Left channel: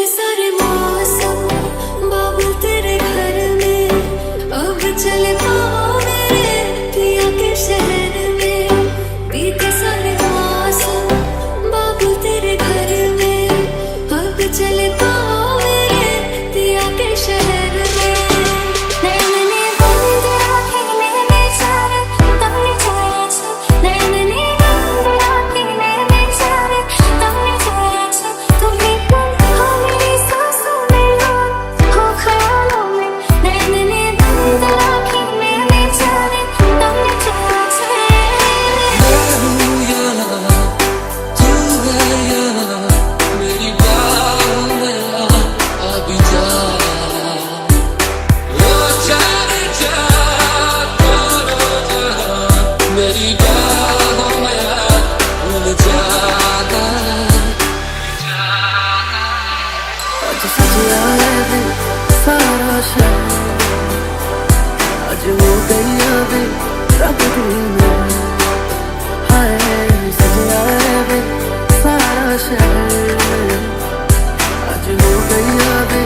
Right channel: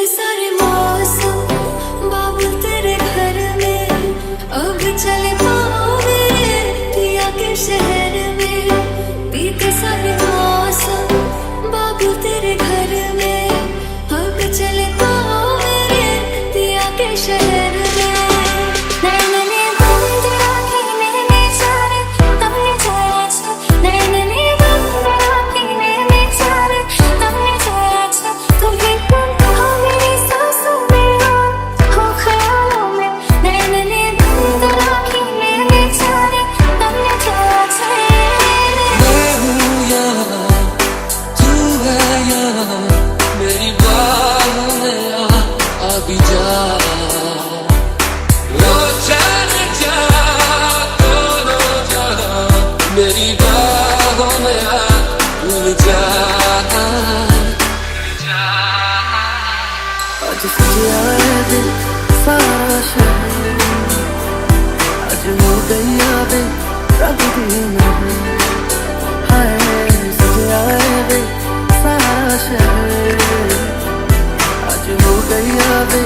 बीते सारे मौसम बाबुल तेरे घर में, अब चले पाओ मेरे पिया के शहर में। बीते सारे मौसम बाबुल तेरे घर में, अब चले पाओ मेरे पिया के शहर में। नैनने बंद राखे मैंने सारे तमने छाया छे, नैनने बंद राखे मैंने सारे तमने छाया छे। तुम भी तुम हो मेरी सांसों में हो ख्यालों में, नैनने बंद राखे मैंने सारे तमने छाया छे। मैं हूँ यहाँ, तू है यहाँ, मेरी बाहों में आ भी जा। मेरी बाहों में आ भूल जा। आज सजिया है वे सारा शहर, आज हो गई वे रब दी महर। हाय सजिया है वे सारा शहर, आज हो गई वे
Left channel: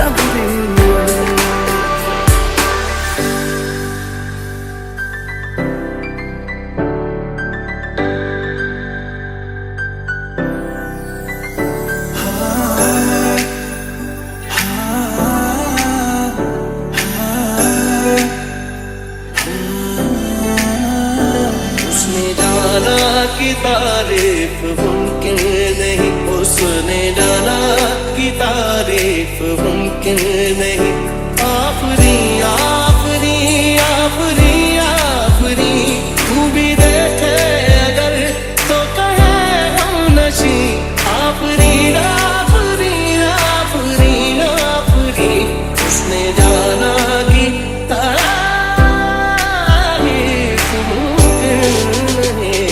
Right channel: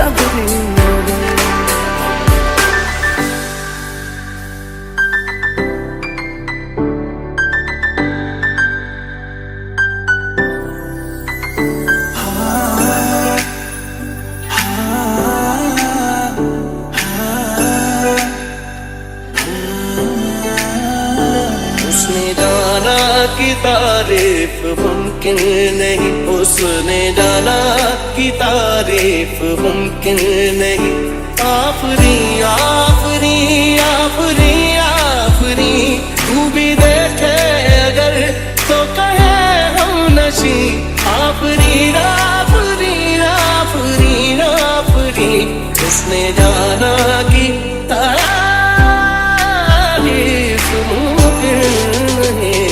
रब दी महर। उसने जाना कि तारीफ मुमकिन नहीं, उसने जाना कि तारीफ मुमकिन नहीं। आफरी आफरी आफरी आफरी, तू भी देखे अगर तो कहे हम नशी। आफरी आफरी आफरी आफरी, उसने जाना कि तारीफ मुमकिन नहीं।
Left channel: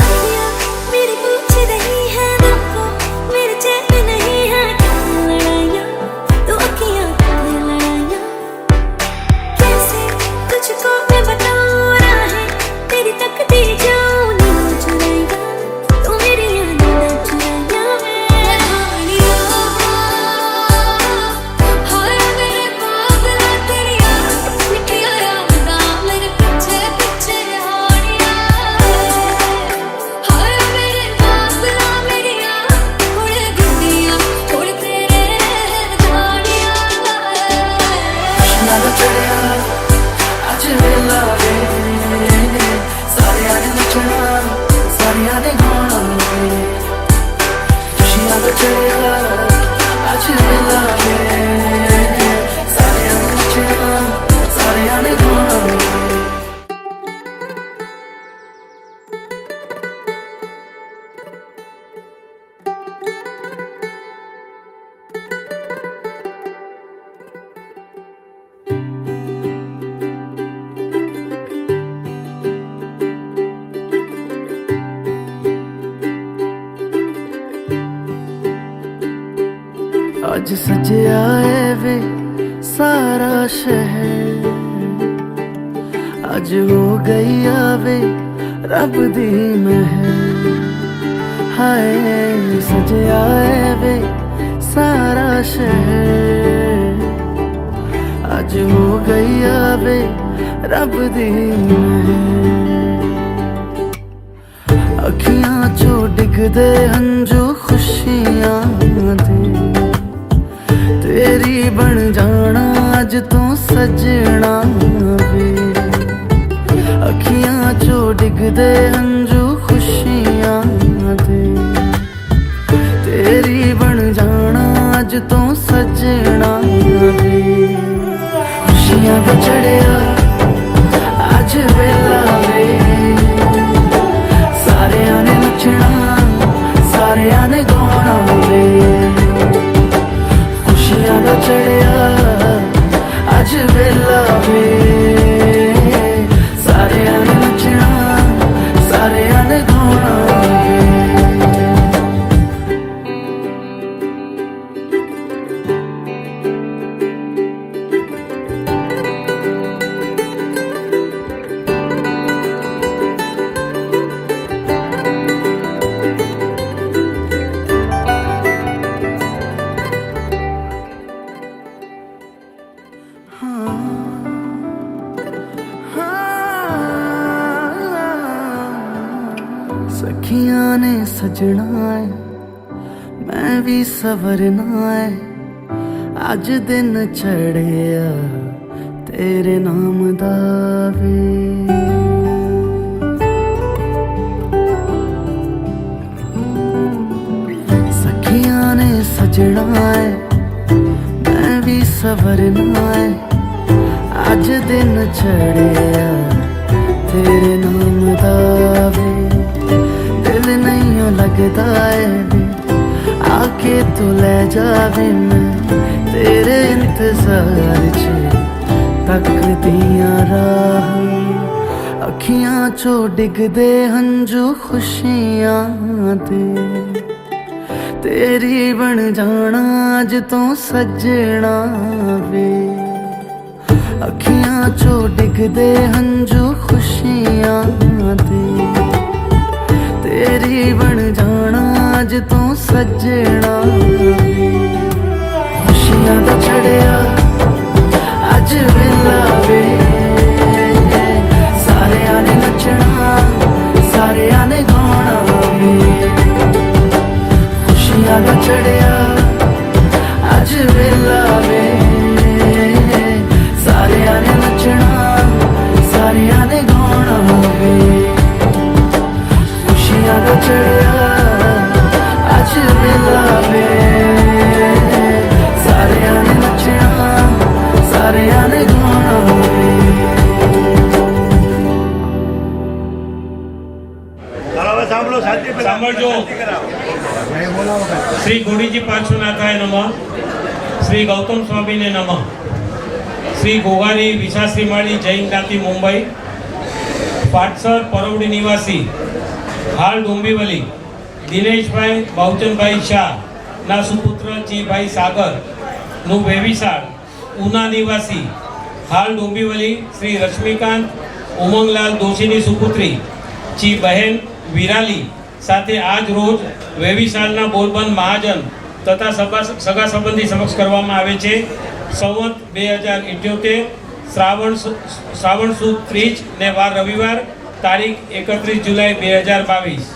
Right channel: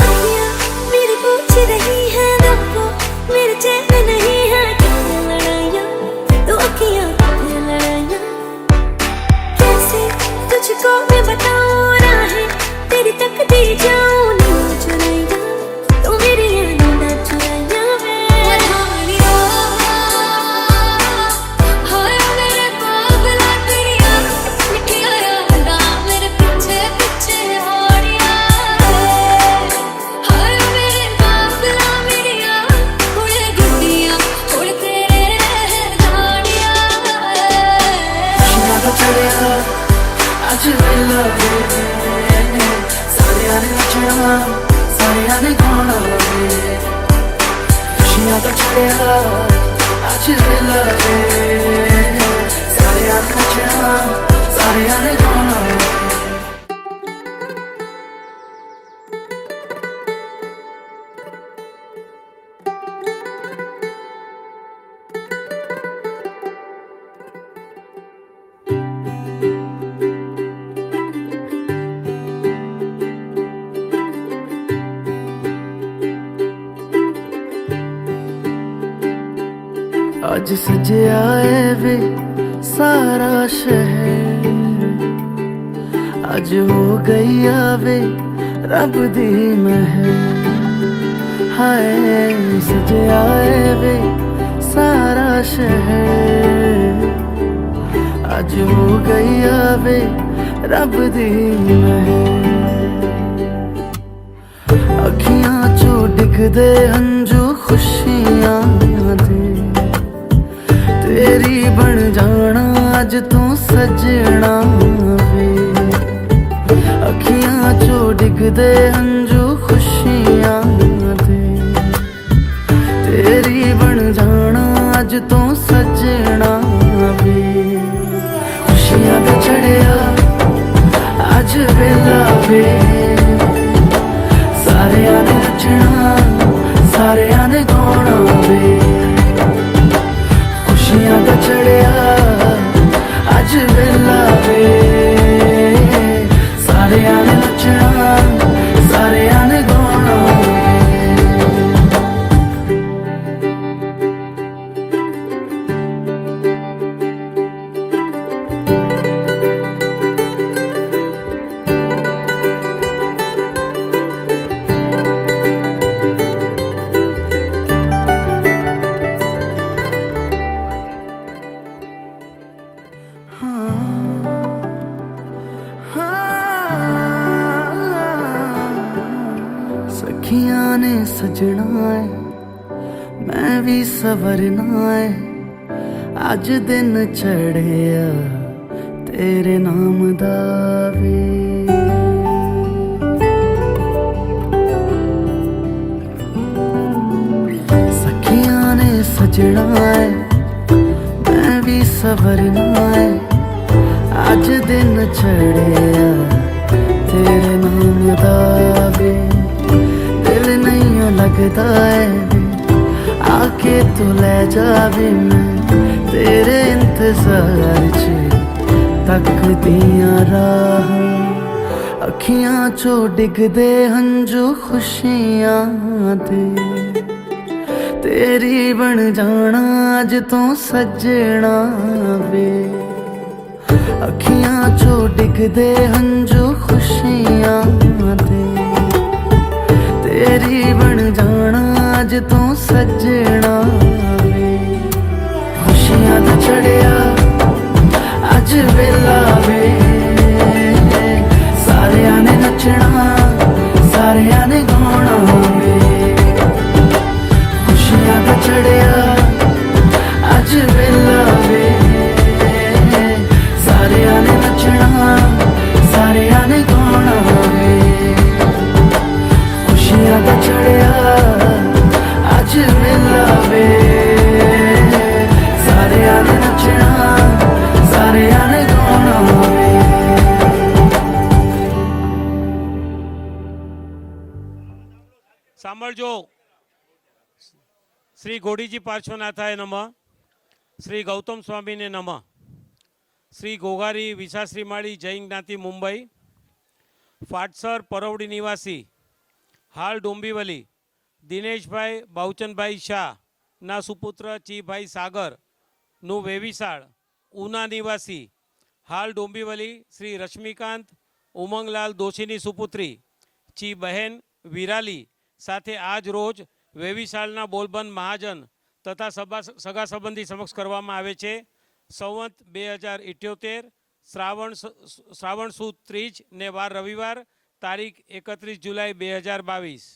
आँखियाँ मेरी पूछ रही हैं दम को, मेरे चैन नहीं है कितने लड़ाइयाँ, तो आँखियाँ कितने लड़ाइयाँ। कैसे तुझको मैं बताऊँ राहें तेरी तकती जाऊँ नींद चुराइया, तो मेरी नींद चुराइया। आज सजिया है वे सारा शहर, आज हो गई वे रब दी महर। हाय सजिया है वे सारा शहर, आज हो गई वे रब दी महर। अखियां चो डिगदे हंजू खुशियां दे, तेरी बन जाना अज तू सजना वे। अखियां चो डिगदे हंजू खुशियां दे, तेरी बन जाना अज तू सजना वे। खुशियां दा चढ़िया अज वेला वे, सारियां ने नचना सारियां ने गाना वे। खुशियां दा चढ़िया अज वेला वे, सारियां ने नचना सारियां ने गाना वे। सखियां ने सजना है मैं भी सवरना है अज दिन चढ़िया तेरे नाम दा वे सखियां ने सजना है मैं भी सवरना है अज दिन चढ़िया तेरे नाम दा वे दिल नहीं लगता है वे आके तू ले जावे मैं तेरे इंतजार च तक दिया राह अखियां चो डिगदे हंजू खुशियां दे तेरी बन जाना अज तो सजना वे अखियां चो डिगदे हंजू खुशियां दे तेरी बन जाना अज तो सजना वे खुशियां दा चढ़िया अज वेला वे सारियां ने नचना सारियां ने गाना वे खुशियां दा चढ़िया अज वेला वे सारियां ने नचना सारियां ने गाना वे खुशियां दा चढ़िया अज वेला वे सारियां ने नचना सारियां ने गाना वे સાંભળજો શ્રી ગોડીજી પાર્શ્વનાથાય નમઃ શ્રી ગૌતમ સ્વામીને નમઃ શ્રી ગોગારી વિશાશ્રી માળી જૈન જ્ઞાતિ મુંબઈ પાટસર પરવડી નિવાસી હાલ ડોંબીવલી દિનેશભાઈ બહુચનભાઈ શાહ ના સુપુત્ર ચીભાઈ સાગર નું વેવિશાળ ઉના નિવાસી હાલ ડોંબીવલી શ્રી રશ્મિકાંત ઉમંગલાલ દોશીની સુપુત્રી ચી બહેન વિરાલી સાથે આજ રોજ વેવિશાળના બોલબંધ મહાજન તથા સગા સંબંધી સમક્ષ કરવામાં આવે છે સંવત 2078 શ્રાવણ સુદ 30 ને વાર રવિવાર તારીખ 31 જુલાઈ 2022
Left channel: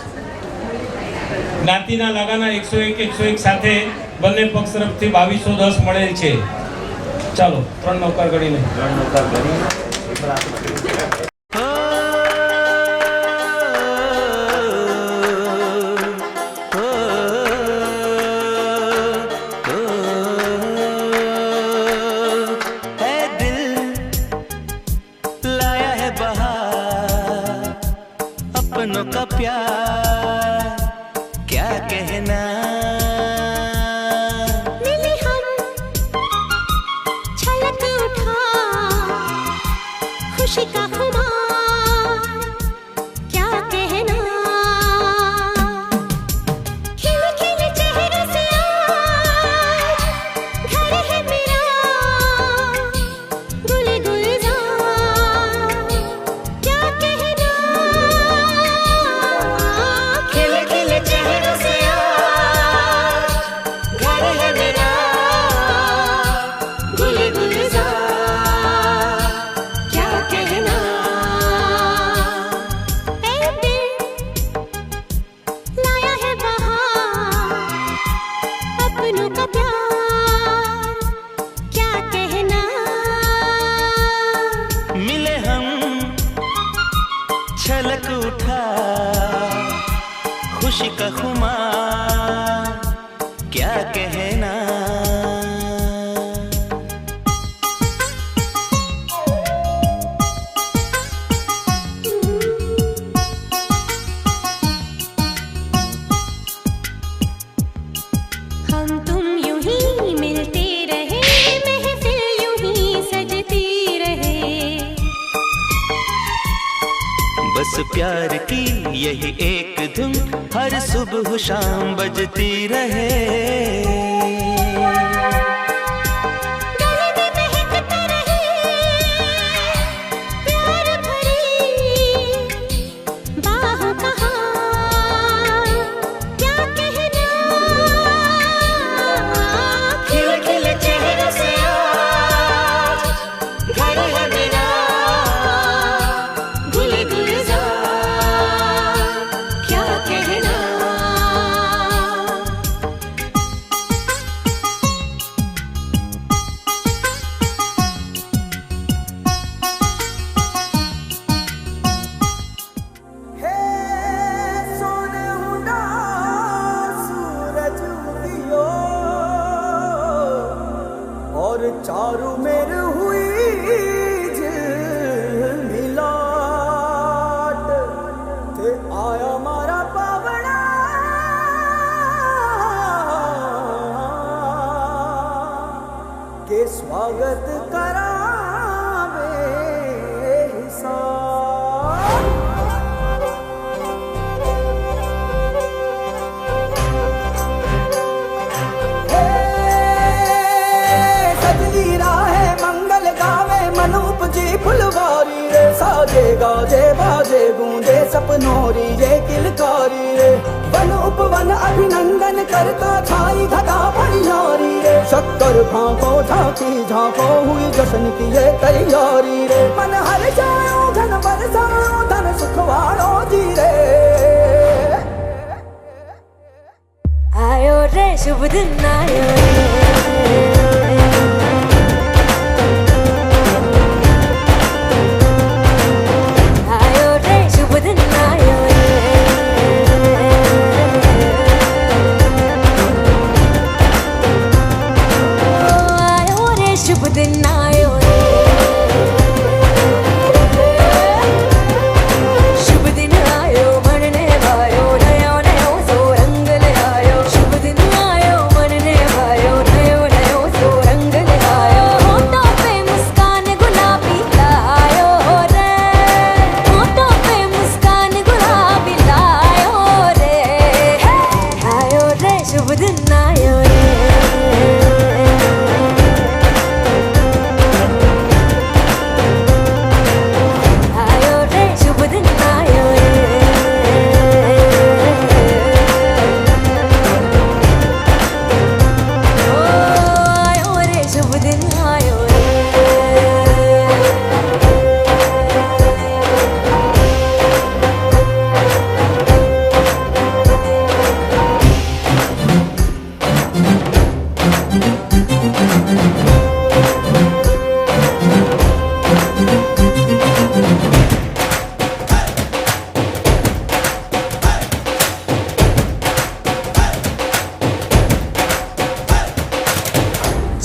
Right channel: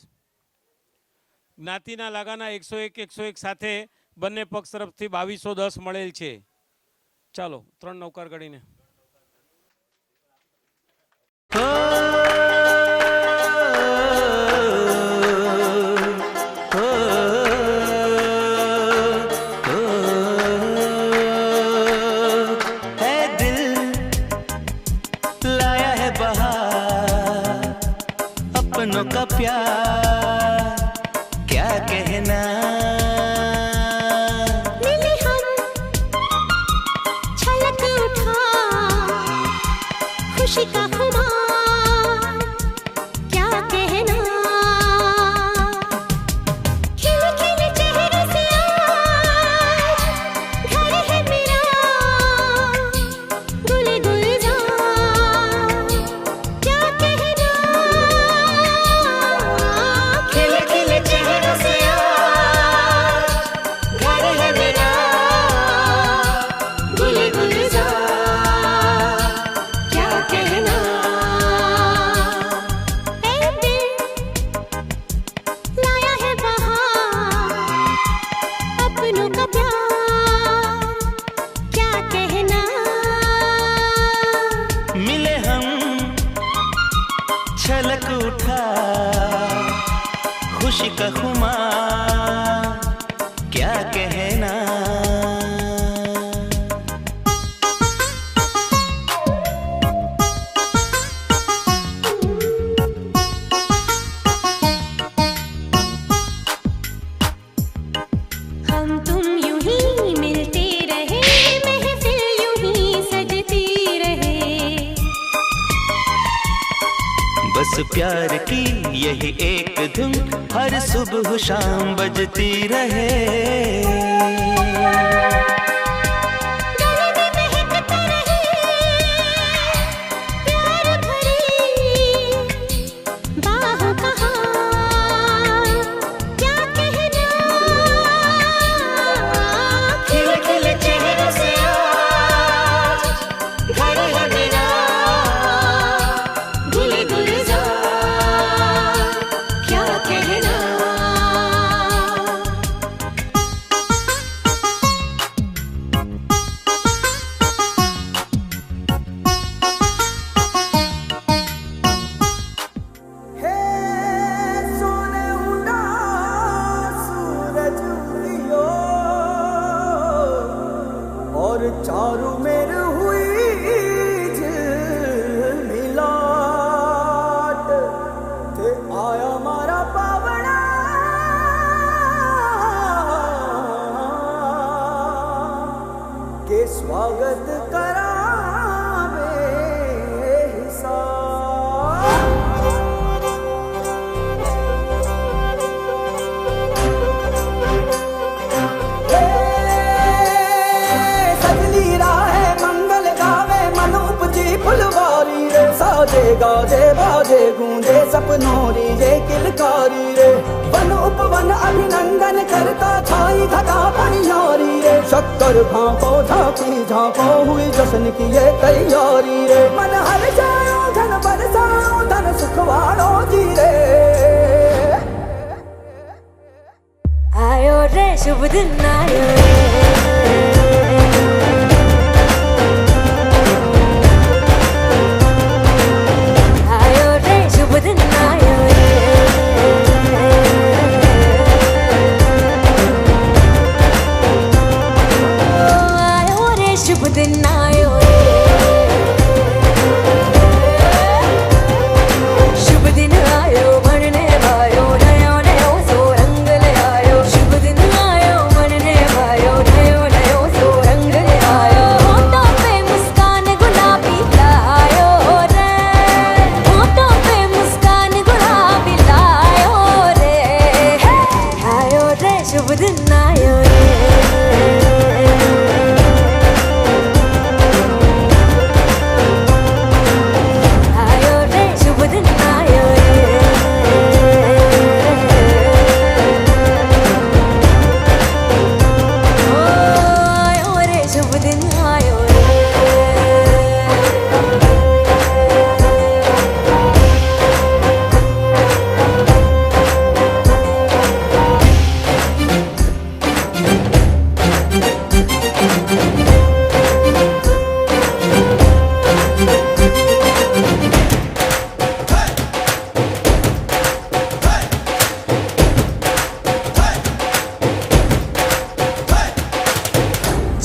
જ્ઞાતિના લાગાના 101 સાથે બંને પક્ષ તરફથી 2210 મળેલ છે ચાલો 3 નૌકાર ગણીને अपनों का प्यार क्या कहना मिले हम छलक उठा खुशी का खुमार क्या कहना खिले खिले चेहरे से आज घर है मेरा गुल गुलजार क्या कहना खिले खिले चेहरे से आज घर है मेरा गुल गुलजार क्या कहना ऐ दिल लाया है बहार अपनों का प्यार क्या कहना मिले हम छलक उठा खुशी का खुमार क्या कहना हम तुम यूं ही मिलते रहे महफिल यूं ही सजती रहे बस प्यार की यही एक धुन हर सुबह शाम बजती रहे गले में महकता रहे प्यार भरी बाहों का हार क्या कहना खिले खिले चेहरों से आज घर है मेरा गुल गुलजार क्या गाजे बाजे गूंजे सपनों री ये किलकारी रे वन उपवन अभिनंदन करता छाई घटा परियारी रे शक्कर भांको झांकी झांको हुई जश्न की ये तैयारी रे मन हर जाओ धन बरसाओ धन सुखवारो जी रे आयो रे शुभ दिन आयो रे आयो रे शुभ दिन आयो रे आयो रे शुभ दिन आयो रे शुभ दिन आयो बनने भायो नयो नयो सो रंग ले आयो शुभ दिन आयो बनने भायो नयो नयो सो रंग ले आयो होठों पे मुस्कान गुलाबी लायो रे होठों पे मुस्कान गुलाबी लायो रे आयो रे शुभ दिन आयो रे आयो रे शुभ दिन आयो रे ओ आयो रे शुभ दिन आयो रे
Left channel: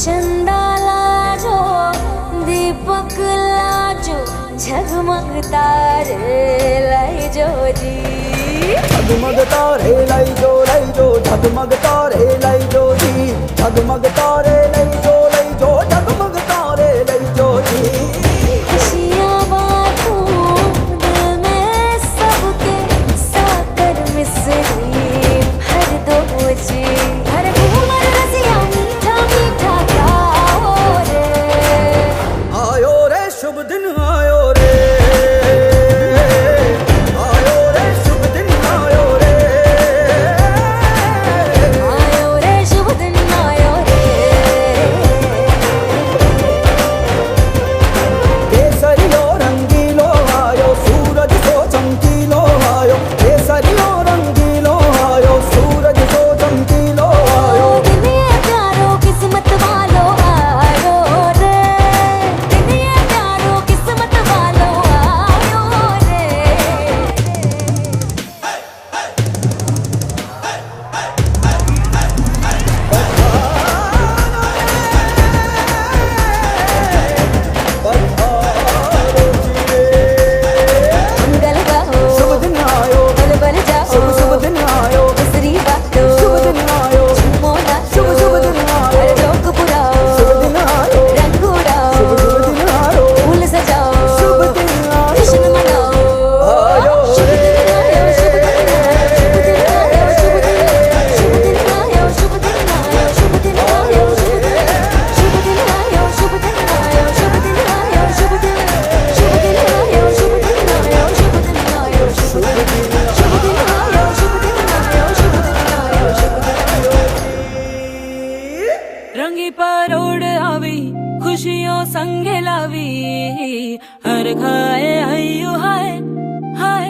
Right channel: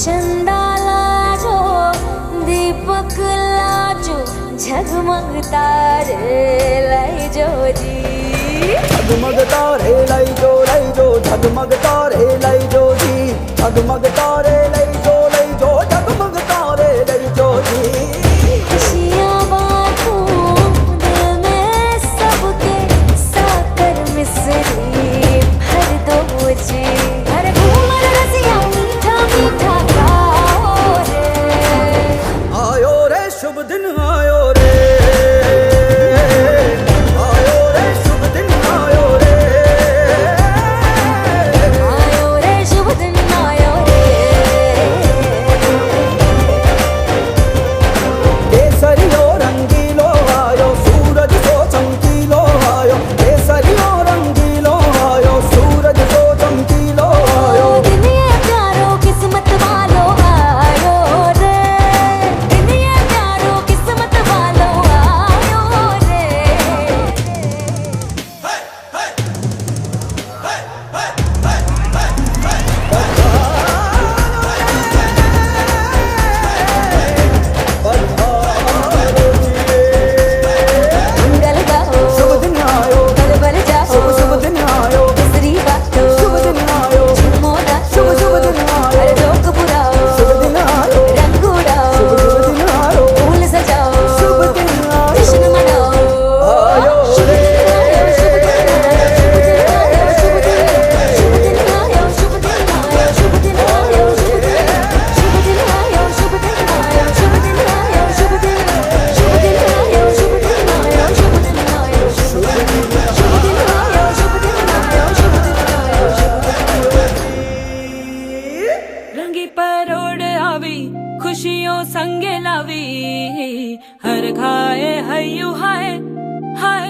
चंदा लाजो दीपक लाजो झगमग तारे लाई जो जी झगमग तारे लाई जो झगमग तारे लाई जो जी झगमग तारे लाई जो झगमग तारे लाई जो जी खुशियाँ बांटूं दिल में सबके साकर मिसरी भर दो जी हर घूमर रसिया मीठा मीठा गाओ रे आयो रे शुभ दिन आयो रे आयो रे शुभ दिन आयो रे आयो रे शुभ दिन आयो रे केसरियो रंगीलो आयो सूरज सो चमकीलो आयो केसरियो रंगीलो आयो सूरज सो चमकीलो आयो दिन ये प्यारो किस्मत वालो आयो रे दिन ये प्यारो किस्मत वालो आयो रे मंगल गाओ शुभ दिन आयो बल बल जाओ शुभ दिन आयो दूसरी बातों शुभ दिन आयो झूमो नाचो शुभ दिन आयो हर जोक पुराओ शुभ दिन आयो रंग उड़ाओ शुभ दिन आयो फूल सजाओ शुभ दिन आयो जश्न मनाओ आयो शुभ दिन आयो शुभ दिन आयो शुभ दिन आयो शुभ दिन आयो शुभ दिन आयो शुभ दिन आयो शुभ दिन आयो शुभ दिन आयो शुभ दिन आयो शुभ दिन आयो शुभ दिन आयो शुभ दिन आयो शुभ दिन आयो शुभ दिन आयो शुभ दिन आयो शुभ दिन आयो रंगी परोड़ आवी खुशियों संगे लावी हर खाए हयो हाय हाय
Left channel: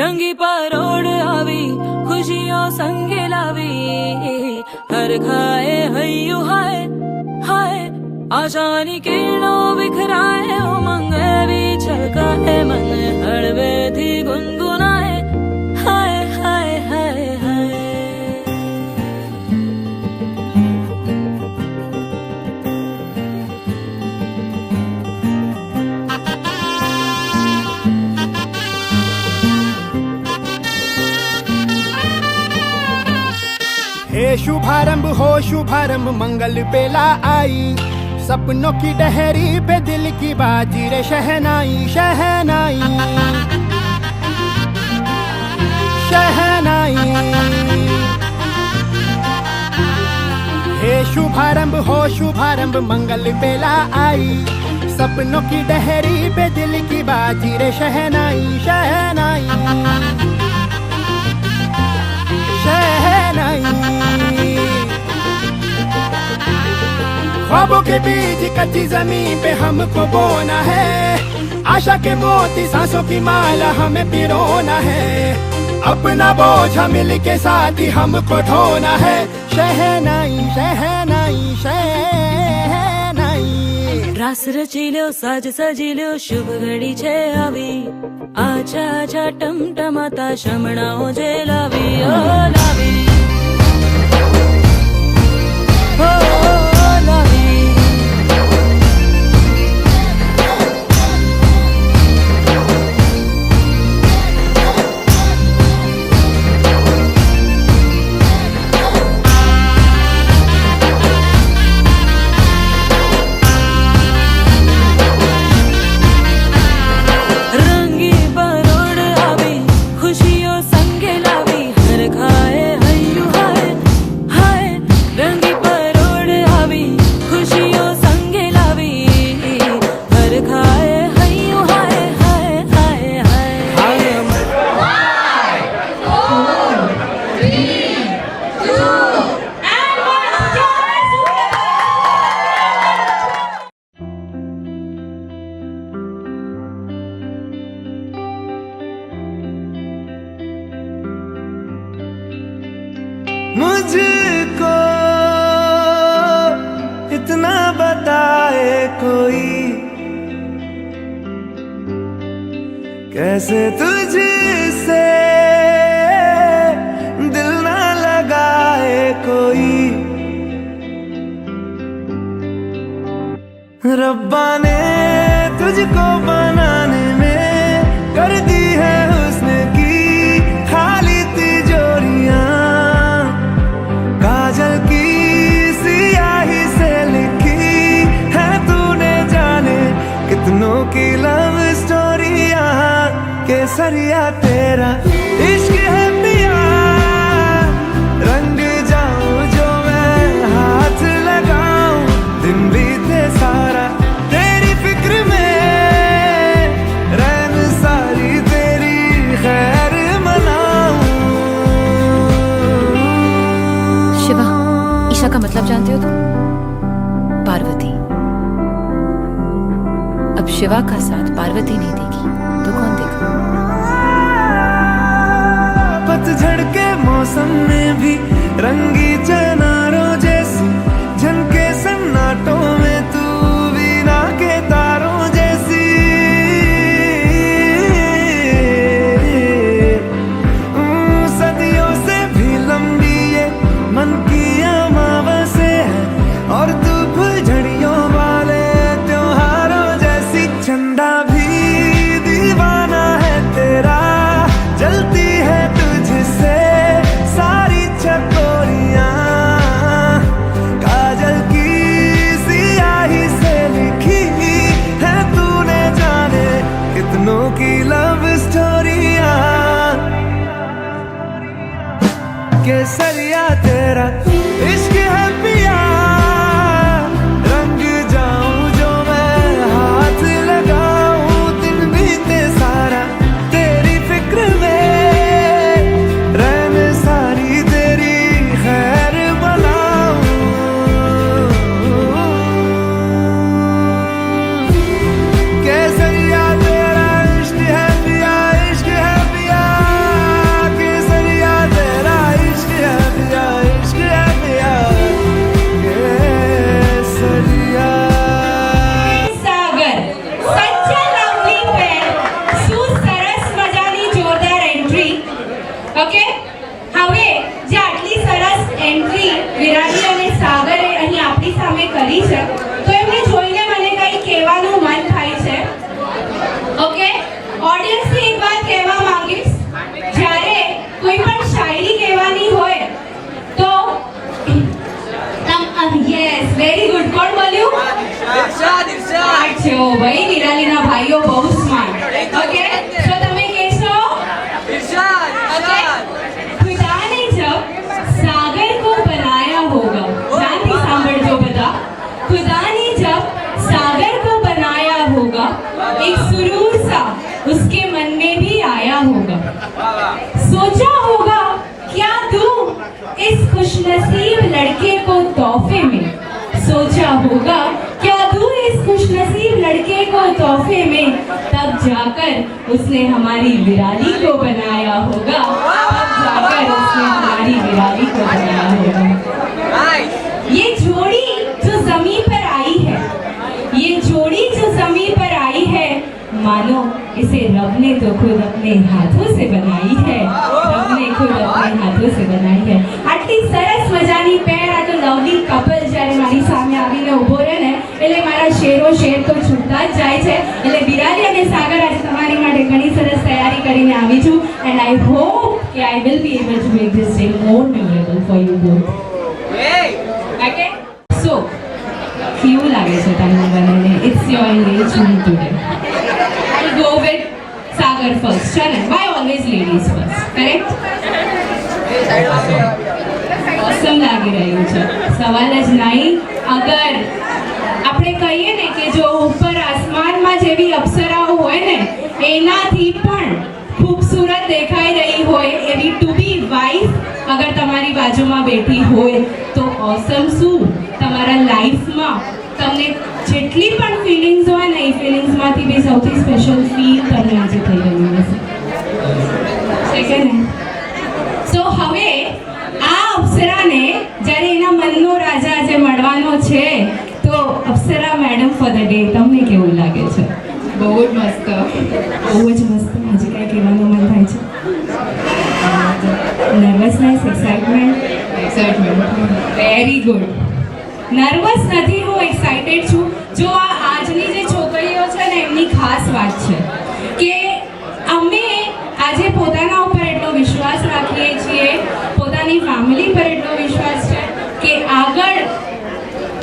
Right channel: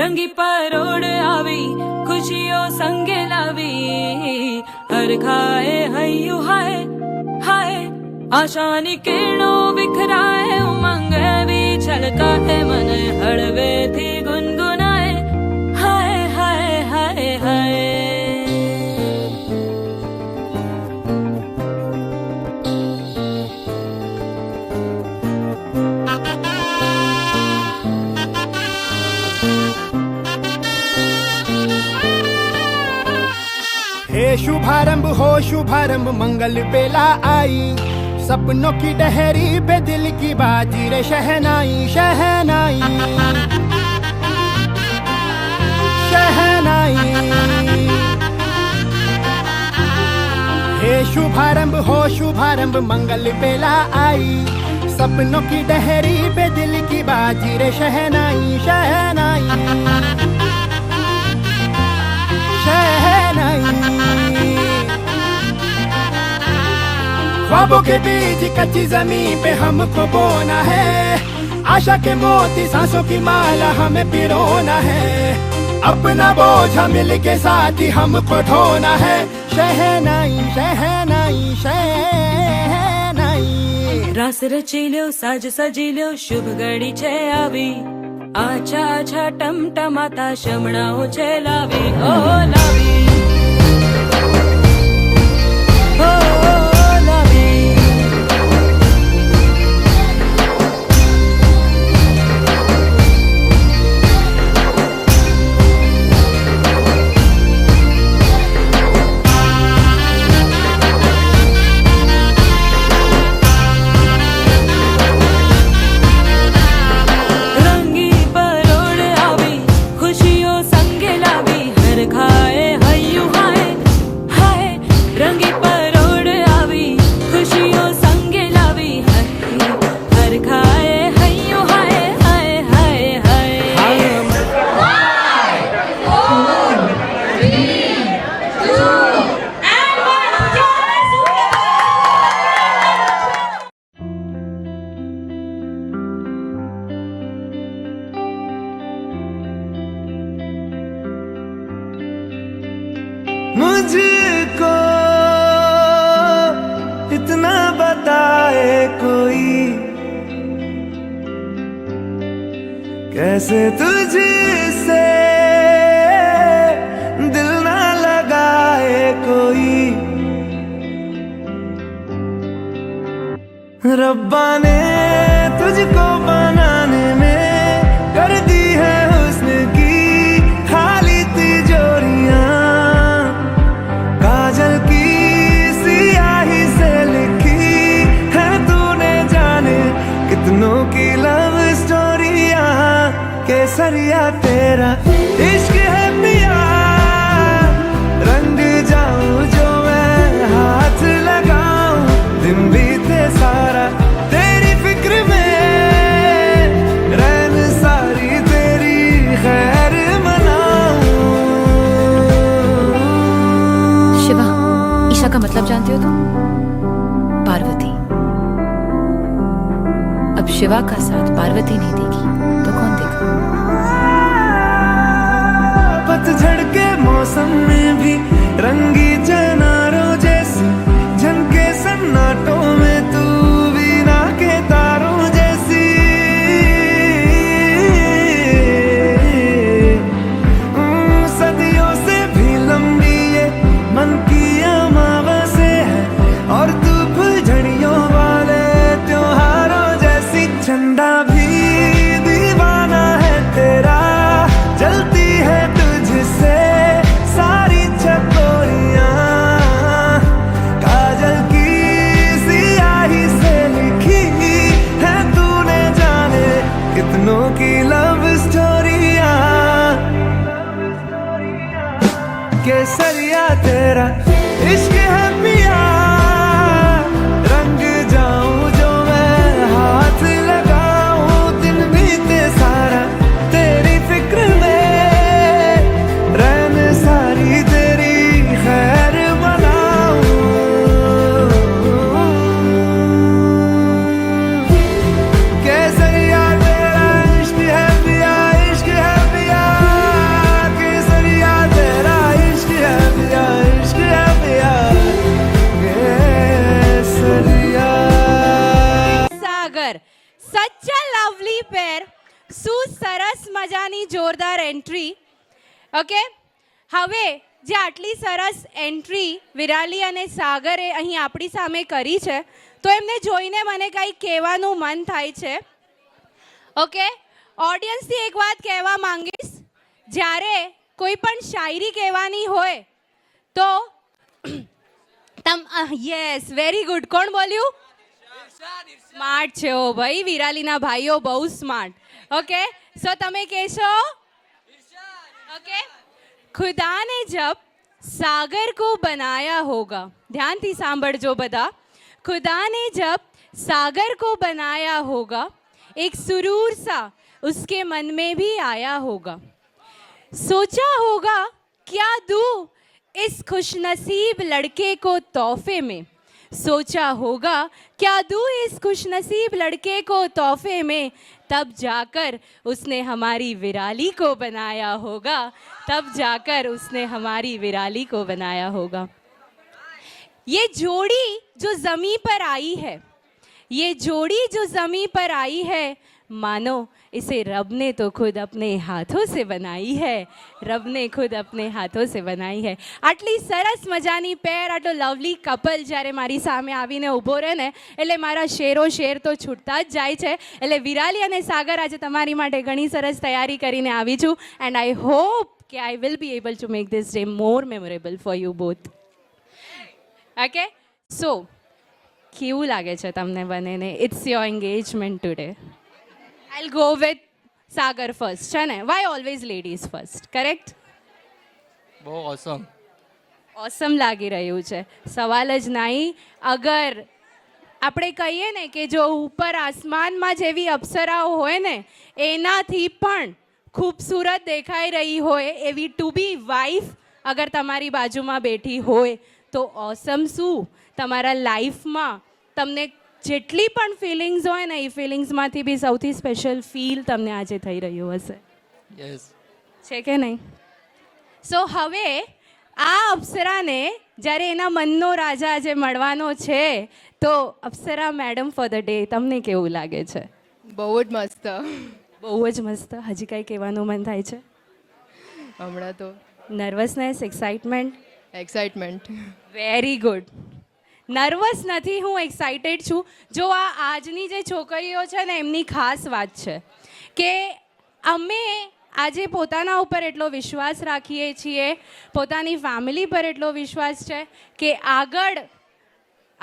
रंगी परोड़ आवी खुशियों संगे लावी हर खाए हयो हाय हाय आशानी किरणों बिखराए उमंग भी छलकाए मन हड़वे थी गुनगुनाए हाय हाय हाय हाय हे शुभारंभ हो शुभारंभ मंगल बेला आई सपनों की डहरी पे दिल की बाजी रे शहनाई शहनाई शहनाई हे शुभारंभ हो शुभारंभ मंगल बेला आई सपनों की डहरी पे दिल की बाजी रे शहनाई शहनाई शहनाई। ख्वाबों के बीज कच्ची जमीन पे हमको बोना है, आशा के मोती सांसों की माला हमें पिरोना है, अपना बोझा मिल के साथ ही हमको ढोना है। शहनाई शहनाई शहनाई। रास रचिलो साज सजिलो शुभ घड़ी छे आवी, आछा आछा टमटमाता शमणाओ छे लावी ओ लावी ओ लावी। मुझको इतना बताए कोई, कैसे तुझसे दिल ना लगाए कोई। रब्बा ने तुझको बनाने में कर दी है हुस्न की खाली तिजोरियां, काजल की सियाही से लिखी है तूने जाने कितनों की लव स्टोरियां। केसरिया तेरा इश्क है पिया, रंग जाऊं जो मैं हाथ लगाऊं, दिन बीते सारा तेरी फिक्र में, रैन सारी तेरी खैर मनाऊं। शिवा, ईशा का मतलब जानते हो तुम? पार्वती। अब शिवा का साथ पार्वती नहीं देगी तो कौन देगा? पतझड़ के मौसम में भी रंगी चनारों जैसी झनके सन्नाटों में तू वीणा के तारों जैसी। सदियों से भी लंबी ये मन की अमावस्या है, और तू फुलझड़ियों वाले त्योहारों जैसी। चंदा भी दीवाना है तेरा, जलती है तुझसे सारी चकोरियां, काजल की सियाही से लिखी है तूने जाने कितनों की लव स्टोरियां। केसरिया तेरा इश्क है पिया, रंग जाऊं जो मैं हाथ लगाऊं, दिन बीते सारा तेरी फिक्र में, रैन सारी तेरी खैर मनाऊं। केसरिया तेरा इश्क है पिया, इश्क है पिया, केसरिया तेरा इश्क है पिया, इश्क है पिया, सोचा होगा क्या दूं इस खुशनसीब लड़के को तोहफे में, सोचा होगा क्या दूं इस खुशनसीब लड़के को तोहफे में, तब जाकर उसने हमारी विराली को बनाया होगा, तब जाकर उसने हमारी विराली को बनाया होगा। ये जोड़ी जो जमीन पर आई है, ये जोड़ी जो जमीन पर आई है, मानो इसे रब ने तो खुद अपने हाथों से बनाई है, रब ने खुद अपने हाथों से बनाई है। આટલી સરસ મજાની પેર, આ તો લવલી કપલ જ્યારે મારી સામે આવીને ઊભો રહે ને એટલે મારા શેરો શેર તો છૂટતા જ જાય છે। એટલે વિરાલી અને સાગર આજે તમારી માટે ઘણી સરસ તૈયારી કરીને આવી છું, એન્ડ આઈ હોપ કે I will be able to make this day more memorable for you both. Okay, so કેવું લાગે છે તમને બંનેને? It's your engagement today. I'll go with Sagar first. Sharan, why always ladies first? Correct? Awesome લાગી રહ્યું છે, સવાલ જ નહીં। અગર આપણે કહીએ ને કે જો ઉપર આસમાનમાં જેવી અપ્સરાઓ હોય ને એનાથી પણ ખૂબસૂરત દેખાઈ રહી હોય એવી ટુ બી વાઇફ અગર તમારી બાજુમાં બેઠી હોય તો ઓસમ શું તમારા લાઈફમાં તમને જેટલી પણ ફિલિંગ્સ હોય ને એ ફિલિંગ્સમાંથી બી સૌથી સ્પેશિયલ ફીલ તમને આજે થઈ રહ્યું હશે, છે કે નહીં? સો હવે આ અપ્સરાને જ્યારે એના મનનો રાજા આજે મળવાનો છે તો અપ્સરા મેડમ ફોર ધ ડે તમને કેવું લાગે છે? બહુ જ મસ્ત, બહુ જ મસ્ત। આજે કંઈ કહેવાનું મન થાય છે? Nervousness, excitement, very good. Nervous નથી, હું એક્સાઇટેડ છું। જો આ આજની જે છોકરીઓ છે ને એમની ખાસ વાત છે કે અમે આજે પોતાના ઉપર એટલો વિશ્વાસ રાખીએ છીએ, પોતાની ફેમિલી પર એટલો વિશ્વાસ છે કે આગળ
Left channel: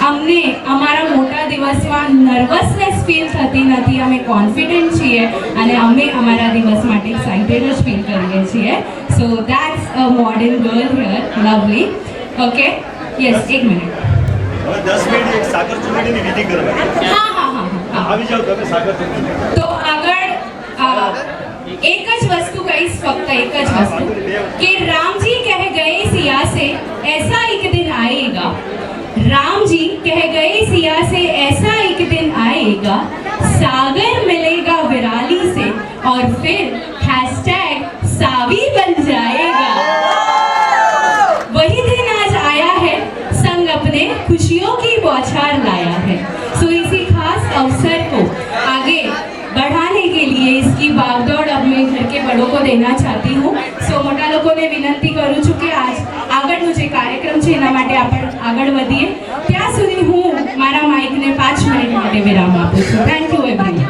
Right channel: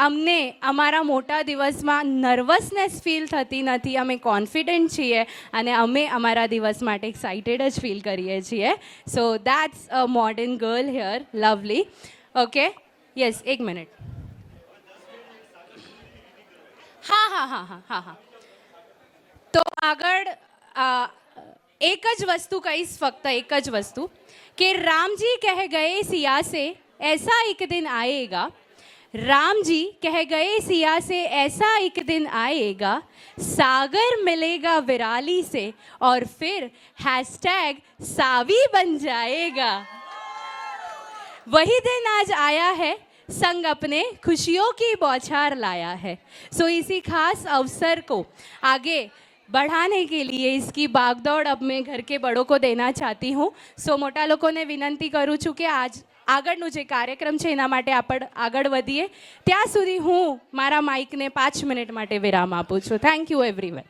અમને અમારા મોટા દિવસમાં નર્વસનેસ ફીલ થતી નથી, અમે કોન્ફિડન્ટ છીએ અને અમે અમારા દિવસ માટે એક્સાઇટેડ જ ફીલ કરીએ છીએ। સો that's a modern girl here, lovely. Okay, yes, એક મિનિટ। 10 મિનિટ એક સાગર ચુંદડીની વિધિ કરવાની। હા, આવી જાવ તમે સાગર ચુંદડી। તો આગળ एक ज वस्तु कहीश, फक्त एक ज वस्तु कि राम जी कह गए सिया से ऐसा एक दिन आएगा, राम जी कह गए सिया से ऐसा एक दिन आएगा, सागर मिलेगा विराली से और फिर हैशटैग सावी बन जाएगा। वही दिन आज आया है, संग अपने खुशियों की बौछार लाया है। सो इसी खास अवसर को आगे बढ़ाने के लिए इसकी भागदौड़ अपने घर के बड़ों को देना चाहती हूँ। सो मोटा लोगों ने विनंती करूँ છું કે આજ આગળનો જે કાર્યક્રમ છે એના માટે આપણે આગળ વધીએ। ત્યાં સુધી હું મારા માઇકને 5 મિનિટ માટે વિરામ આપું છું। Thank you everyone.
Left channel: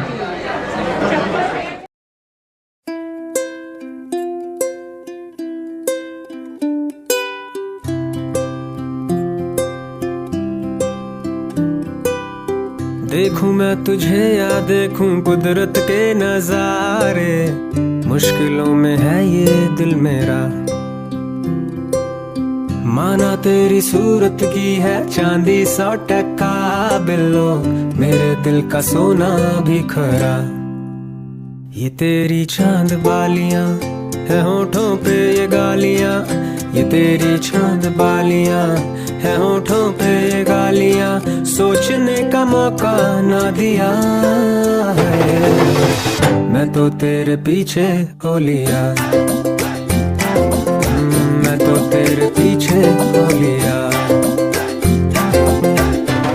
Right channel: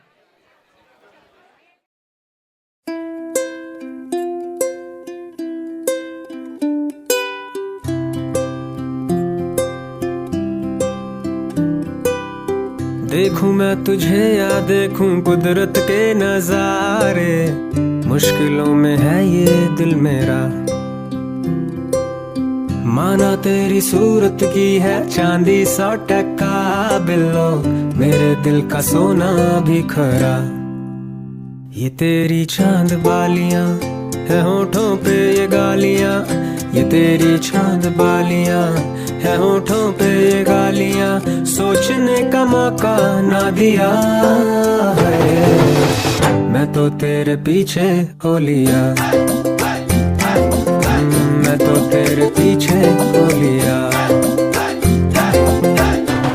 देखूं मैं तुझे या देखूं कुदरत के नजारे, मुश्किलों में है ये दिल मेरा। माना तेरी सूरत की है चांदी 100% बिल्लो, मेरे दिल का सोना भी खरा। ये तेरी चांद बालियां है होठों पे ये गालियां, ये तेरी चांद बालियां है होठों पे ये गालियां, सोचने का मौका ना दिया है, मैं तो तेरे पीछे हो लिया, मैं तो तेरे पीछे हो लिया,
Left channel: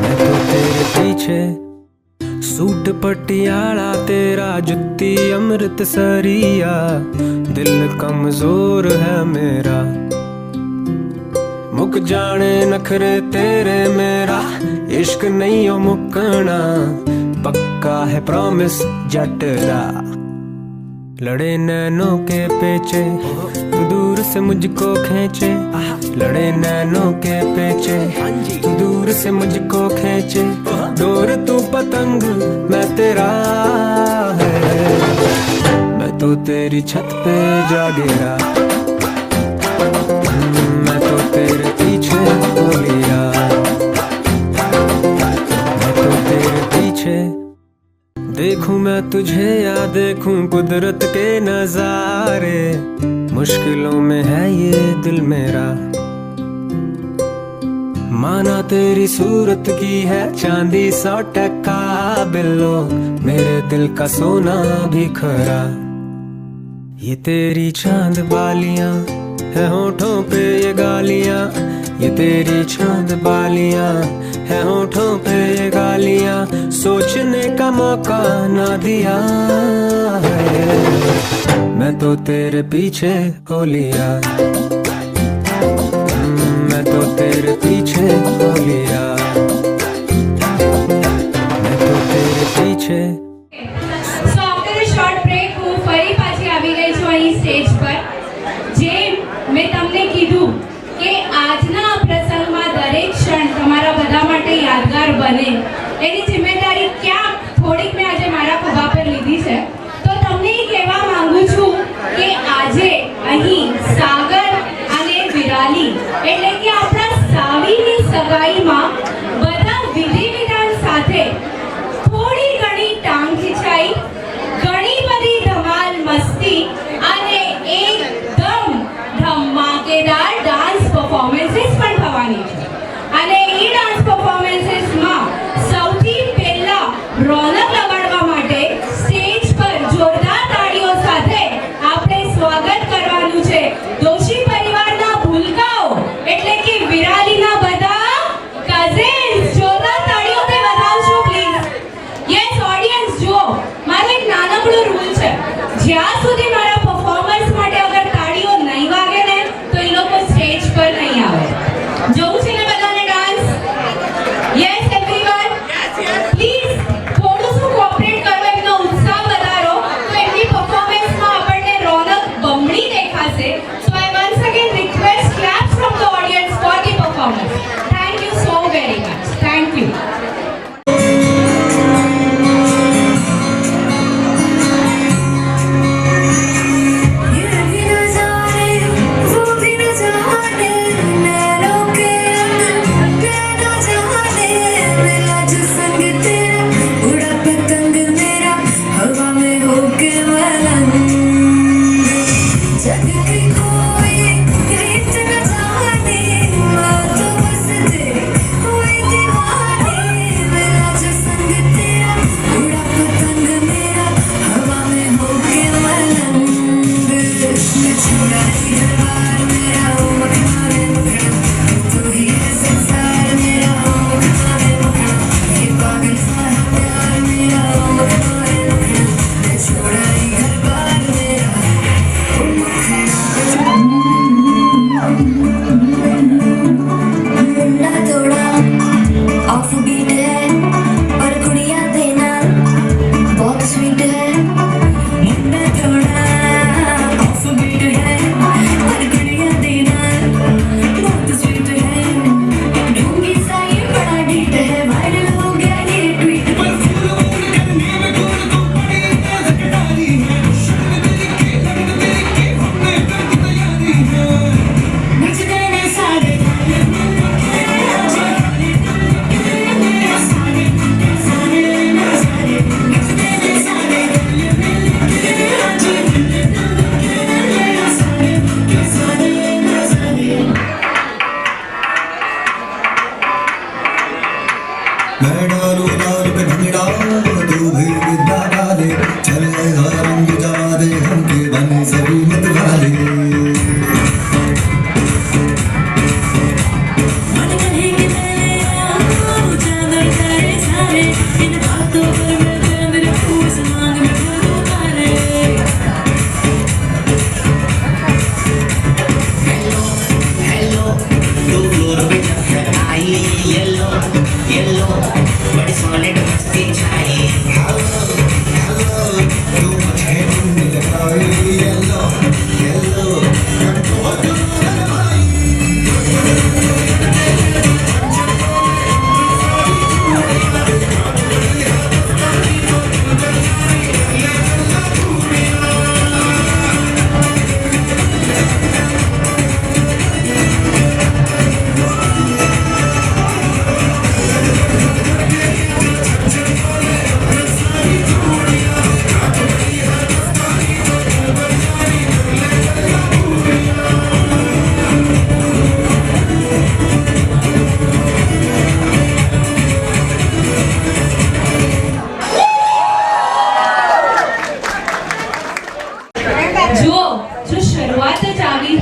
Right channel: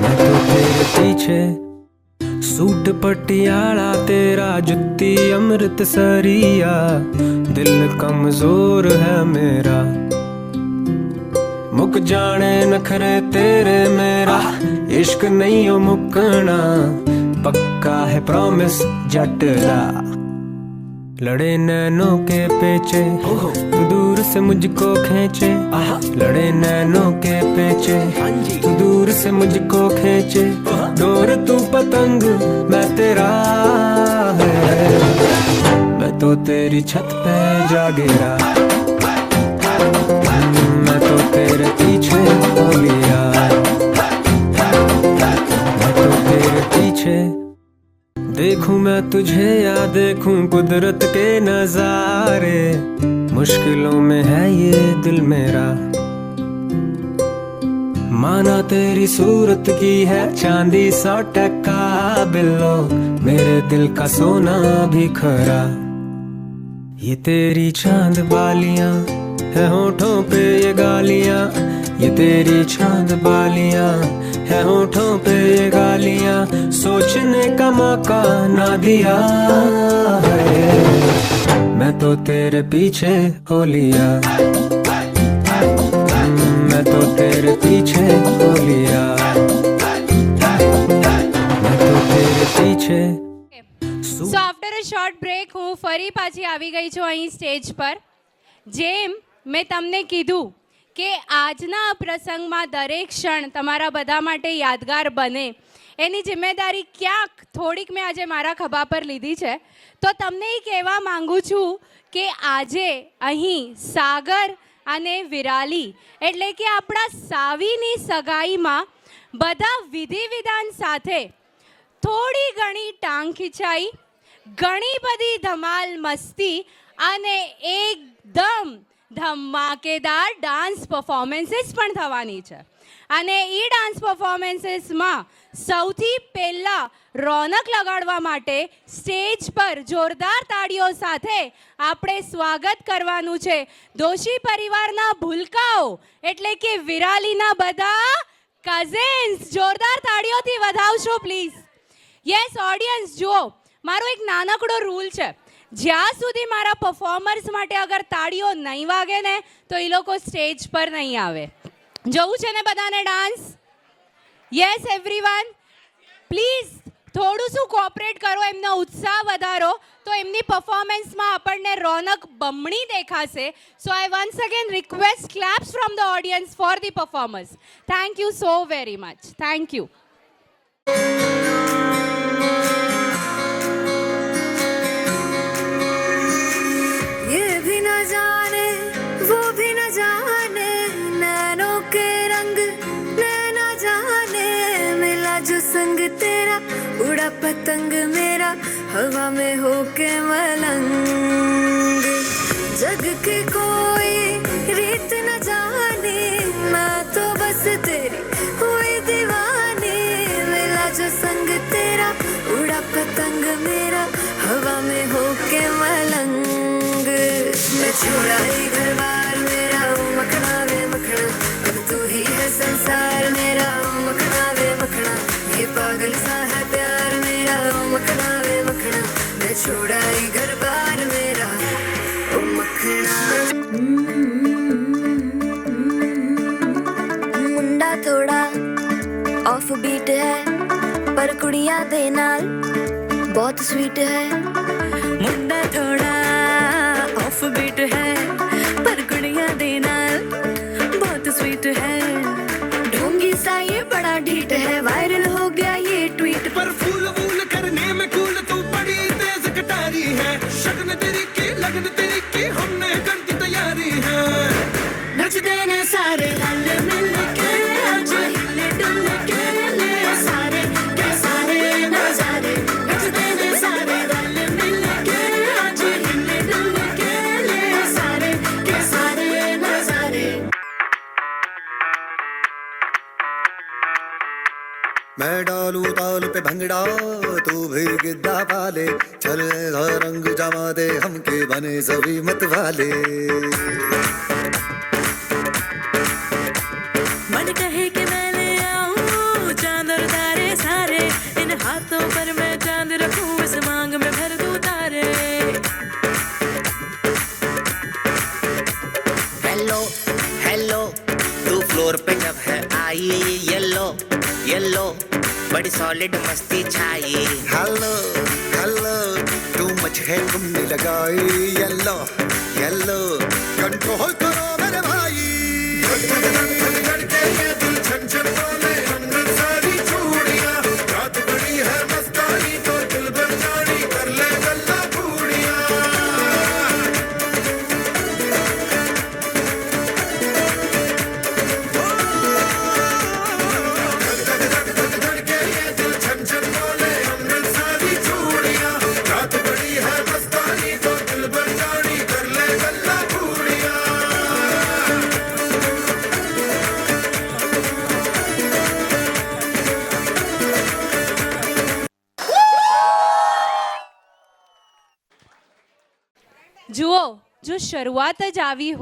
मैं तो तेरे पीछे। सूट पटियाला तेरा जुत्ती अमृतसरिया, दिल कमजोर है मेरा, मुक जाने नखरे तेरे मेरा, इश्क नहीं हो मुकना, पक्का है प्रॉमिस जटरा। लड़े नैनों के पेचे तू दूर से मुझको खींचे, लड़े नैनों के पेचे तू दूर से मुझको खींचे, डोर तू पतंग मैं तेरा है, मैं तो तेरी छत पे जा गिरा, मैं तो तेरे पीछे हो लिया, मैं तो तेरे पीछे। देखूं मैं तुझे या देखूं कुदरत के नजारे, मुश्किलों में है ये दिल मेरा, माना तेरी सूरत की है चांदी 100% बिल्लो, मेरे दिल का सोना भी खरा। ये तेरी चांद बालियां है होठों पे ये गालियां, ये तेरी चांद बालियां है होठों पे ये गालियां, सोचने का मौका ना दिया है, मैं तो तेरे पीछे हो लिया, मैं तो तेरे पीछे हो लिया, मैं तो तेरे पीछे। સો આફ્ટર અ શોર્ટ બ્રેક હું ફરી પાછી આવી ગઈ છું અહીં સ્ટેજ પર. જે મેં તમને કીધું કે આજના આ પ્રસંગમાં દરેક ક્ષણ તમારા બધા માટે યાદગાર બને એની જિમ્મેદારી ક્યાં થોડીક મેં આજે મારા ખભા પર લીધી છે. તો તમને એ કહેવા માંગુ છું કે આજે અહીં સાગર અને વિરાલી એટલે કે આપણા સાવીની સગાઈમાં બધા વિધિ વિધાન સાથે થોડી ઘણી ટાંગ ખીચાઈ, ઘણી બધી ધમાલ મસ્તી અને એકદમ ધમાકેદાર ડાન્સ પરફોર્મન્સીસ પણ થવાની છે. અને એ ડાન્સ પરફોર્મન્સીસમાં સૌથી પહેલા રોનક લગાડવા માટે સ્ટેજ પર જોરદાર તાળીઓ સાથે આપણે સ્વાગત કરવાનું છે દોશી પરિવારના ભૂલકાઓ એટલે કે વિરાલીના બધા કઝિન્સ. જોરદાર તાળીઓથી વધાવશો પ્લીઝ. યસ ઓડિયન્સ, જો મારો એક નાનકડો રૂલ છે, જ્યાં સુધી મારા પરફોર્મન્સ માટે અગર તાળીઓ નહીં વાગે ને તો એ લોકો સ્ટેજ પર નહીં આવે. જોવું છે ને બધાને ડાન્સ? યસ એવરીવન, પ્લીઝ થોડું શું કોઓપરેટ કરો, એમનો ઉત્સાહ વધારો તો એમની પરફોર્મન્સમાં આપણને રોનક બમણી દેખાશે. સો આઈ વન્સ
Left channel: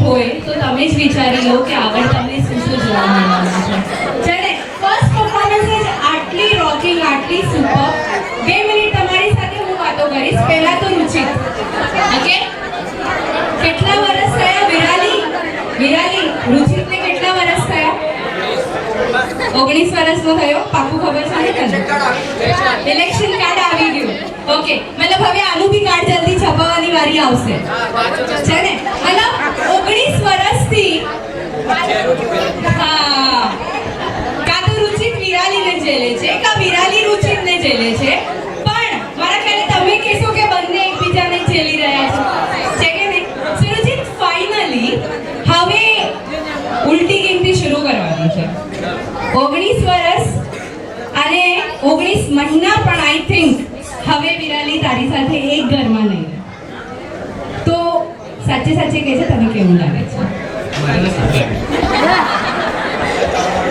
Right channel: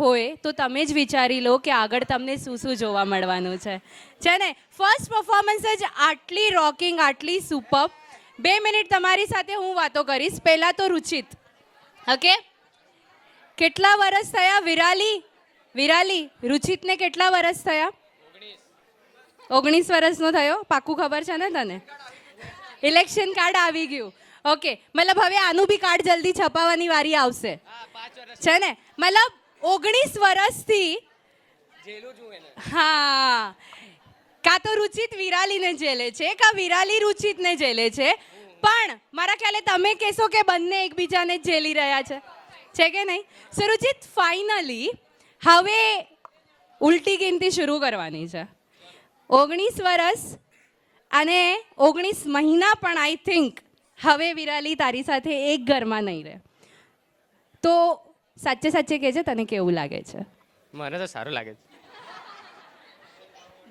હોય તો તમે જ વિચારી લો કે આગળ તમને શું શું જોવા મળવાનું છે. જ્યારે ફર્સ્ટ પરફોર્મન્સ જ આટલી રોકિંગ, આટલી સુપર. 2 મિનિટ તમારી સાથે હું વાતો કરીશ. પહેલા તો રુચિ, ઓકે, કેટલા વર્ષ થયા વિરાલી રુચિતને કેટલા વર્ષ થયા? 19 વર્ષનો થયો. પાકું ખબર છે ને તને? ઇલેક્શન કાર્ડ આવી ગયું. ઓકે, મતલબ હવે આનું બી કાર્ડ જલ્દી છપાવવાની વારી આવશે છે ને? મતલબ 19 વર્ષથી હા, કાં તો રુચિત વિરાલીને જેલે છે, કાં વિરાલી રુચિતને જેલે છે. પણ મારા ખ્યાલે તમે કહેશો કે બંને એકબીજાને જેલી રહ્યા છે કે નહીં? સો રુચિત ફાઇનલી હવે ઉલટી ગેમથી શરૂ કરવાની છે. 19 વર્ષ અને 19 મહિના પણ આઈ થિંક હવે વિરાલી તારી સાથે એક ઘરમાં નહીં રહે. તો સાચે સાચે કહેજે, તને કેવું લાગે છે?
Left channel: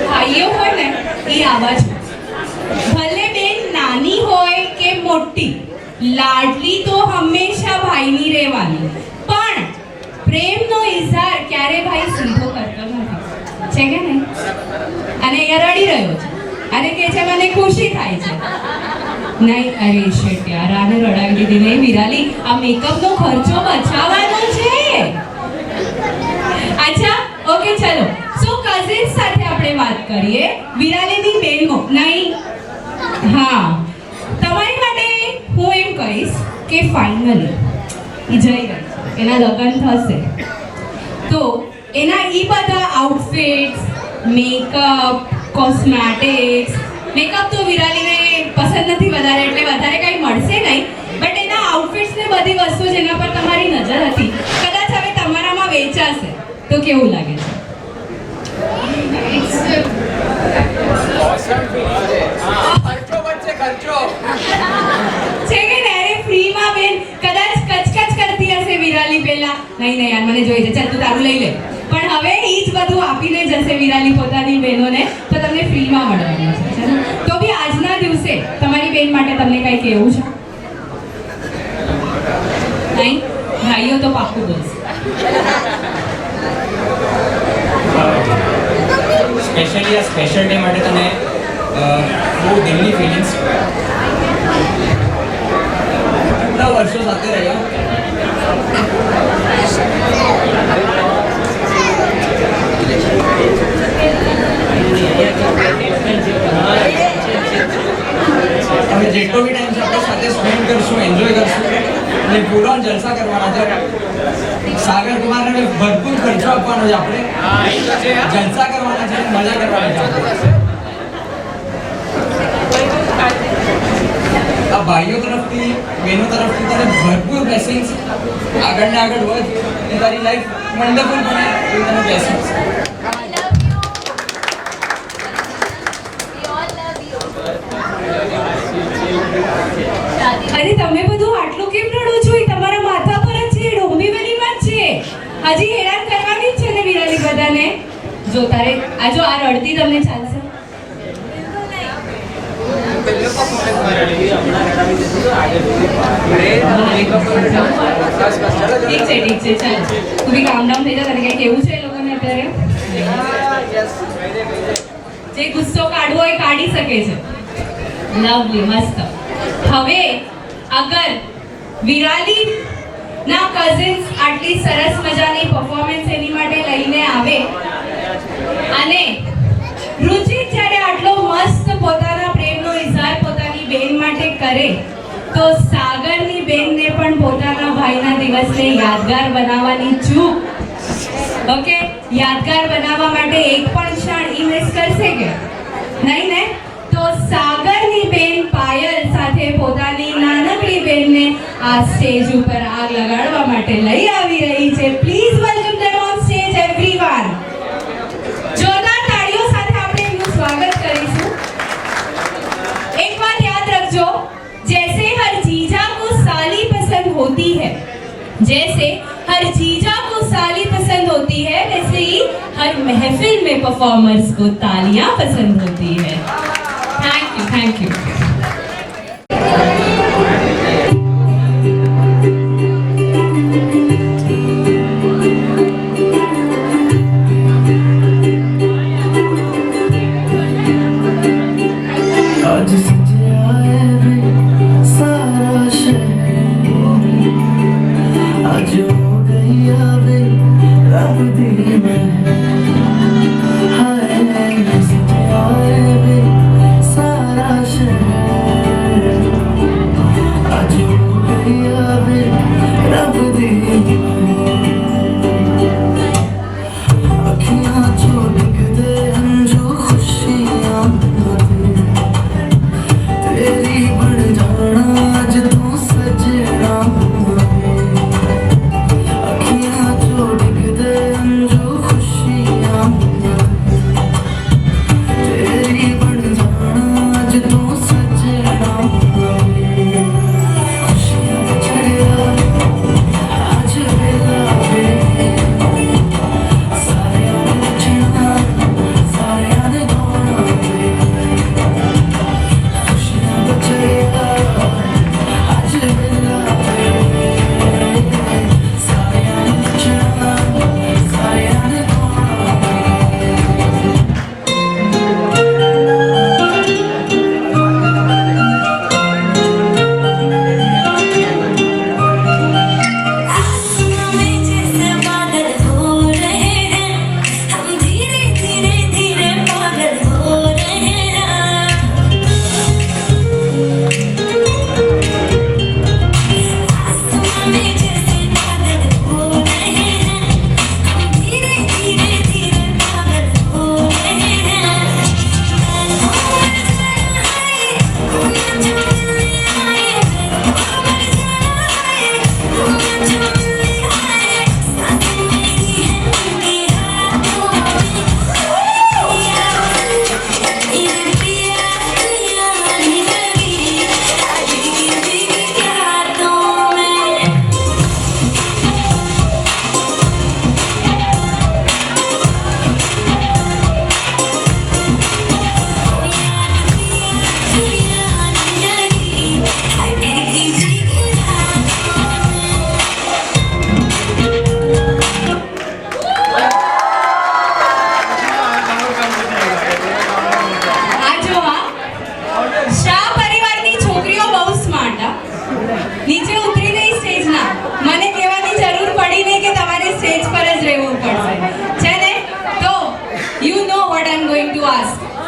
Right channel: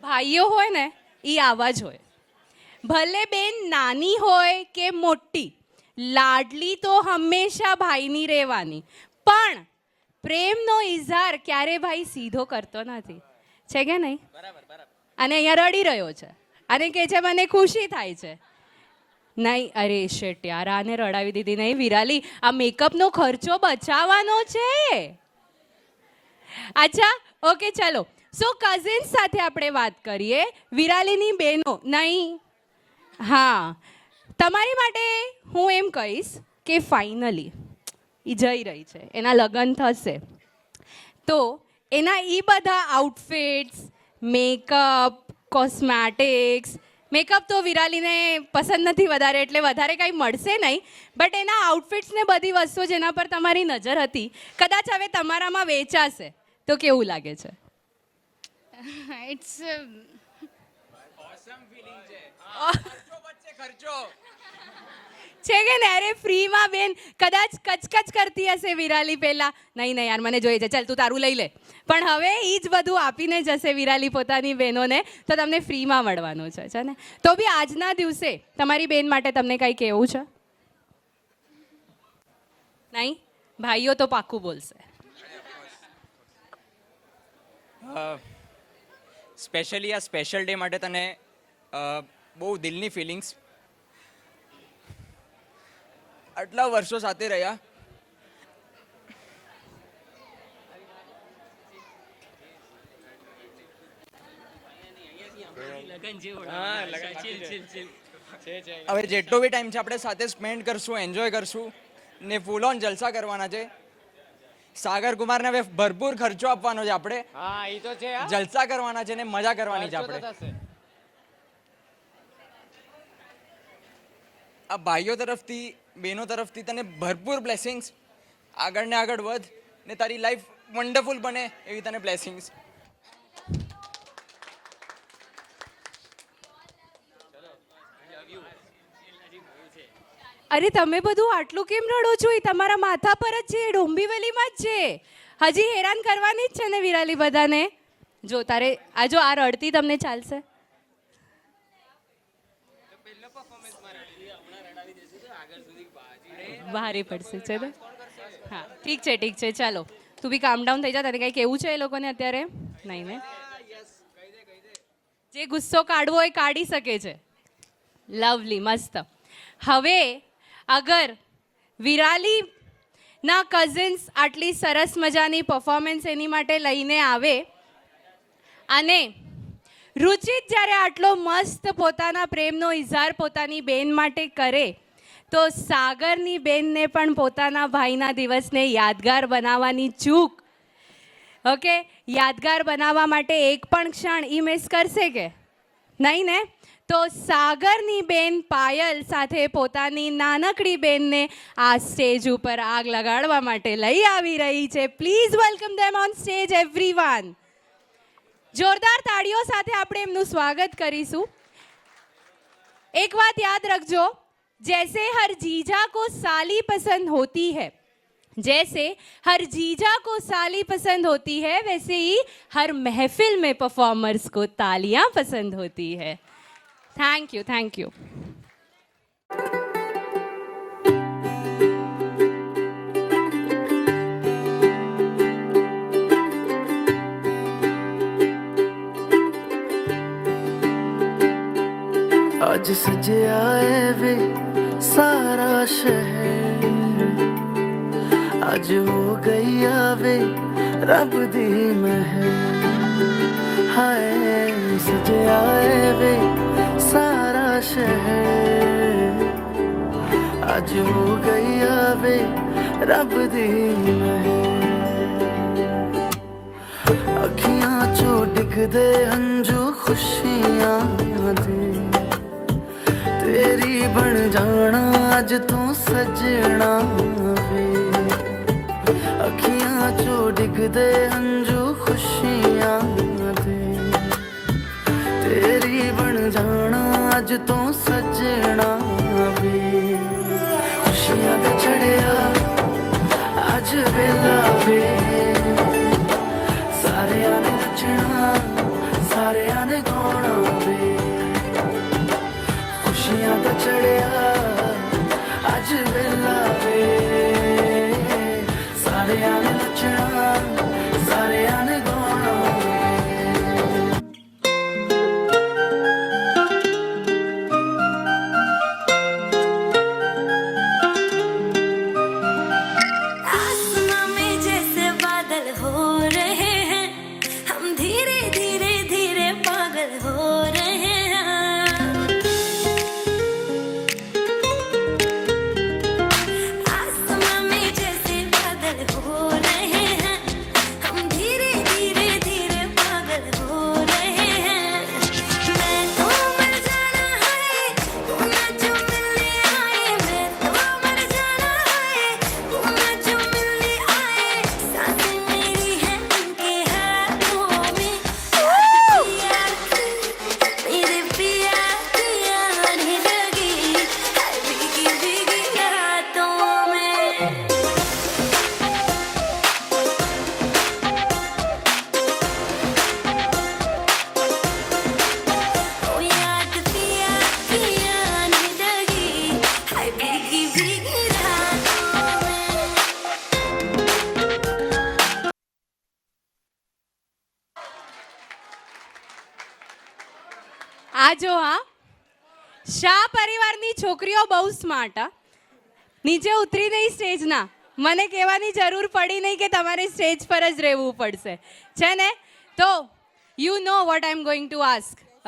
ભાઈઓ હોય ને એ આવા જ, ભલે બેન નાની હોય કે મોટી, લાડલી તો હંમેશા ભાઈની રહેવાની. પણ પ્રેમનો ઇઝહાર ક્યારે ભાઈ સીધો કરતો નથી, છે કે નહીં? અને અહીંયા રડી રહ્યો છે અને કહે છે મને ખુશી થાય છે. નહીં, અરે શિટ યાર, આને રડાવી દીધી. નહીં વિરાલી, આ મેકઅપનો ખર્ચો બચાવવાનો છે. અચ્છા, ઓકે, ચલો. સો કઝિન સાથે આપણે વાત કરીએ. વિરાલીની બહેનો નહીં, હા, તમારી માટે હું એમ કહીશ કે ફાઇનલી જઈ ગઈ, એના લગ્ન થશે તો એના એ બધા આઉટફિટ્સ, મેકઅપ, કોસ્મેટિક્સ, મેકઅપ તો વિરાલીને પસંદ નથી વધારે, એટલે વધારે કંઈ મળશે નહીં. બટ એના આઉટફિટ્સ ને બધી વસ્તુ જેના પર તમારી નજર હતી, કદાચ હવે તમારામાં વેચાશે તો કેવું લાગે છે? છે કે ત્યારે ફ્રીમાં બેન કદાચ કચકચ કરતી હશે વિરાલી પહેલા, નહીં યાર મને જોઈએ છે, ચાલ તું તારું લઈ લે. પણ હવે એ જ બધું આપીને જશે વિરાલી પોતાની બહેનોને, તો તમને ફ્રીમાં મળવાનું છે. તો બી આજના દિવસે તમારી બેન માટે તમને કંઈ કહેવું છે? નહીં, ભાઈઓ તો પાકું બોલશે. સ્પેશિયલી આ સ્પેશિયલ ડે માટે તને બહુ દિલની ફિલિંગ્સ. કેટલા વર્ષો સાથે રહ્યા, અમે જેટલો બી ટાઈમ છે આપણે સાથે સ્પેન્ડ કરશું, એન્જોય કરશું અને પૂરા જલસા કરવાના છે. સાગર કુમારને ભરપૂર ખર્ચો આપવાનો છે, આપણે જલસા કરવાના છે, મજા કરવાની છે. આ ભાઈઓ તરફથી, બહેનો તરફથી તને ભરપૂર બ્લેસિંગ્સ. આગળ ને આગળ વધ અને તારી લાઈફ વન્ડરફુલ બને એ તને બ્લેસિંગ્સ. અરે તમે બધું આટલું કેમ રડો છો? એ તમારા માથા પર જ છે, ડોંબીવલીમાં જ છે. હજી હેરાન કરવાની જ છે ને વિરાલી બધાને. જો તારે આ જો આ રડતી તમને ચાલશે? ઠીક છે, ચાલો તું બી કામ ડાઉન થઈ જા. તારે કઈ કેવું છે એ લોકોને અત્યારે? જે ગુસ્સો કાઢવો એ કાઢી શકે છે. લવલી, મસ્ત. હવે અગર વિરાલી ના કઝિન્સ આટલી સરસ મજાની પરફોર્મન્સ એની માટે લઈને આવે અને રુચિત જ્યારે આટલો મસ્ત પોતાના પ્રેમનો ઇઝહાર પોતાની બેન માટે કરે, તો સાગરની બેનને પણ પોતાના ભાઈના દિવસને યાદગાર બનાવવાની ચૂક, ઓકે, યાદગાર બનાવવા માટે એક પણ ક્ષણ ઈ મિસ કરશે કે નહીં ને? તો સાગરની બેન પાયલ સાથે પોતાની નાનકડી બેનને આ સ્ટેજ ઉપર આગ લગાડવા માટે લઈ આવી રહી છે. Please welcome them on stage everyone. જોરદાર તાળીઓ સાથે આપણે એમનું સ્વાગત કરીશું. એક વાત યાદ રખજો, जैसे हर जीजा को साली पसंद होती है, जैसे हर जीजा को साली पसंद होती है, वैसे ही हर महफिल में परफॉर्मर्स को तालियां पसंद होती है. Thank you.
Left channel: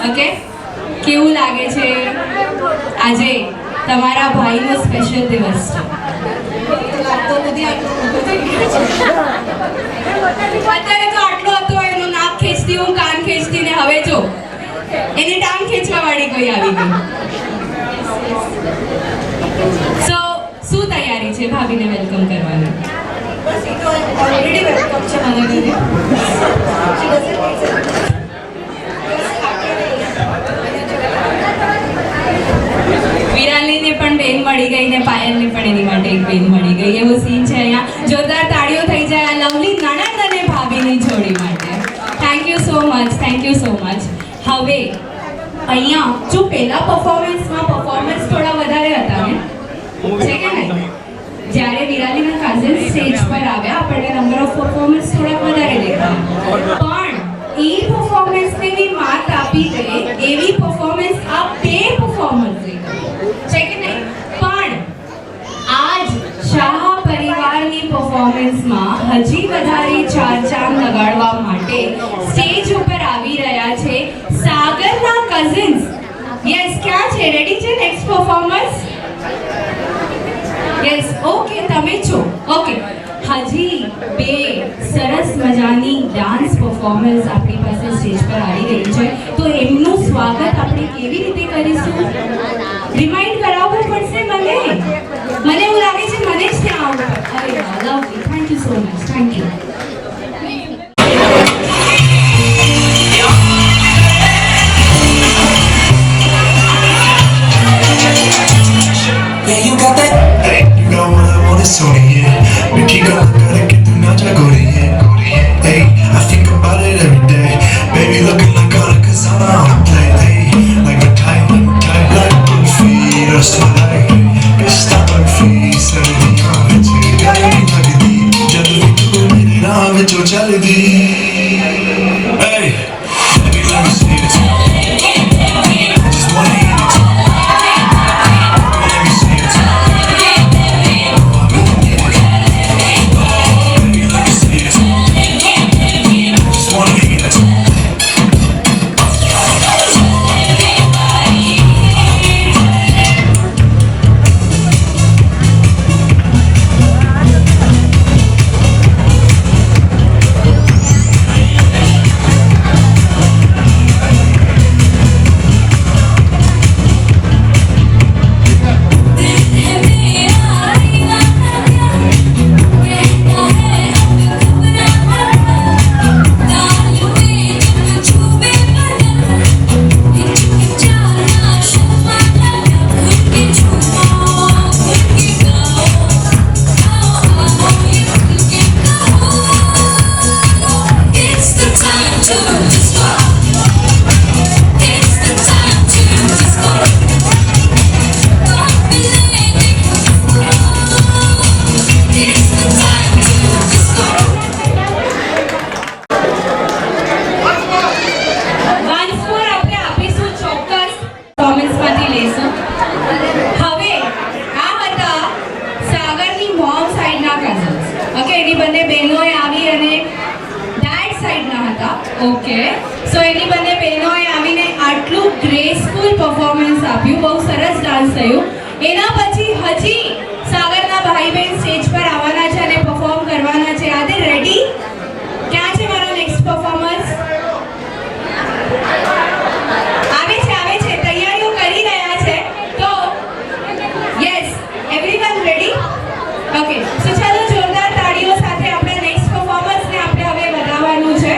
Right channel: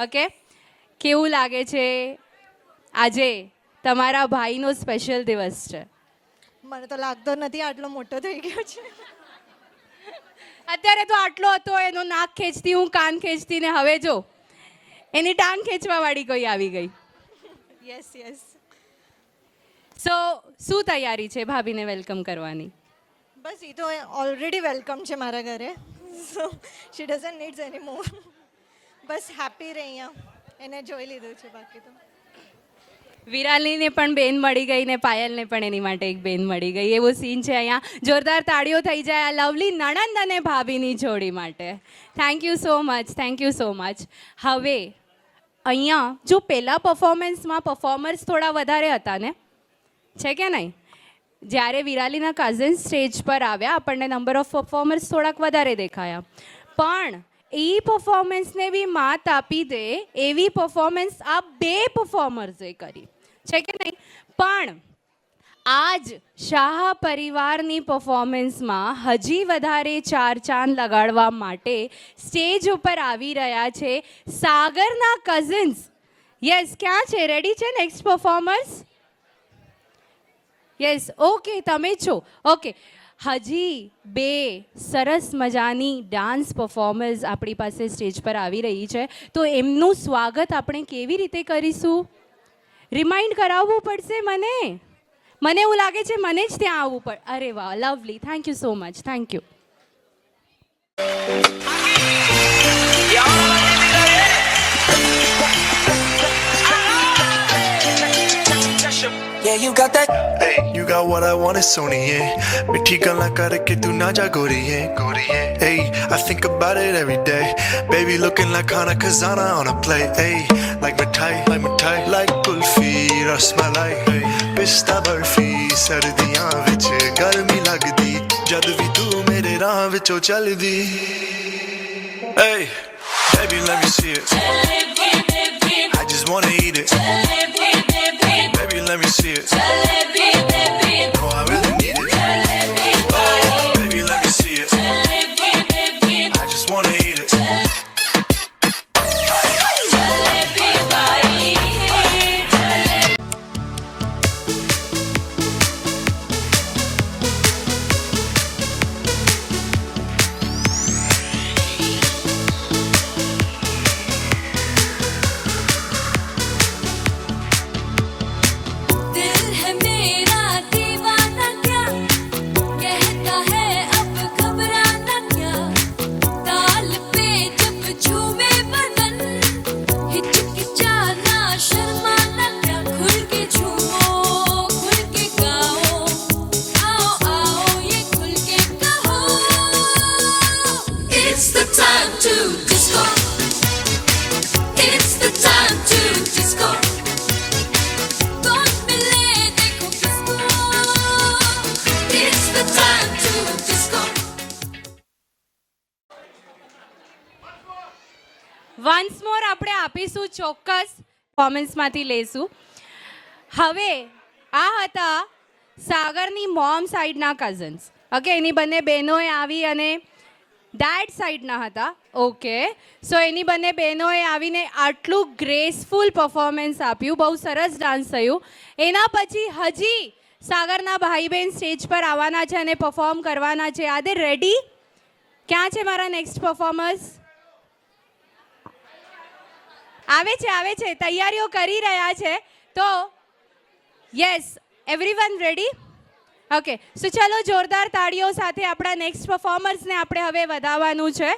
ઓકે કેવું લાગે છે આજે તમારા ભાઈનો સ્પેશિયલ દિવસ છે અત્યારે તો આટલો હતો એનું નાક ખેંચતી હું કાન ખેંચતી ને હવે જો એની ટાંગ ખેંચવા વાળી કોઈ આવી ગઈ સો શું તૈયારી છે ભાભીને વેલકમ કરવાની ઓલરેડી વેલકમ છે મને ઘરે વિરાલીને પણ બેન મળી ગઈ ને પાયલને પણ એની માટે એક બેન મળી ગઈ એવો સીન છે અહીંયા જોરદાર તાળીઓ થઈ જાય આ લવલી નણંદ અને ભાભીની જોડી માટે થેન્ક યુ સો મચ હવે અહીંયા જો પહેલા પરફોર્મન્સ થોડા વધારે હતા ને છે કે નહીં જ્યારે વિરાલીના કઝિન સ્ટેજ પર આવ્યા આપણને નંબર ઓફ પરફોર્મન્સ થોડા વધારે દેખાયા પણ એ પરફોર્મન્સને બી માત આપી દે એવી પરફોર્મન્સ આ બે પરફોર્મન્સ છે કે નહીં પણ આજ શાહ પરિવારની પરફોર્મન્સમાં હજી વધારે ચાર ચાંદ લગાડવા માટે સ્ટેજ ઉપર આવી રહ્યા છે સાગરના કઝિન્સ યસ ક્યાં છે રેડી છે નેક્સ્ટ પરફોર્મન્સ યસ ઓકે તમે છો ઓકે હજી બે સરસ મજાની ડાન્સ પરફોર્મન્સ આપણી પાસે સ્ટેજ પર આવી ગઈ છે તો એમનું સ્વાગત આપણે કેવી રીતે કરીશું રિમાઇન્ડ કરાવવું પડશે મને એવું લાગે છે મને જ ત્યાં આવવું પડે અરે વાહ lovely thank you so much thank you सोनिए मीठी गला करे कि तू ना जा गोरिए hey I think about it every day baby looking like color cause I'm on a play hey like a time like kulfi rasmalai pista barfi sardiyan vich garmi lagdi jaldi tu mere raah vich jaldi hey baby let me see it I just wanna eat it okay, so એની બંને બહેનોએ આવીને આટલું graceful performance આપ્યું, બહુ સરસ ડાન્સ થયું. એના પછી હજી સાગરના ભાઈ બહેન સ્ટેજ પર આવવાના છે અને પરફોર્મ કરવાના છે. R they ready? ક્યાં છે મારો નેક્સ્ટ પરફોર્મન્સ? આવે છે, તૈયારીઓ કરી રહ્યા છે. તો યસ, એવરીવન રેડી? ઓકે, સો ચાલો જોરદાર તાળીઓ સાથે આપણે નેક્સ્ટ પરફોર્મન્સને આપણે હવે વધારવાનું છે.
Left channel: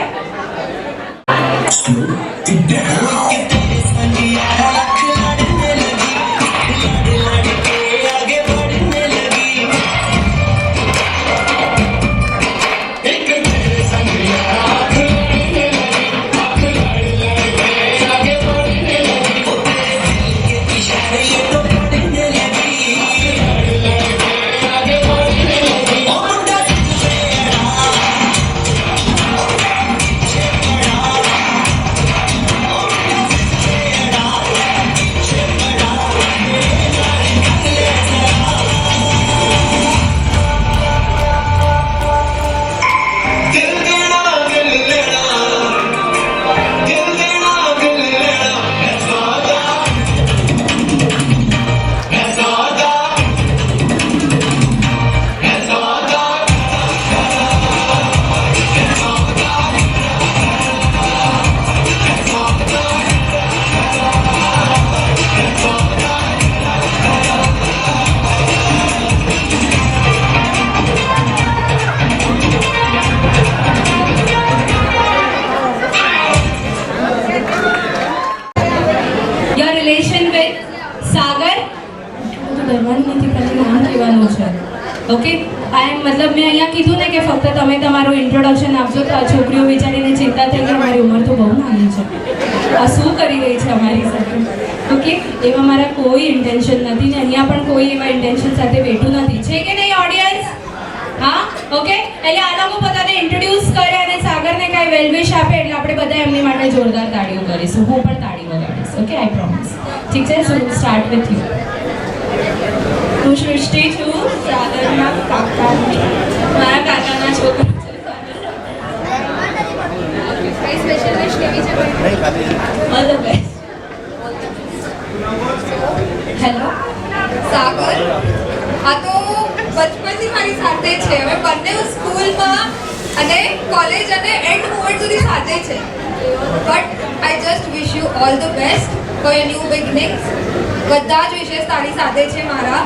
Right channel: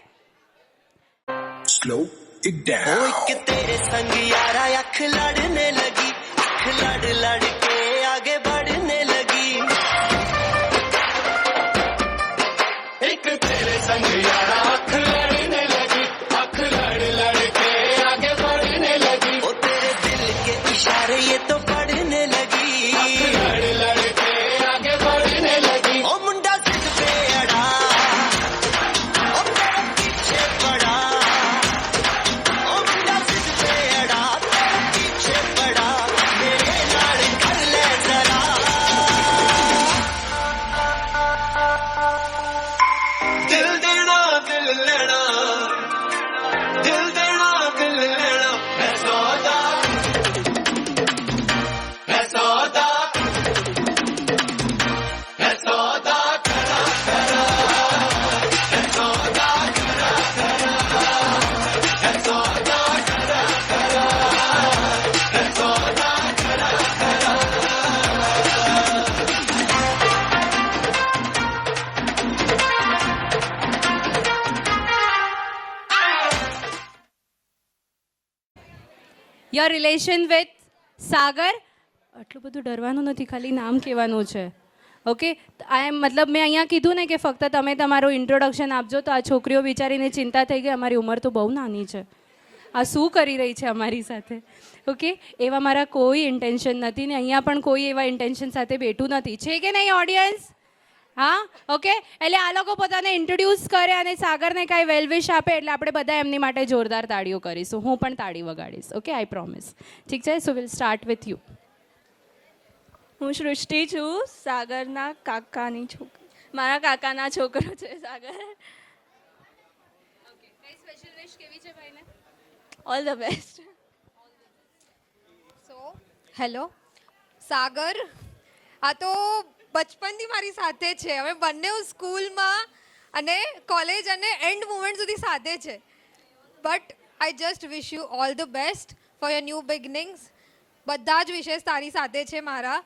Your relation with Sagar? કરવાનું નથી, પહેલા નામ કહેવાનું છે. ઓકે, મતલબ મેં અહીંયા કીધું ને કે ફક્ત તમે તમારું ઇન્ટ્રોડક્શન આપજો તો આ છોકરીઓ વિચારીને ચિંતા થઈ કે અમારી ઉંમર તો બહુ નાની છે, આ શું કરી રહી છે અમારી સાથે. ઓકે, એમાં મારા કોઈ ઇન્ટેન્શન નથી ને અહીંયા પણ કોઈ એવા ઇન્ટેન્શન સાથે બેઠું નથી, છે કે નહીં ઓડિયન્સ? હા, ઓકે, એટલે આ લોકો પોતાને ઇન્ટ્રોડ્યુસ કરે અને સાગરને કાંઈ વેલવિશ આપે એટલે આપણે બધા એમની માટે જોરદાર તાળીઓ કરીશું. હું પણ તાળી વગાડીશ. ઓકે, આઈ પ્રોમિસ. ઠીક છે, સો સ્ટાર્ટ વિથ યુ. હું સૃષ્ટિ છું, સાગરના મારા કાકાના છોકરા છે. કઈ સ્પેશિયલ વિશ કેવી છે? All the best. હેલો સાગર, આ તો બચપનથી મારી સાથે છે. અમે બંને સ્કૂલમાં અને કોલેજ અને એન્ડ મોમેન્ટ સુધી સાથે છે. But I just wish you all the best for your new beginnings. બધા જ વિશેષ તારી સાથે છે મારા.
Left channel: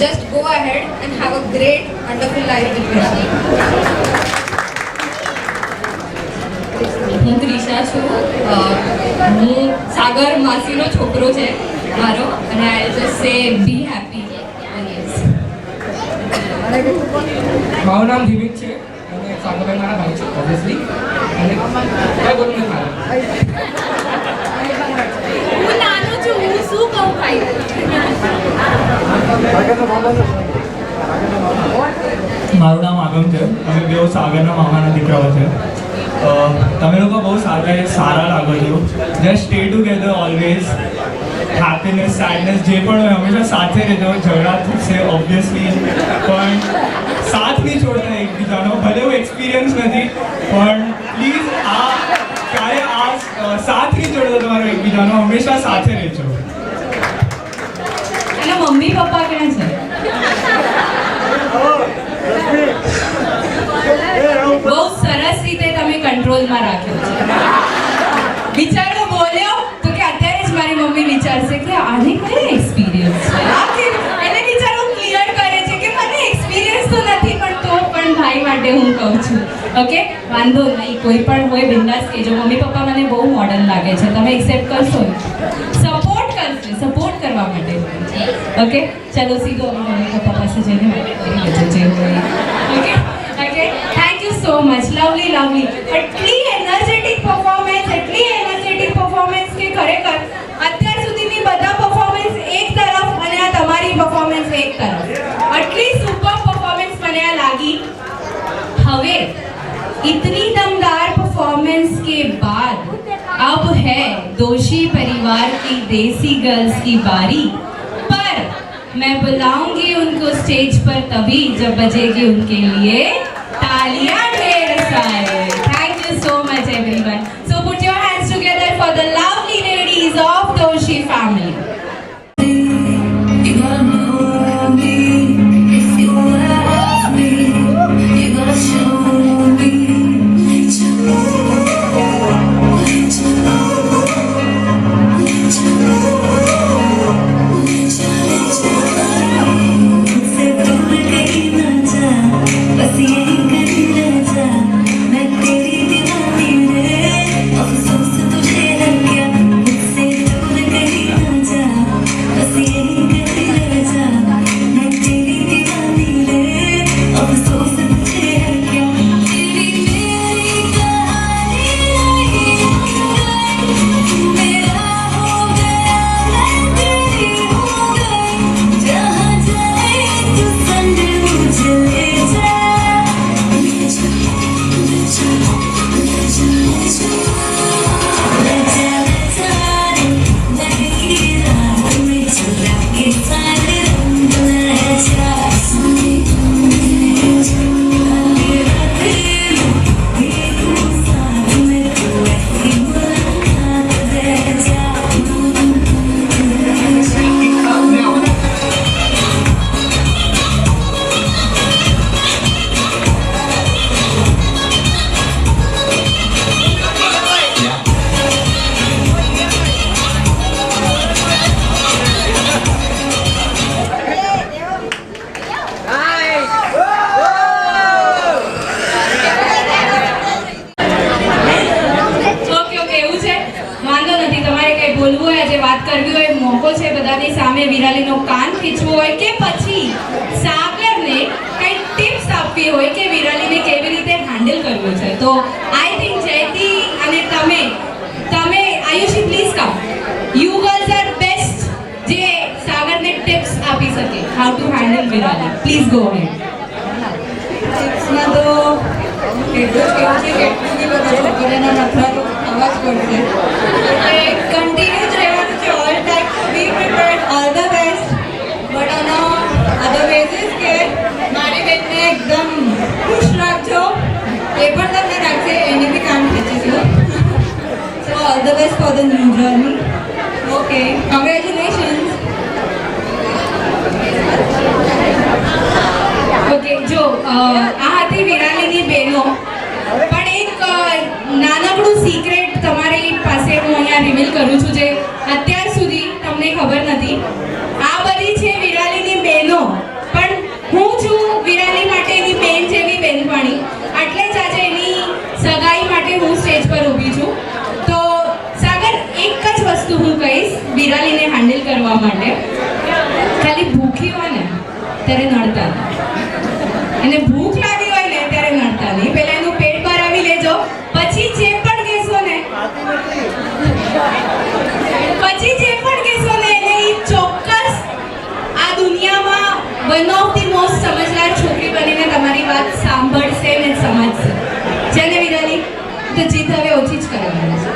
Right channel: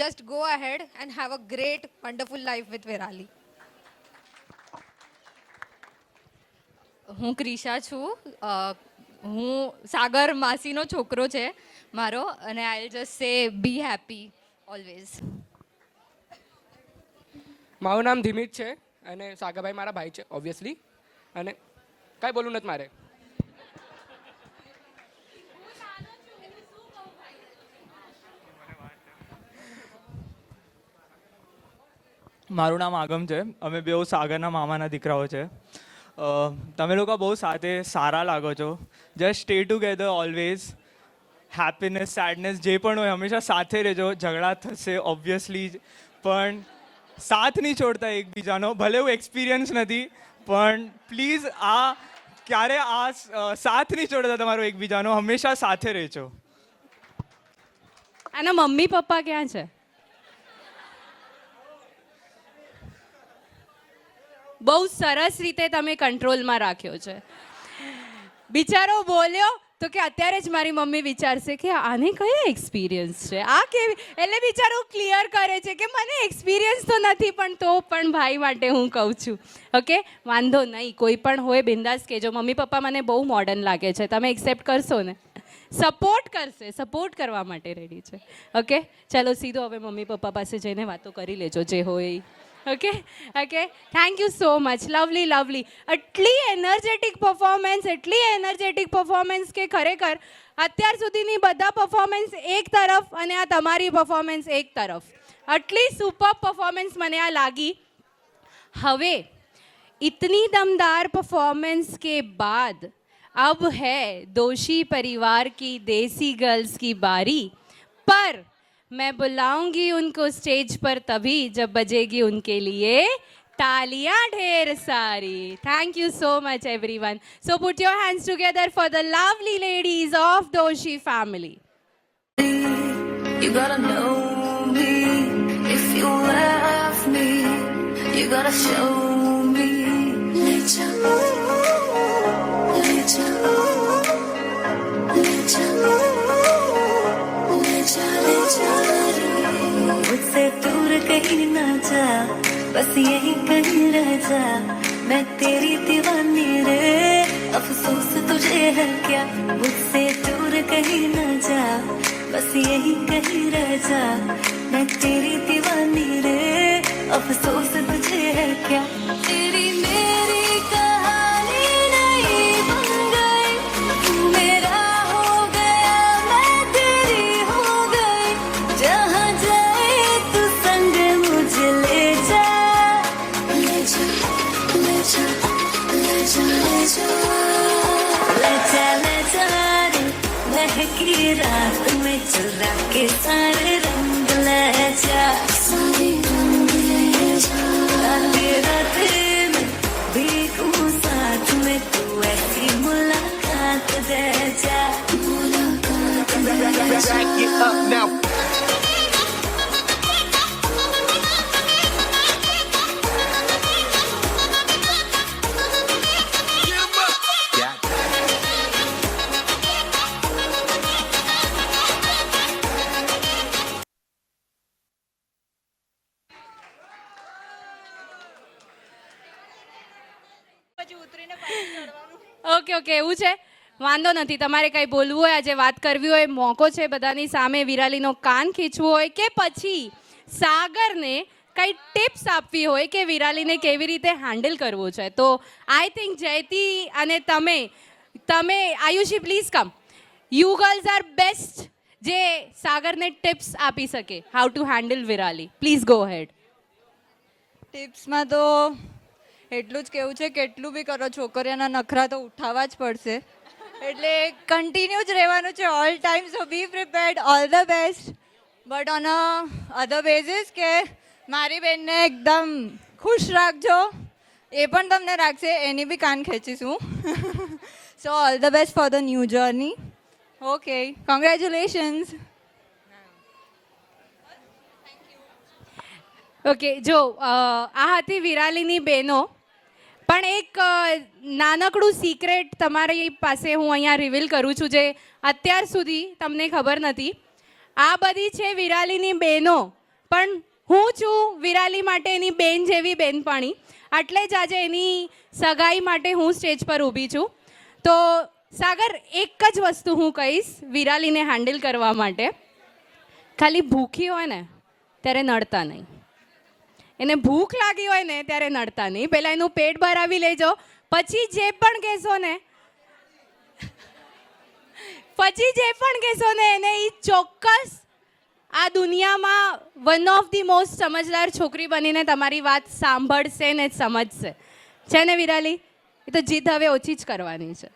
Just go ahead and have a great wonderful life with your. હું ત્રિષા છું. હું સાગર માસીનો છોકરો છે મારો, અને આઈ જસ્ટ સે બી હેપી. મારું નામ દિવિક છે અને સાગરભાઈ મારા ભાઈ છે ઓબ્વિયસલી. અને કઈ બોલવું નથી મારે. હું નાનો છું, હું શું કહું ભાઈ? મારું નામ આગમ છે. અમે બેઉ સાગરના મામાના દીકરાઓ છે. તમે લોકો બહુ સારા લાગો છો. Just stay together always. Happiness, sadness જે પણ હોય હંમેશા સાથે રહેજો. ઝઘડા થશે ઓબ્વિયસલી, પણ સાથ નહીં છોડતા એકબીજાનો. ભલે એવું એક્સપિરિયન્સ નથી પણ પ્લીઝ સાથ નહીં છોડો તમારો એકબીજાનો. હંમેશા સાથે રહેજો. અને મમ્મી પપ્પા ક્યાં છે? બહુ સરસ રીતે તમે કંટ્રોલમાં રાખ્યો છે. બિચારો બોલ્યો તો કે અત્યારે જ મારી મમ્મી વિચારશે કે આને કયો એક્સપિરિયન્સ છે. એને બિચારો ક્લિયર કરે છે કે મને એક્સપિરિયન્સ તો નથી પણ તો પણ ભાઈ માટે હું કહું છું. ઓકે, વાંધો નહીં, કોઈ પણ હોય બિંદાસ કહેજો. મમ્મી પપ્પા મને બહુ મોડર્ન લાગે છે, તમે એક્સેપ્ટ કરશો? સપોર્ટ કરશે, સપોર્ટ કરવા માટે. ઓકે, ચલો સીધો અમે મમ્મી પપ્પા પાસે જઈને વાત કરી લેજો જે હોય. Okay okay, thank you so much. Lovely lovely. એટલી એનર્જેટિક પરફોર્મન્સ કે ખરેખર અત્યાર સુધીની બધા પરફોર્મન્સ એક તરફ અને આ તમારી પરફોર્મન્સ એક તરફ. આટલી સુપર પરફોર્મન્સ મને આ લાગી. હવે इतनी दमदार परफॉर्मेंस के बाद अब है दोषी परिवार की देसी गर्ल्स की बारी. पर मैं बुलाऊंगी उनको स्टेज पर तभी जब बजेगी उनके लिए तालियां ढेर सारे. Thank you so much everyone. છે બધાની સામે વિરાલીનો કાન ખીચવો હોય કે પછી સાગરને કઈ ટિપ્સ આપવી હોય કે વિરાલીને કેવી રીતે હેન્ડલ કરવું છે, તો આઈ થિંક જયતી અને તમે Ayushi please come, you girls are best જે સાગરને ટિપ્સ આપી શકે how to handle Virali. Please go ahead. ટિપ્સમાં તો એટલું જ કેવું છે કે એટલું બી બધા છોકરીઓના મથા તો થવા જ પડશે. કન્ટિન્યુ જ રહેવાનું છે all time, be prepared, all the best. But આનો અધર બેઝિસ કે મારી બેનને એકદમ ખુશ રાખજો, એ પણ તમને રાખશે, એની બી કામ ખેંચીશું. So all the best for the new journey. Okay, congratulations. Okay, જો આ હતી વિરાલીની બહેનો, પણ એક નાનકડું સિક્રેટ તમારી પાસે હું અહીંયા રિવીલ કરું છું જે અત્યાર સુધી તમને ખબર નથી. આ બધી છે વિરાલીની બહેનો, પણ હું છું વિરાલી માટેની બેન જેવી બેનપણી, એટલે જ આજે એની સગાઈ માટે હું સ્ટેજ પર ઊભી છું. તો સાગર, એક જ વસ્તુ હું કહીશ વિરાલીને હેન્ડલ કરવા માટે, ખાલી ભૂખી હોય ને ત્યારે નડતા નહીં. એને ભૂખ લાગી હોય ને ત્યારે નડતા નહીં, પહેલા એનું પેટ બહાર આવી લેજો, પછી જે પણ કહેશો ને એને ઈ ચોક્કસ આ દુનિયામાં વન ઓફ ધી મોસ્ટ સમજદાર છોકરી બનીને તમારી વાત સાંભળશે ને સમજશે. છે ને વિરાલી? તો જીત હવે ઓછી જ કરવાની છે.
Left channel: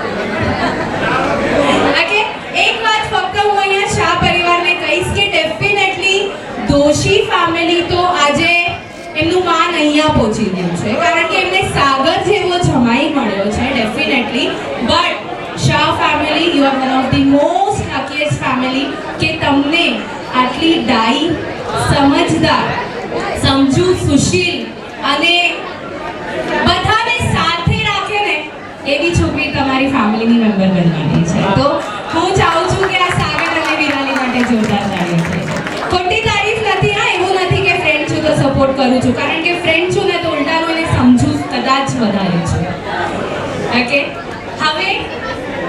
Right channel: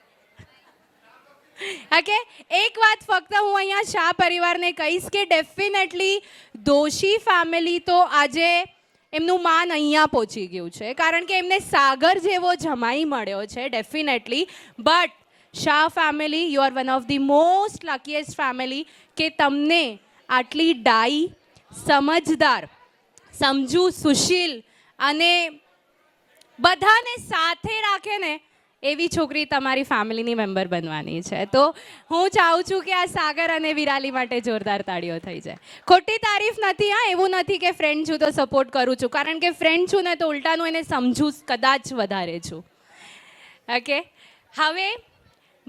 એક વાત ફક્ત હું અહીંયા શાહ પરિવારને કહીશ કે ડેફિનેટલી દોશી ફેમિલી તો આજે એમનું માન અહીંયા પહોંચી ગયું છે, કારણ કે એમને સાગર જેવો જમાઈ મળ્યો છે definitely. But Shah family, you are one of the most luckiest family કે તમને આટલી ડાઈ, સમજદાર, સમજુ, સુશીલ અને બધાને સાથે રાખે ને એવી છોકરી તમારી ફેમિલીની મેમ્બર બનવાની છે. તો હું ચાહું છું કે આ સાગર અને વિરાલી માટે જોરદાર તાળીઓ થઈ જાય. ખોટી તારીફ નથી, હા, એવું નથી કે ફ્રેન્ડ છું તો સપોર્ટ કરું છું, કારણ કે ફ્રેન્ડ છું ને તો ઉલટાનું એને સમજુ કદાચ વધારે છું. ઓકે, હવે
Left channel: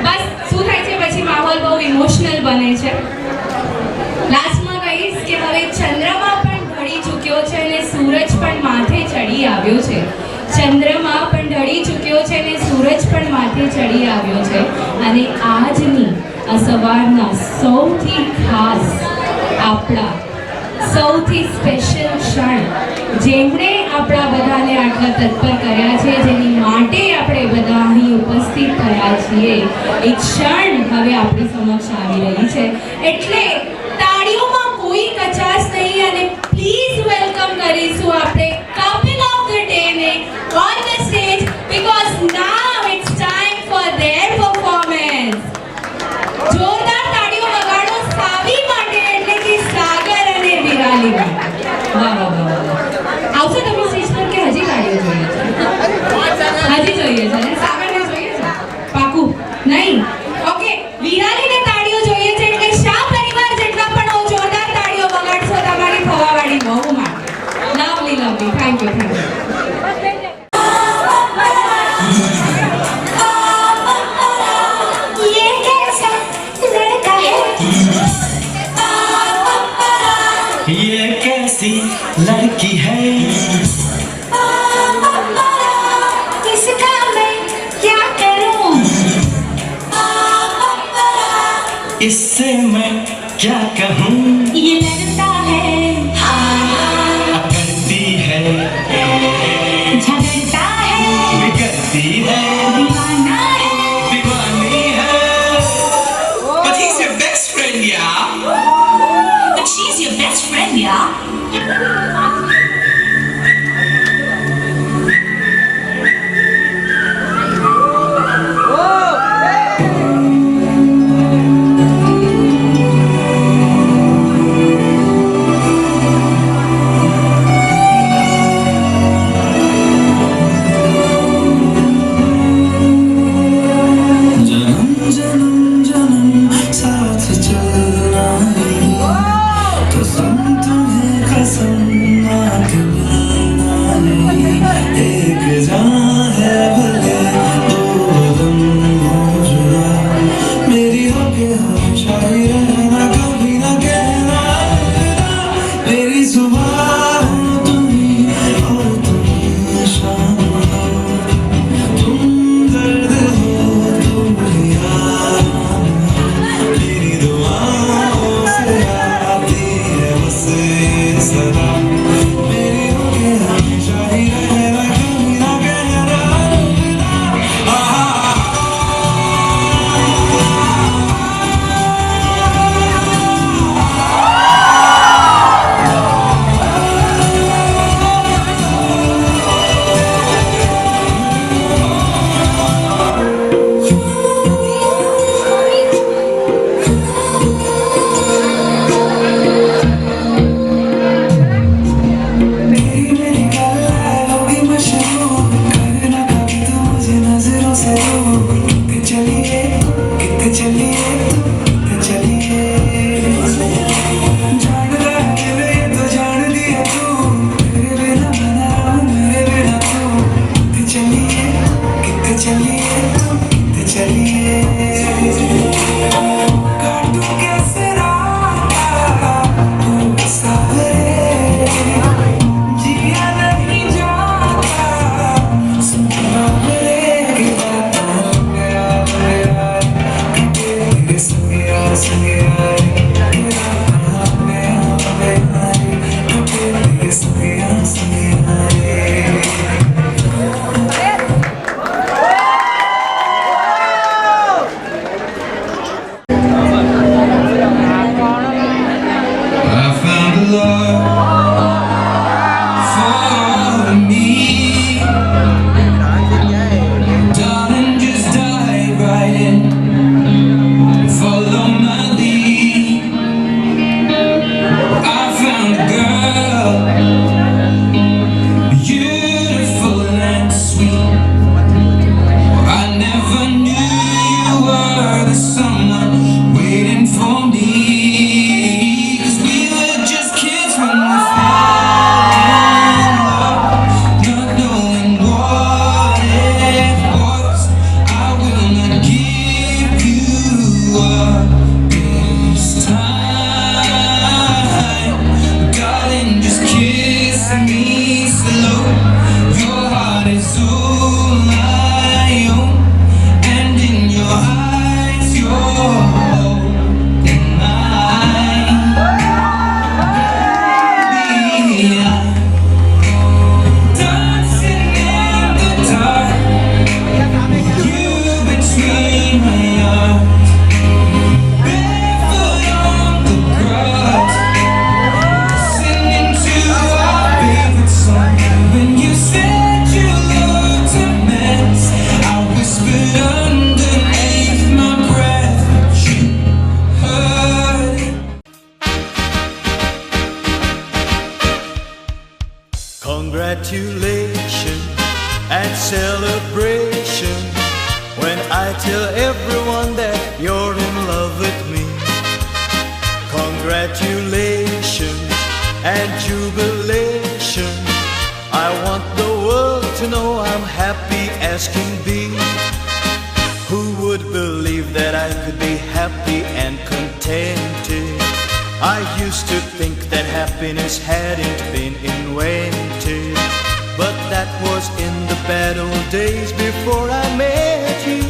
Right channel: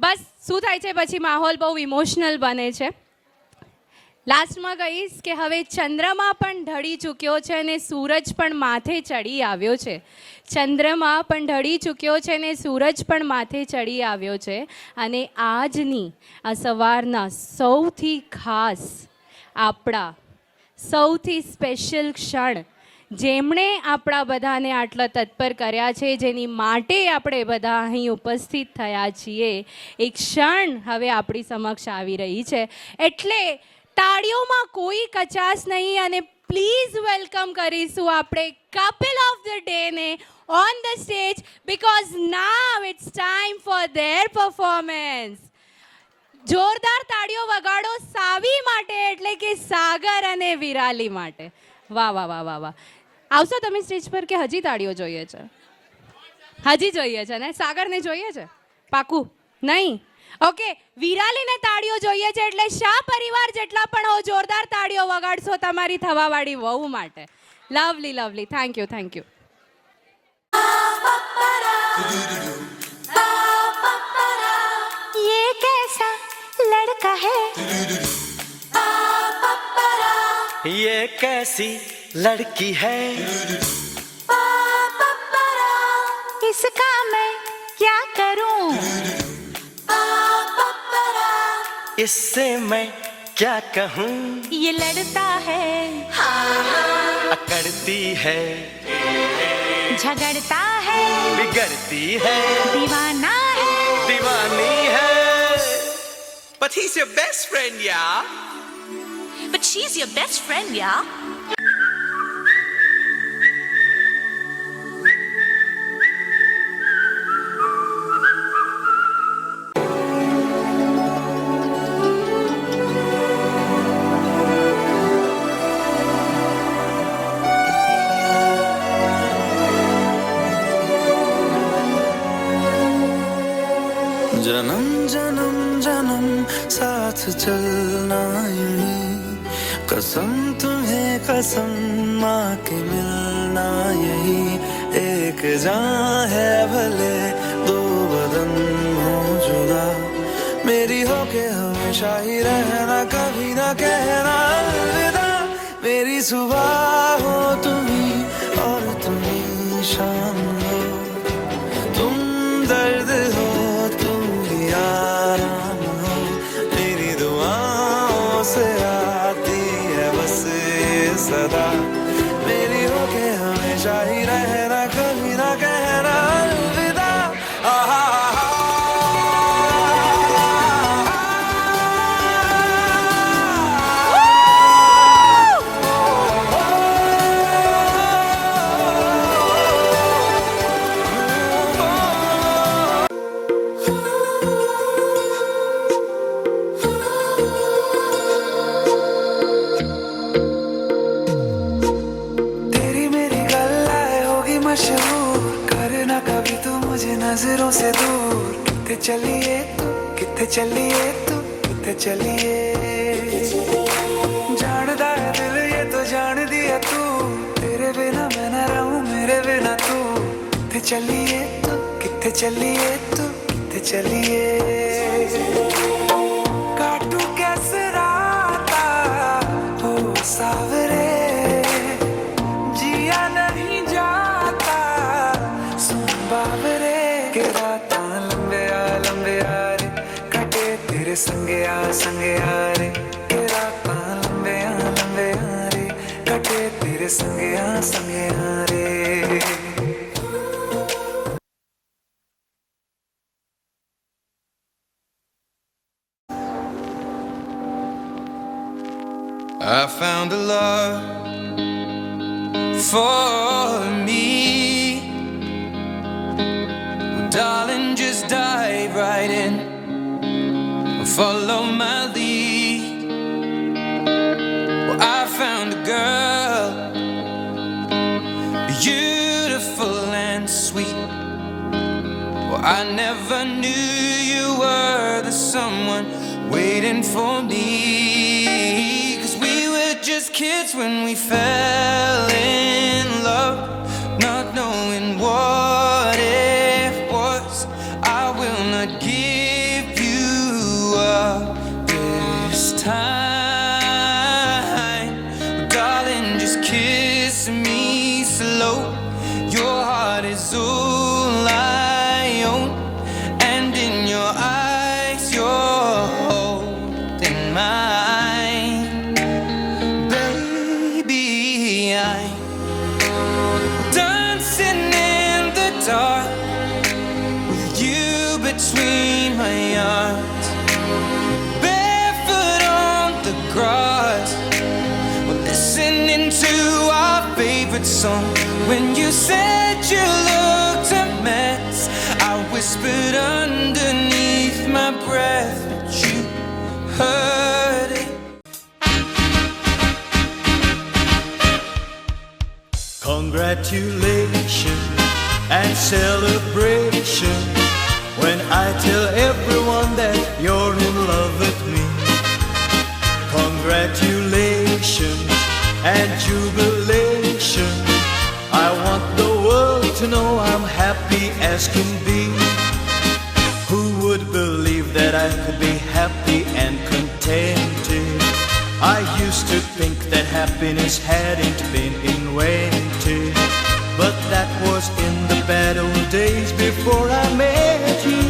બસ શું થાય છે પછી માહોલ બહુ ઇમોશનલ બને છે. લાસ્ટમાં કહીશ કે હવે ચંદ્રમા પણ ઢળી ચૂક્યો છે અને સૂરજ પણ માથે ચડી આવ્યો છે. ચંદ્રમા પણ ઢળી ચૂક્યો છે અને સૂરજ પણ માથે ચડી આવ્યો છે. અને આજની આ સવારના સૌથી ખાસ, આપણા સૌથી સ્પેશિયલ ક્ષણ, જેમણે આપણા બધાને આટલા તત્પર કર્યા છે, જેની માટે આપણે બધા અહીં ઉપસ્થિત થયા છીએ, એ ક્ષણ હવે આપણી સમક્ષ આવી રહી છે. એટલે તાળીઓમાં કોઈ કચાશ નહીં અને પ્લીઝ વેલકમ કરીશું આપણે કપલ ઓફ ધ ડે ને on the stage, because now it's time for their performance. જોરદાર તાળીઓ વગાડો સાવી માટે, એટલે કે સાગર અને વિરાલી માટે. વાહ વાહ વાહ વાહ. આવશો તમે સ્ટેજ પર કે હજી તાળીઓ જોઈએ છે? હજી જોઈએ છે ને? સાગરને જોઈએ છે? પાકું? નહીં? ઓકે, વિરાલીને તાળીઓ જોઈએ છે, એટલે શાહ પરિવાર જેટલા પણ જોરદાર તાળીઓ વગાડશો તમારી થવાવાળી વહુ માટે. Lovely lovely, thank you, thank you. ये कैसी लड़की है, इसका मैं क्या करूं? इससे मैं क्या कहूँ, ये लड़ता है, करती है, झगड़ता है, बिगड़ती है, दीवाना है, दीवानी है. But he's your best friend, yeah. but she's your best friend, yeah. साथ चलना ही कसम तुम्हें कसम से दूर कितने चलिए कितने चलिए कितने चलिए जान गए तो जान लिया तू मेरे बिना मैं रहूं मेरे बिना तू कितने चलिए कितने चलिए कितने चलिए काटूं कैसे राता तू सावरे जिया नहीं जाता सुन बाबरे तेरे संगे संगे आए तेरा पे आए तेरे संगे संगे आए I found a love for me. Darling, just dive right in. Follow my lead. I found a girl, beautiful and sweet. I never knew you were the someone waiting for me. 'Cause we were just kids when we fell in love, not knowing what it was. I will not give you up this time. Darling, just kiss me slow. Your heart is all I own, and in your eyes you're holding mine. Baby, I'm dancing in the dark with you between my arms, barefoot on the grass, listening to our favorite song. When you said you looked a mess, I whispered underneath my breath, but you heard it. Congratulations and celebration when I tell everyone that you're in love with me. Congratulations and jubilation. I want the world to know I'm happy as can be. Who would believe that I could be happy and contented? I used to think that happiness hadn't been invented, but that was in the bad old days before I met you.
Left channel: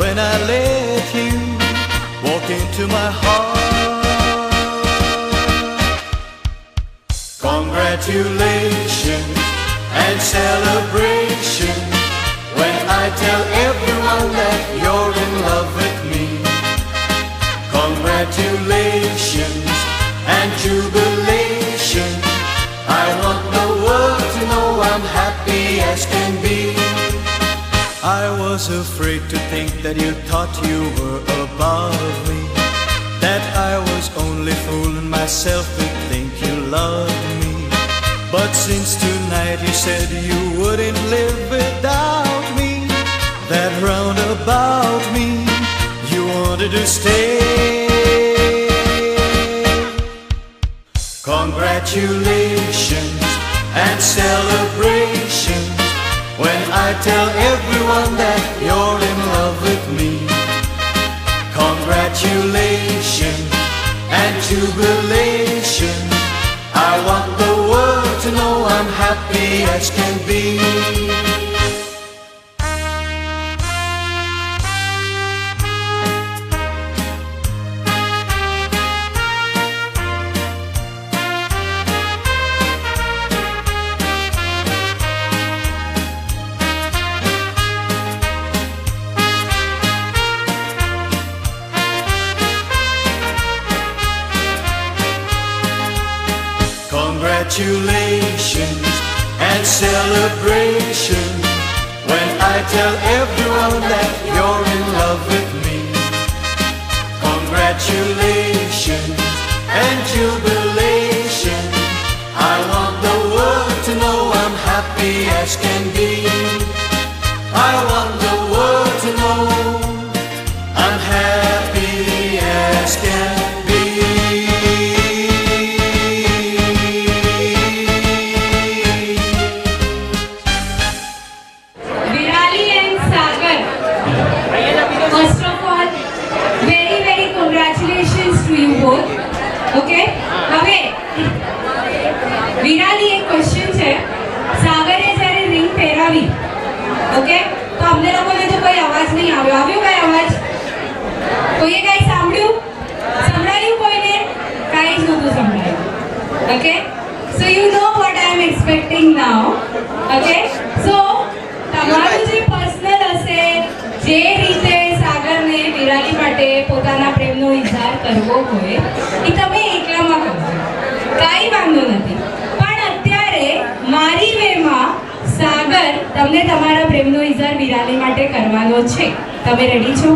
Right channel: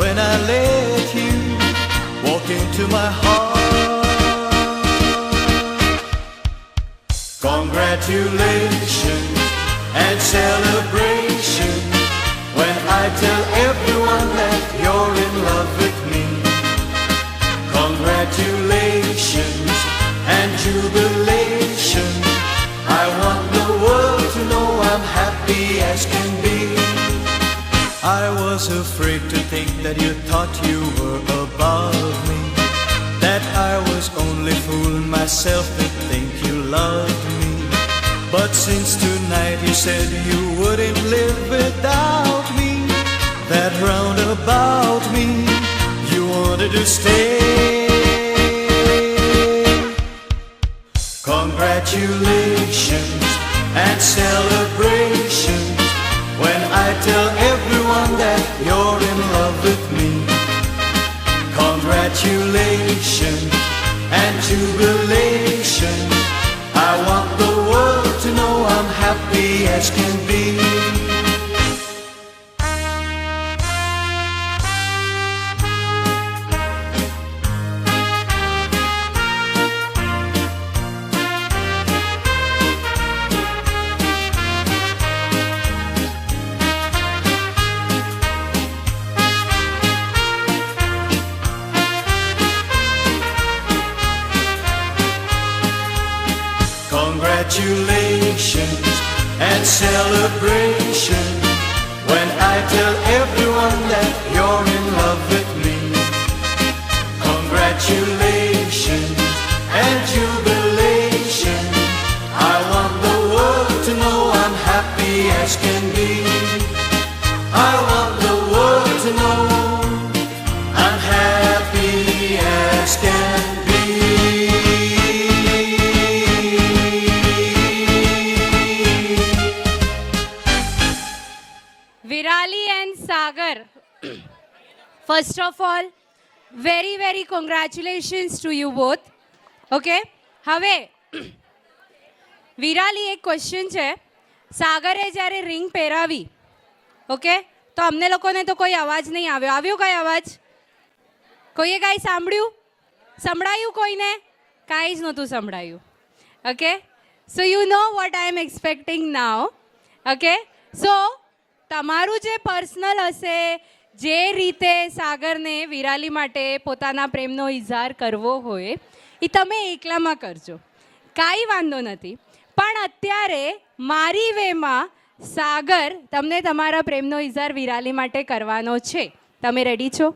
When I let you walk into my heart. Congratulations and celebration when I tell everyone that you're in love with me. Congratulations and jubilation. I want the world to know I'm happy as can be. I was afraid to think that you thought you were above me, that I was only fooling myself to think you loved me. But since tonight you said you wouldn't live without me, that round about me you wanted to stay. Congratulations and celebrations when I tell everyone that you're in love with me. Congratulations and jubilation. I want the world to know I'm happy as can be. Congratulations and celebration when I tell everyone that you're in love with me. Congratulations and jubilation. I want the world to know I'm happy as can be. I want the world to know I'm happy as can be. Virali and Sagar, first of all, very very congratulations to you both. Okay? હવે વિરાલી એક ક્વેશ્ચન છે. સાગરે જ્યારે રિંગ પહેરાવી, ઓકે, તો અમને લોકોને તો કોઈ અવાજ નહીં આવ્યો. આવ્યો કોઈ અવાજ? કોઈએ કાંઈ સાંભળ્યું? સંભળાયું કોઈને? કાંઈ જ નહોતું સંભળાયું. Okay, so you know what I am expecting now. Okay, so તમારું જે પર્સનલ હશે, જે રીતે સાગરને વિરાલી માટે પોતાના પ્રેમનો ઇઝહાર કરવો હોય, એ તમે એકલામાં કરજો, કાંઈ વાંધો નથી. પણ અત્યારે મારી વેમાં સાગર તમને તમારા પ્રેમનો ઇઝહાર વિરાલી માટે કરવાનો છે. તમે રેડી છો?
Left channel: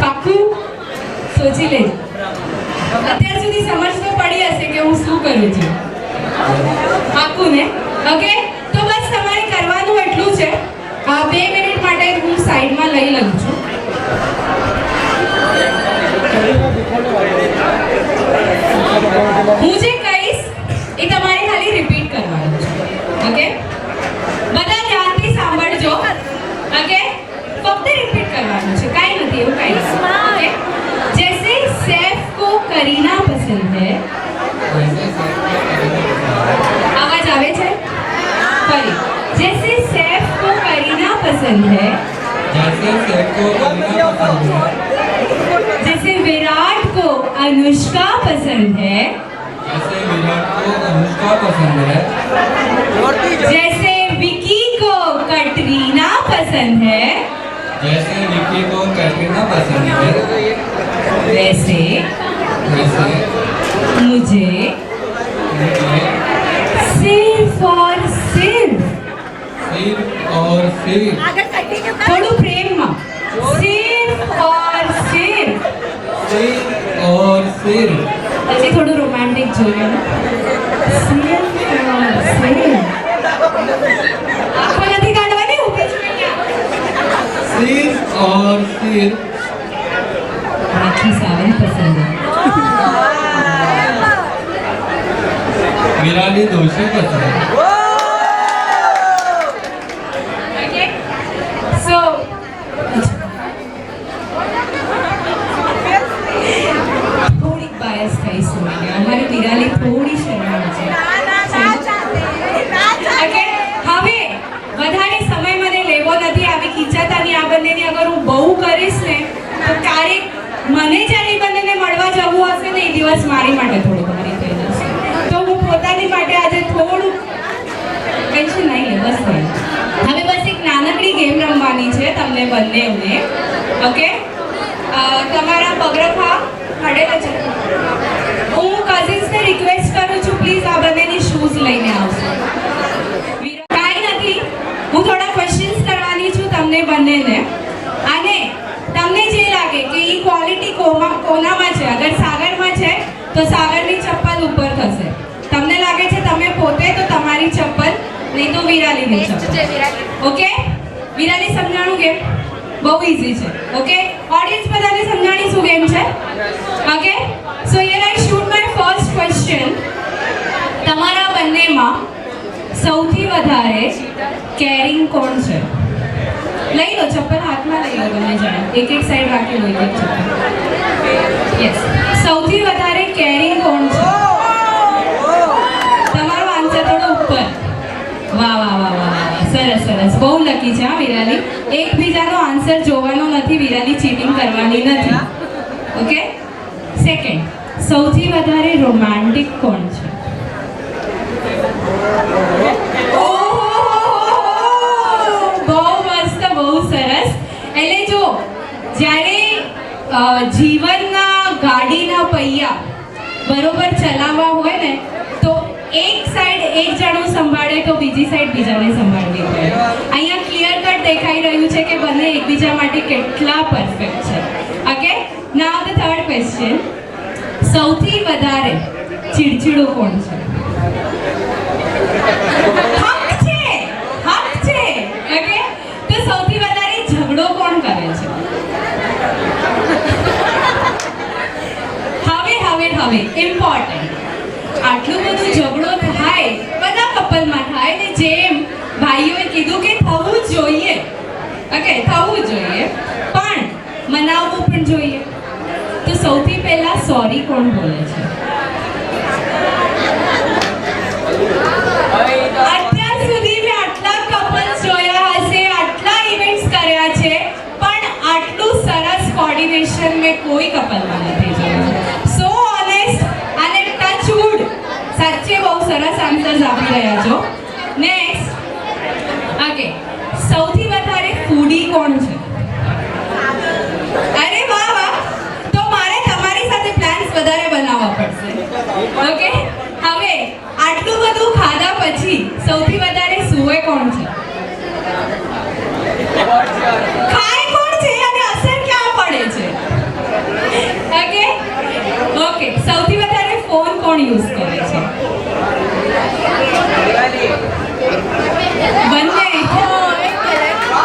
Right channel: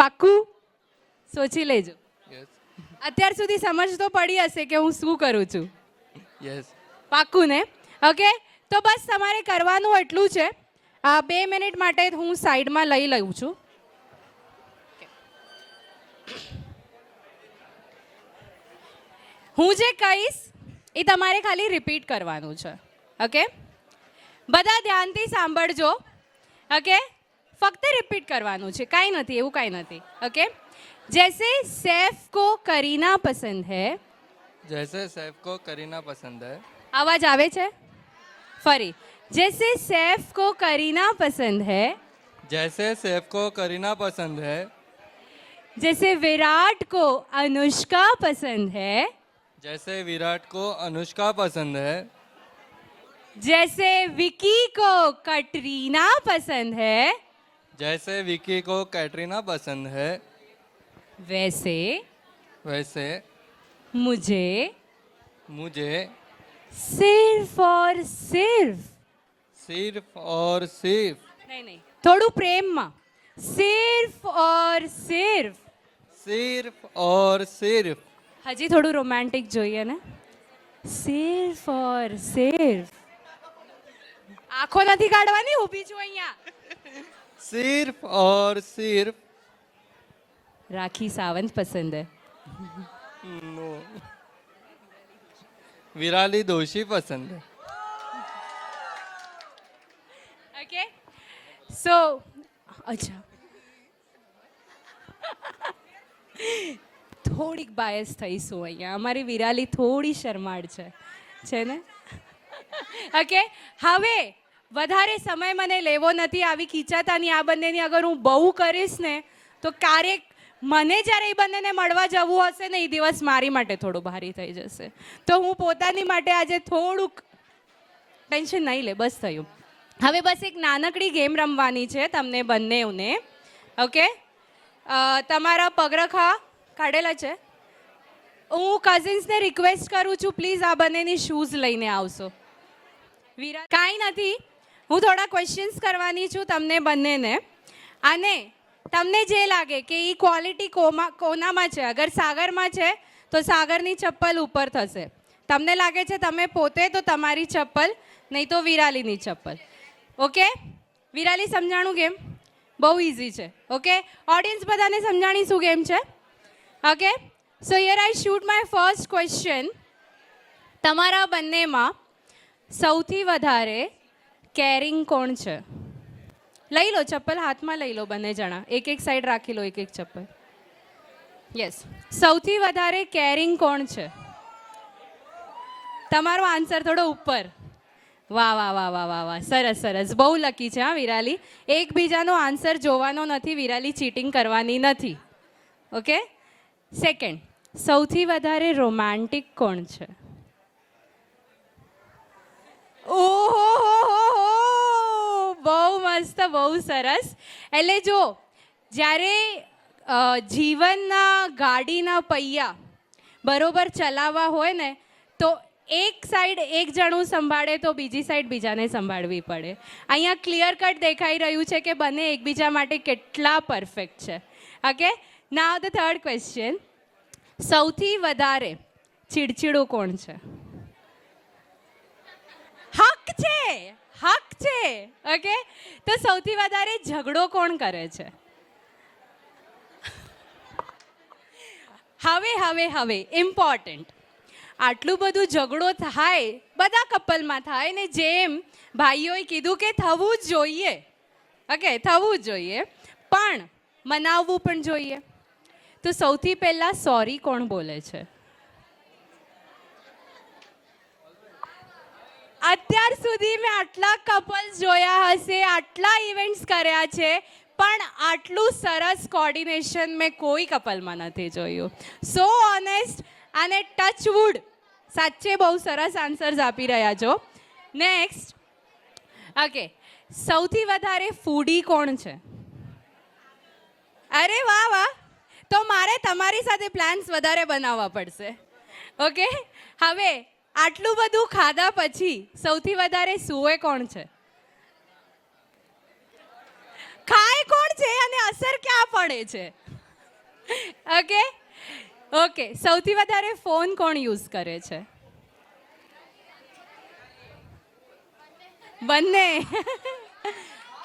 પાક્કું? સોચી લેજો. અત્યાર સુધી સમજ તો પડી હશે કે હું શું કરું છું. પાક્કું ને? ઓકે, તો બસ તમારે કરવાનું એટલું છે. 2 મિનિટ માટે હું સાઈડમાં લઈ લઉં છું. હું જે કહીશ એ તમારે ખાલી રિપીટ કરવાનું છે. ઓકે, બધા ધ્યાનથી સાંભળજો. ઓકે, ફક્ત રિપીટ કરવાનું છે, કાંઈ નથી એવું કાંઈ નથી. ઓકે, जैसे सैफ को करीना पसंद है, आवाज आवे छे? फरी. जैसे सैफ को करीना पसंद है, जैसे सैफ को करीना पसंद है, जैसे विराट को अनुष्का पसंद है, जैसे विराट को अनुष्का पसंद है, जैसे विकी को कटरीना पसंद है, जैसे विकी को कैटरीना पसंद है, वैसे मुझे सिर्फ और सिर्फ थोड़ू प्रेम में सिर्फ और सिर्फ अच्छी थोड़ू रोमांटिक જોઈએ ને. सिर्फ और सिर्फ आंखों નથી કાઢવાની, ઊભી છું અહીંયા. सिर्फ और सिर्फ राखी सावंत पसंद है, विराली दोषी पसंद है. ओके, सो થોડીક બાયસ થઈ સુને અમારી વિરાલી થોડી શરમાળ છે. ઓકે, હવે વધારે સમય મને લેવો નથી. આવી ખીચાતાની આ બંનેની અગર હું બહુ કરીશ ને તો ક્યારેક મને જ્યારે એ બંનેને મળવા જવું હશે ને એ દિવસ મારી માટે થોડું ભારી થઈ જશે. તો હું પોતાની માટે આજે થોડું ટેન્શન નહીં લે, બસ નહીં. હવે બસ એક નાનકડી ગેમ રમવાની છે તમને બંનેને. ઓકે, તમારા પગરખા કાઢેલા છે. હું કઝિન્સને રિક્વેસ્ટ કરું છું, પ્લીઝ આ બંનેની શૂઝ લઈને આવશો. કાંઈ નથી, હું થોડા ક્વેશ્ચન્સ કરવાની છું તમને બંનેને, અને તમને જે લાગે કે એ ક્વોલિટી કોનામાં છે, અગર સાગરમાં છે તો સાગરની ચપ્પલ ઉપર થશે. તમને લાગે છે તમે પોતે તો તમારી ચપ્પલ, નહીં તો વિરાલીની ચપ્પલ. ઓકે, વિરાલી સમજાણું ગેમ બહુ ઈઝી છે. ઓકે, ઓડિયન્સ બધાને સમજાણી શું ગેમ છે? ઓકે, સો here I shoot my first question. તમારા બંનેમાં સૌથી વધારે કેરિંગ કોણ છે? લઈ લો ચપ્પલ, હાથમાં લઈ લો બંને જણા, એક એક સાઈડ રાખી લો એક ચપ્પલ. યસ, સૌથી વધારે કેરિંગ કોણ છે? તમારો આન્સર થોડો ઉપર. વાહ વાહ વાહ વાહ, સરસ સરસ, બહુ લકી છે હા વિરાલી. એકબીજાનો આન્સર જોવાનો નથી, વિરાલી ચીટિંગ કરવાની નથી. ઓકે, સેકન્ડ, સૌથી વધારે રોમાન્ટિક કોણ છે? એટલે જો જ્યારે જીવનના ગાડીના પૈયા બરોબર ચલાવવા હોય ને તો એક સાઈડ એક જણો સંભાળે તો બીજી સાઈડ બીજાને સંભાળવી પડે. અહીંયા ક્લિયર કટ દેખાઈ રહ્યું છે કે બંને એકબીજા માટે કેટલા પરફેક્ટ છે. ઓકે, નાઉ ધ થર્ડ ક્વેશ્ચન. સૌથી વધારે ચીડચીડું કોણ છે? હક છે, ઓકે, હવે ઇમ્પોર્ટન્ટ, આટલું બધું ઝઘડો થાય બધા કપલમાં થાય ને જેમ ભાઈઓએ કીધું કે થવું જ જોઈએ, ઓકે થવું જ જોઈએ, પણ મનાવવું પણ જોઈએ. તો સૌથી પહેલા સોરી કોણ બોલે છે? અત્યાર સુધી મેં આટલા કપલ્સ જોયા હશે, આટલા ઇવેન્ટ્સ કર્યા છે, પણ આટલું સરસ કોર્ડિનેશન મેં કોઈ કપલમાં નથી જોયું. સો ઓનેસ્ટ અને ટચવુડ, સાચે બહુ સરસ આન્સર્સ આપી રહ્યા છો. નેક્સ્ટ, ઓકે, સૌથી વધારે ફૂડી કોણ છે? અરે વાહ વાહ, તો મારે તમારી સાથે પ્લાન્સ વધારે બનાવવા પડશે. ઓકે, હવે આટલું બધું ખાધા પછી સૌથી વધારે સૂવે કોણ છે? ખાય કોણ છે અને અસર ક્યાં પડે છે? ઓકે ઓકે, સૌથી વધારે ફોન કોણ યુઝ કરે છે? બંને.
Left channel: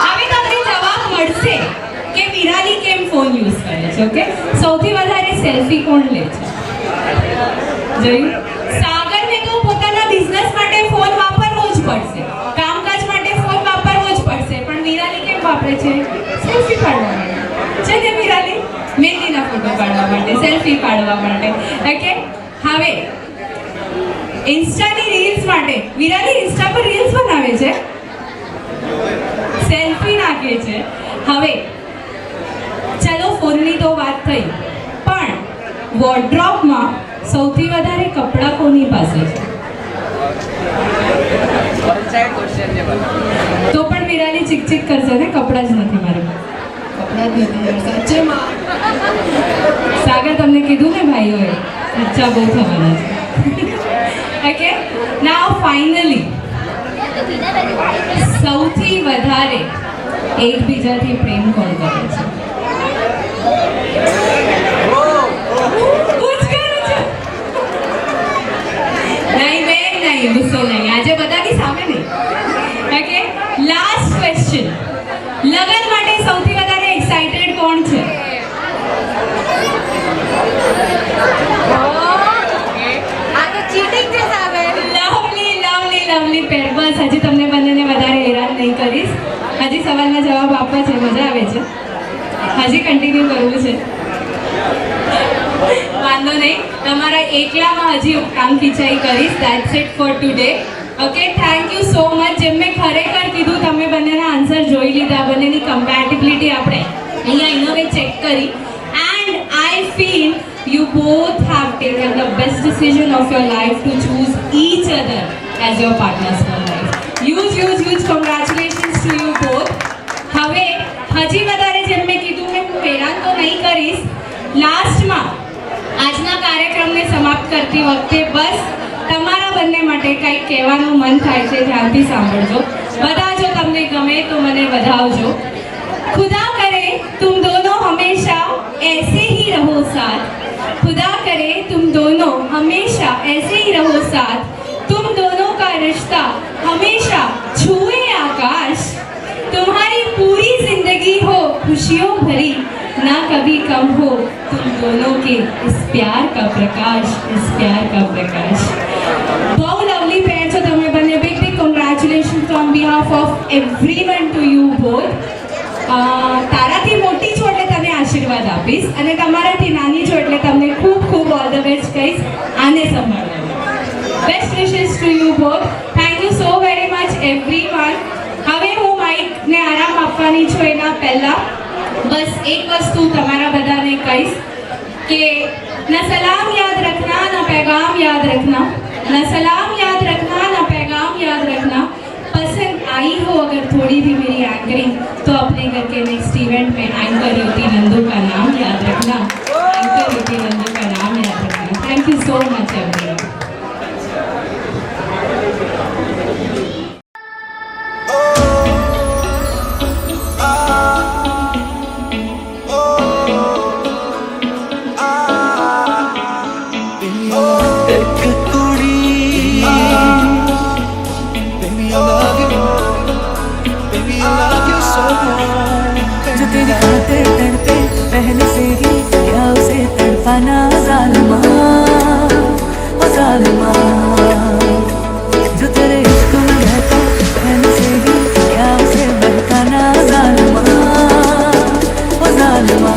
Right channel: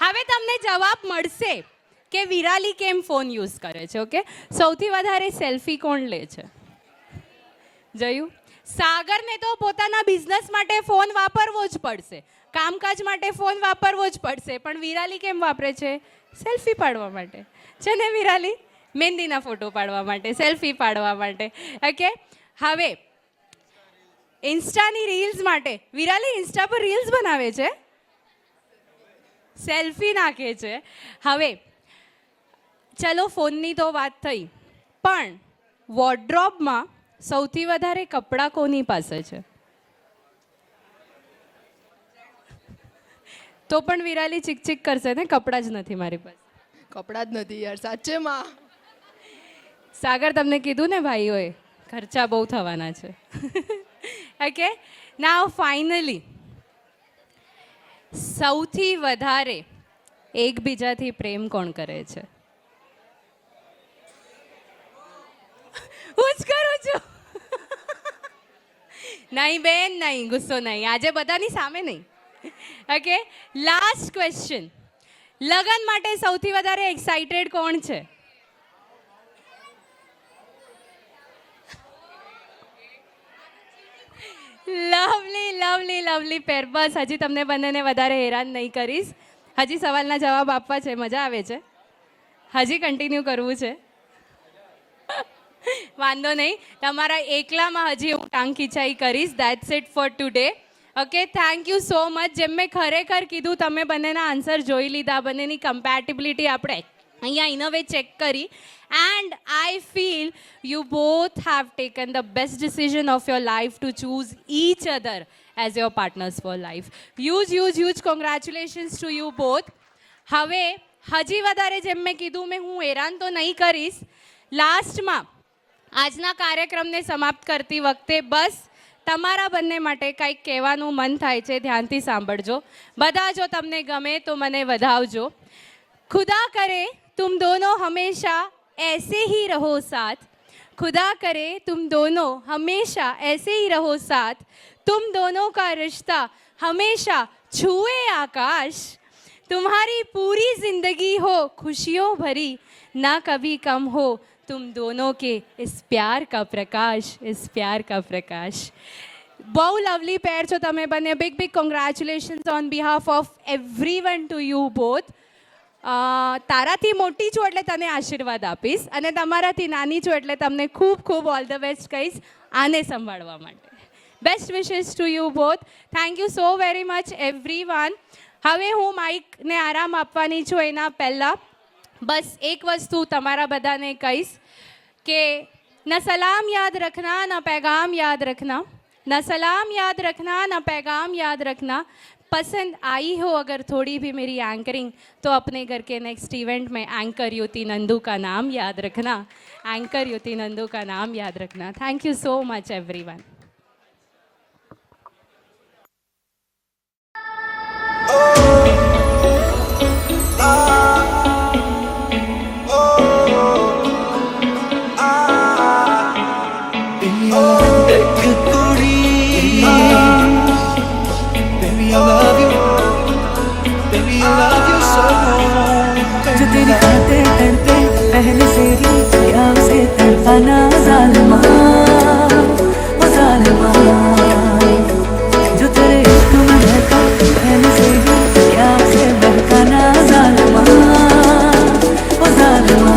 હવે તમને જવાબ મળશે કે વિરાલી કેમ ફોન યુઝ કરે છે. ઓકે, સૌથી વધારે સેલ્ફી કોણ લે છે? જોયું? સાગરને તો પોતાના બિઝનેસ માટે ફોન વાપરવો જ પડશે, કામકાજ માટે ફોન વાપરવો જ પડશે, પણ વિરાલી કેમ વાપરે છે? સેલ્ફી પાડવા માટે છે ને વિરાલી? મહેંદીના ફોટો પાડવા માટે, સેલ્ફી પાડવા માટે. ઓકે, હવે ઇન્સ્ટાની રીલ્સ માટે વિરાલી ઇન્સ્ટા પર રીલ્સ બનાવે છે, સેલ્ફી નાખે છે. હવે ચલો ફોનની તો વાત થઈ, પણ વોર્ડરોબમાં સૌથી વધારે કપડાં કોની પાસે છે? તો પણ વિરાલી ચીક કરશે ને, કપડાં જ નથી મારે, કપડાં જ નથી. સાચેમાં સાગર તમને કીધું ને ભાઈઓએ, ખર્ચા બહુ થવાના છે. ઓકે, નાઉ ફાઇનલી સૌથી વધારે એકબીજાથી પ્રેમ કોણ કરે છે? નહીં, ગુસ્સો નહીં, આજે બધાની સામે નહીં. ઓકે, લાસ્ટ ક્વેશ્ચન, લગન માટે સૌથી વધારે એક્સાઇટેડ કોણ છે? આ તો ચીટિંગ છે સાહેબ. લવલી લવલી લવલી પેર. બસ હજી તમને બંનેને વધારે હેરાન નહીં કરીશ, હજી સવાલના જવાબ આપવા છે, મજા આવે છે, હજી કન્ટિન્યુ કરવું છે. વાંધો નહીં, તમારા એકલામાં હજી હું કામ ખીચાઈ કરીશ. That's it four today. Okay, thank you so much. જેમ મેં ખરેખર કીધું, તમે બંનેના આન્સર જોઈ લીધા, બંનેની કમ્પેટિબિલિટી આપણે અહીંયા ઇનોવે ચેક કરી, and I feel you both have taken the best decision of your life to choose each other as your partners for life. Huge congratulations to you both. હવે હજી વધારે જેમ મેં કીધું કે હું હેરાન તો નહીં કરીશ. લાસ્ટમાં આજના કાર્યક્રમને સમાપ્ત કરતી વખતે બસ તમારા બંને માટે કંઈક કહેવાનું મન થાય છે, ધ્યાનથી સાંભળજો. બધાજો તમને ગમે તો મને વધાવજો. खुदा करे तुम दोनों हमेशा ऐसे ही रहो साथ, खुदा करे तुम दोनों हमेशा ऐसे ही रहो साथ, तुम दोनों का रिश्ता हमेशा छुए आकाश, तुम्हारी पूरी जिंदगी हो खुशियों भरी, ना कभी कम हो तुम दोनों के इस प्यार का प्रकाश, इस प्यार का प्रकाश. બહુ લવલી પેર છો તમે બંને. Big congratulation from behalf of everyone to you both. તારાથી મોટી છો એટલે તને આશીર્વાદ આપીશ, અને તમારાથી નાની છો એટલે તમને ખૂબ ખૂબ ઓલ ધ બેસ્ટ કહીશ. આને સંભાળવા બેસ્ટ વિશેસ to you both. Thank you so very much everyone. હવે હું માઇકને આરામ આપવાની છું એના પહેલા બસ એક વસ્તુ તમારા બધાને કહીશ કે ના સલામ યાદ રખના, ના पैगाम याद रखना, ना सलाम याद रखना, ना पैगाम याद रखना. पसंद आई हो अगर थोड़ी भी मेरी एंकरिंग तो अपने घर के नेक्स्ट इवेंट में एंकर युति नंदू का नाम याद रखना, एंकर युति नंदू का नाम याद रखना. Thank you so much everyone. जो तेरी खातिर तड़पे पहले से ही क्या उसे तड़पाना जालिमा, ओ जालिमा। जो तेरे इश्क में बहका पहले से ही क्या उसे बहकाना जालिमा, ओ जालिमा।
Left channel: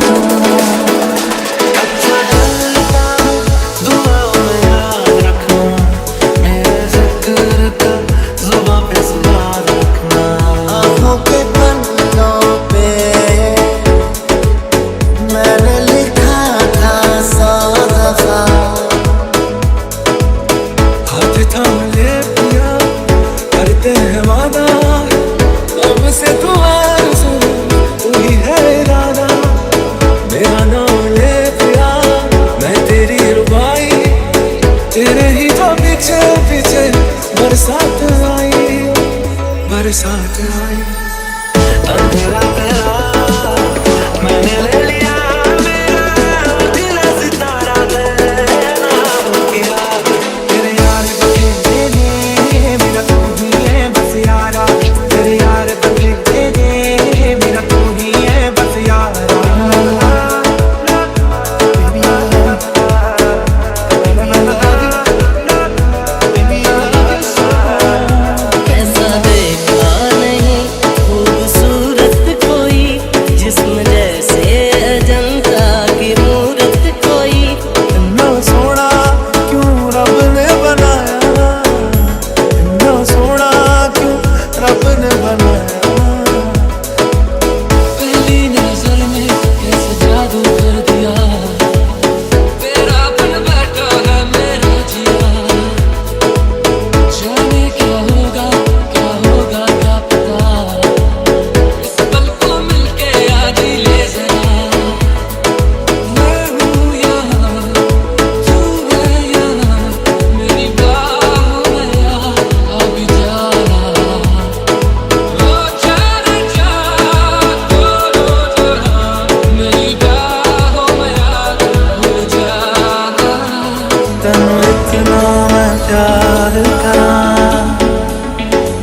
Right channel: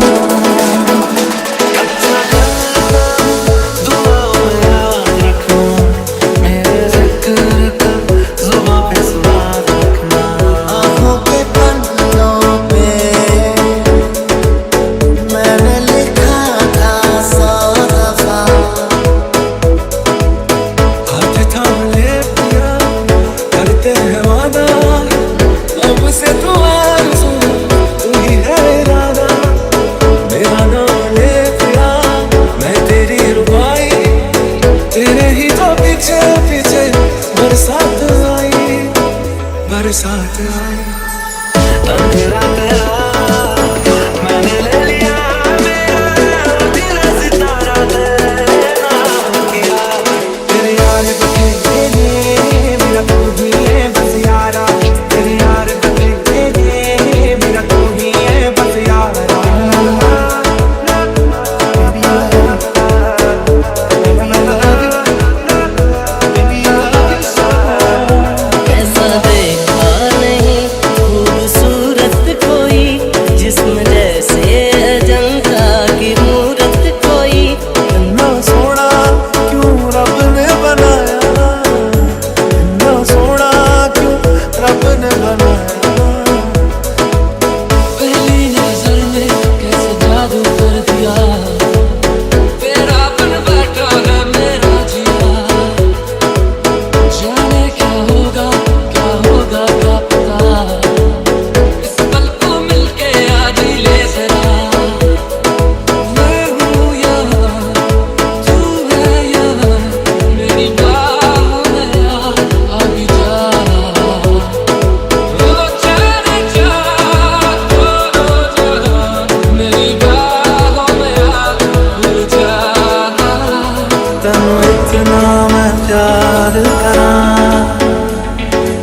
बरसात आई अंधेरा तेरा मैंने ले लिया मेरा दिल सितारा तेरा हो गया तेरे यार बखेरे ने मेरा तू ही है बस यारा तेरे यार बखेरे ने मेरा तू ही है बस यारा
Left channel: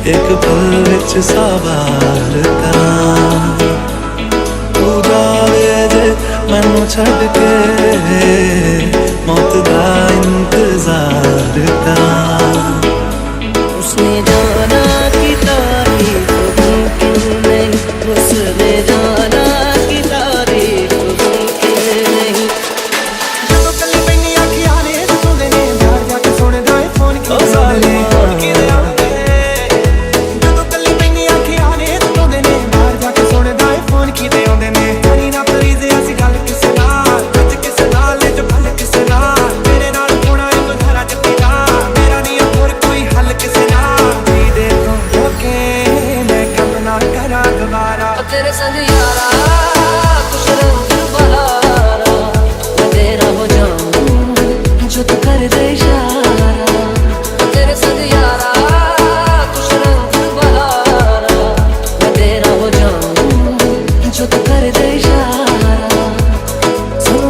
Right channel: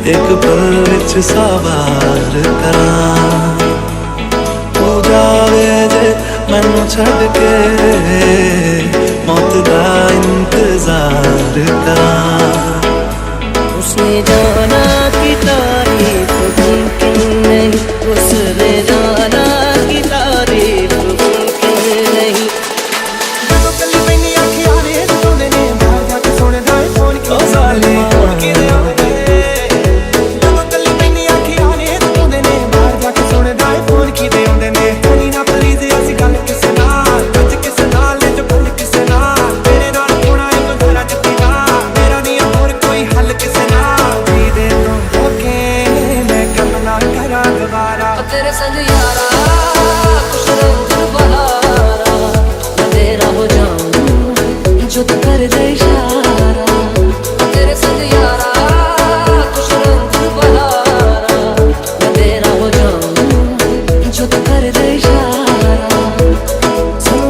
एक पल विच सवार करा तू जावे जे मैनू छड़ के मौत दा इंतजार करा उसने जाना कि तारीफ मुमकिन नहीं, उसने जाना कि तारीफ मुमकिन नहीं। जदों कली पैनी अखियां ने जदों ने बाहर जाके सुनदा है फोन की तेरे संग यारा कुछ रंग बहारा मैं तेरा हो जाऊं जो तू कर दे इशारा तेरे संग यारा कुछ रंग बहारा मैं तेरा हो जाऊं जो तू कर दे इशारा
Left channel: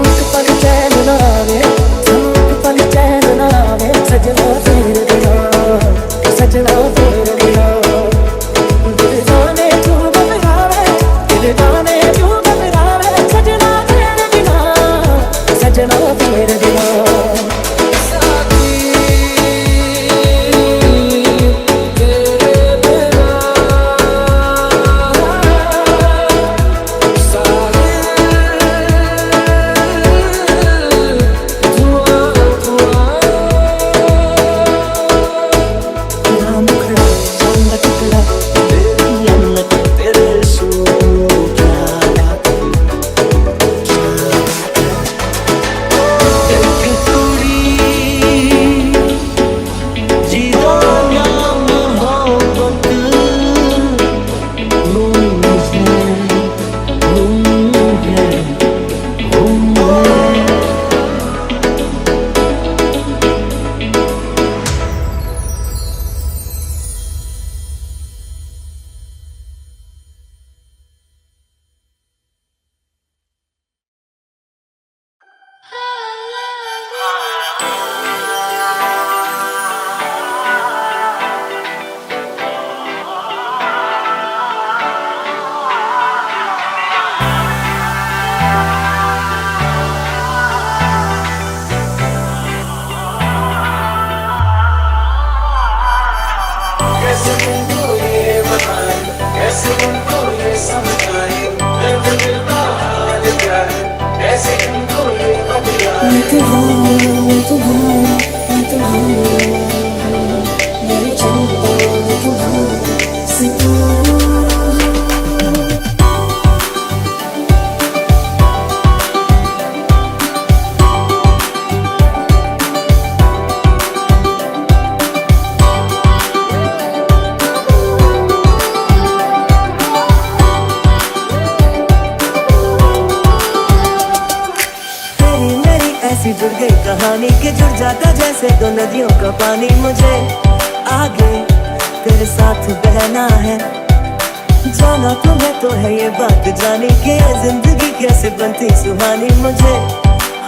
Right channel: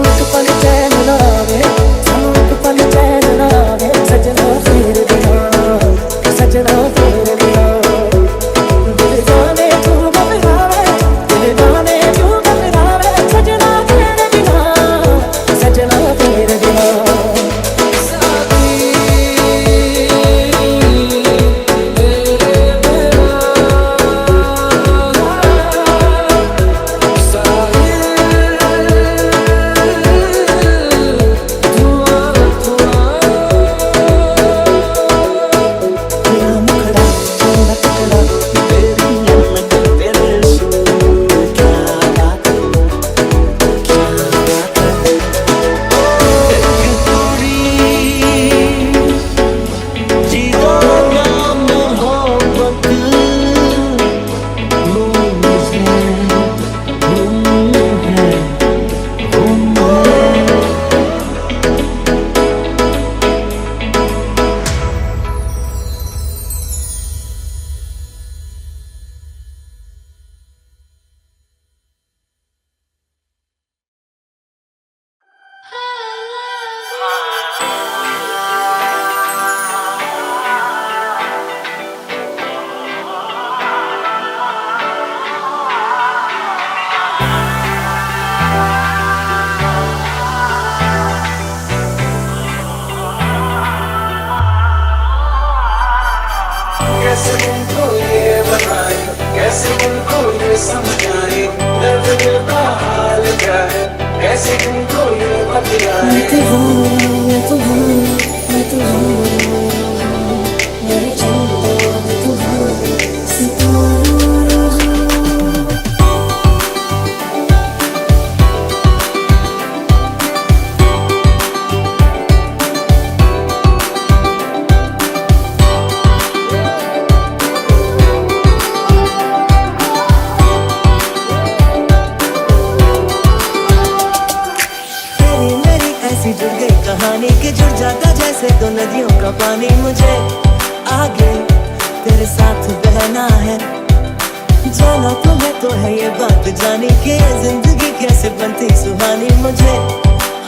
एक पल चैन ना आवे एक पल चैन ना आवे सजना तेरे बिना सजना तेरे बिना साथी पानी के जुड़ जाता जैसे दो नदियों का पानी। मुझे आगे तेरे साथ बहना है, जाना तुम्हें तो है ये बात जानी कि जिंदगी कैसे बनती सुहानी। मुझे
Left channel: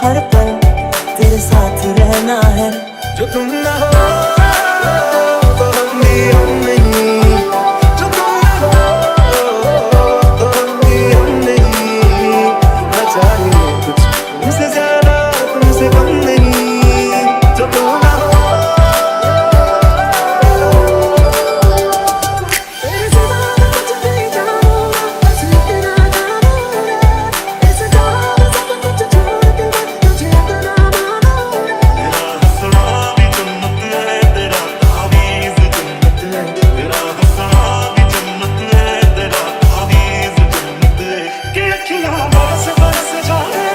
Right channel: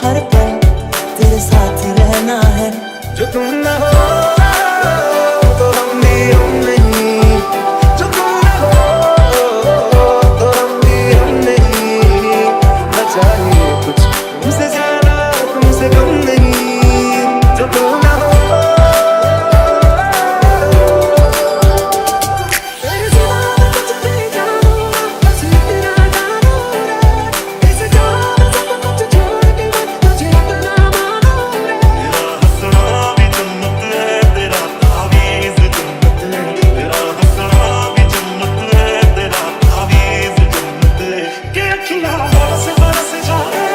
हर पल तेरे साथ रहना है। जो तुम ना हो तो हम भी हम नहीं, जो तुम ना हो तो हम भी हम नहीं। ना चाहिए कुछ तुमसे ज्यादा तुमसे कम नहीं, जो तुम ना हो तेरे सिवा मैं कुछ भी जानूंगा, बस इतना जानूंगा। ऐसे जाओ मैं सब कुछ छोड़ के मैं तुझे अपना मानूंगा। तेरा हंसना भी जन्नत है, तेरा तावीज़ जन्नत है। तेरा हंसना भी जन्नत है, तेरा तावीज़ जन्नत है। कि अखियाँ बरस बरस जाए,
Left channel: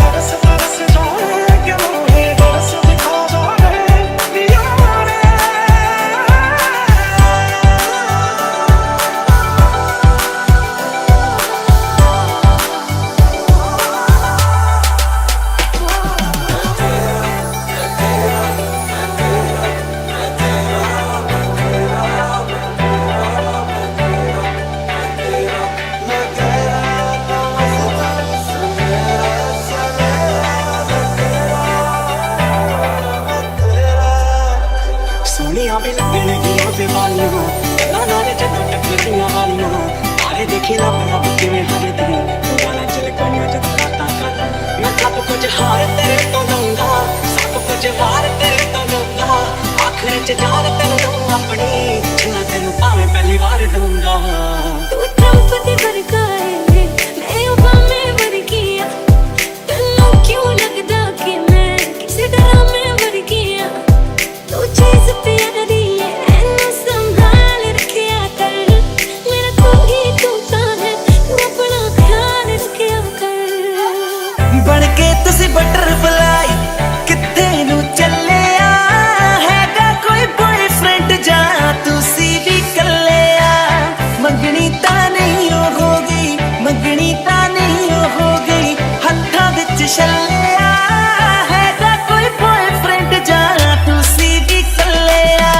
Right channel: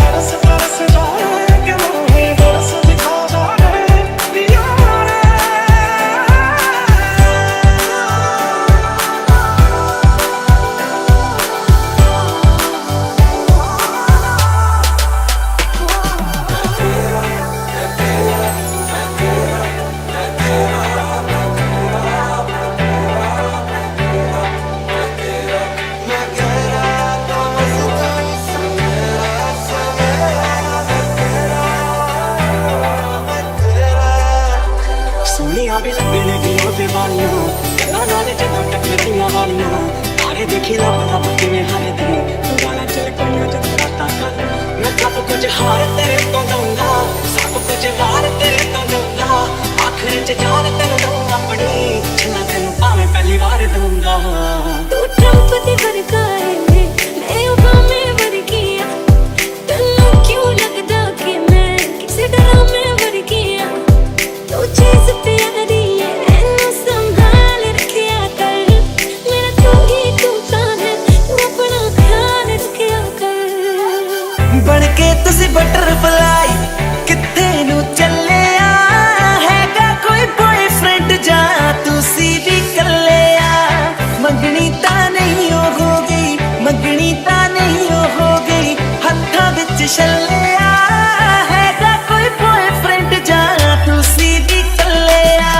बरस बरस जाए, कि मुझे बरस दिखा जाए यारे। सोनिया भी लगने गियों पे वालियां, गल्लां नाल जदों टकरदियां वालियां। तारे देखी लब लब किवें हर दिन, तू गाना चल कोइयां जद रातां कर। मैं सब कुछ हार तेरे तो दूंगा, सब कुछ वार तेरे तो दूंगा। आखिर च जान तेनू दूं अपनी, जिन्ना तेनू भावें पहली बार दूंगा। तू ट्रम्प दी वर्गा है, मैं ओबामे वर्गी आ। तन्नू क्यों लगदा कि मैं किसी ड्रामे वर्गी आ। तू चीज प्यारी है, एनू संभाल रखिया कर। मेरा तू ही तूता है, तू अपना ख्याल रखिया कर। बन के तुसी बटरफ्लाई किथे नू चले आ, हैगा कोई बॉयफ्रेंड जा तुसी भी कले आ। मंगनी ता नहीं हो गई, मंगनी ता नहीं हो गई, हत्थां विच छल्ले आ। हैगा कोई बॉयफ्रेंड जा तुसी भी कले आ।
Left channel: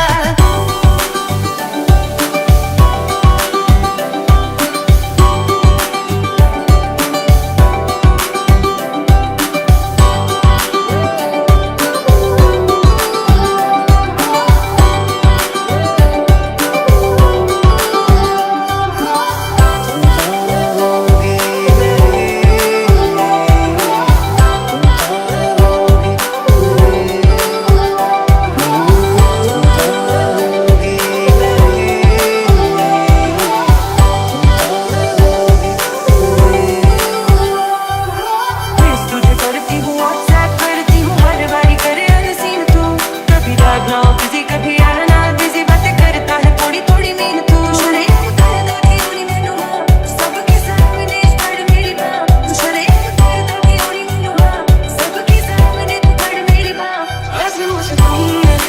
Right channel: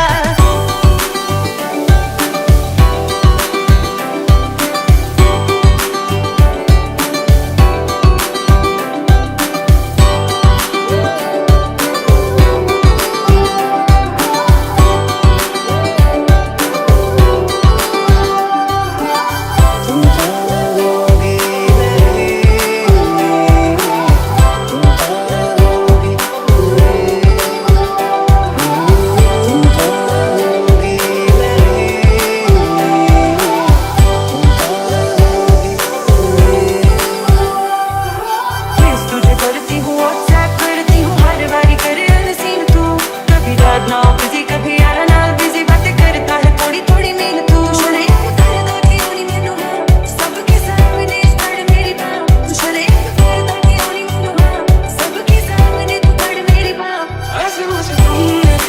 तुझे करती हूँ व्हाट्सएप करती हूँ हर बारी करे अनसीन तू। कभी डैड ना बिजी कभी यार ना बिजी, बातें करता है थोड़ी थोड़ी मीन तू। शर्म करदा क्यों नहीं मैनू हाँ, सबके सामने पड़ मेरी बाँ। तू शर्म करदा क्यों नहीं मैनू हाँ, सबके सामने तू पड़ मेरी बाँ। ऐसे मुझे तुम ले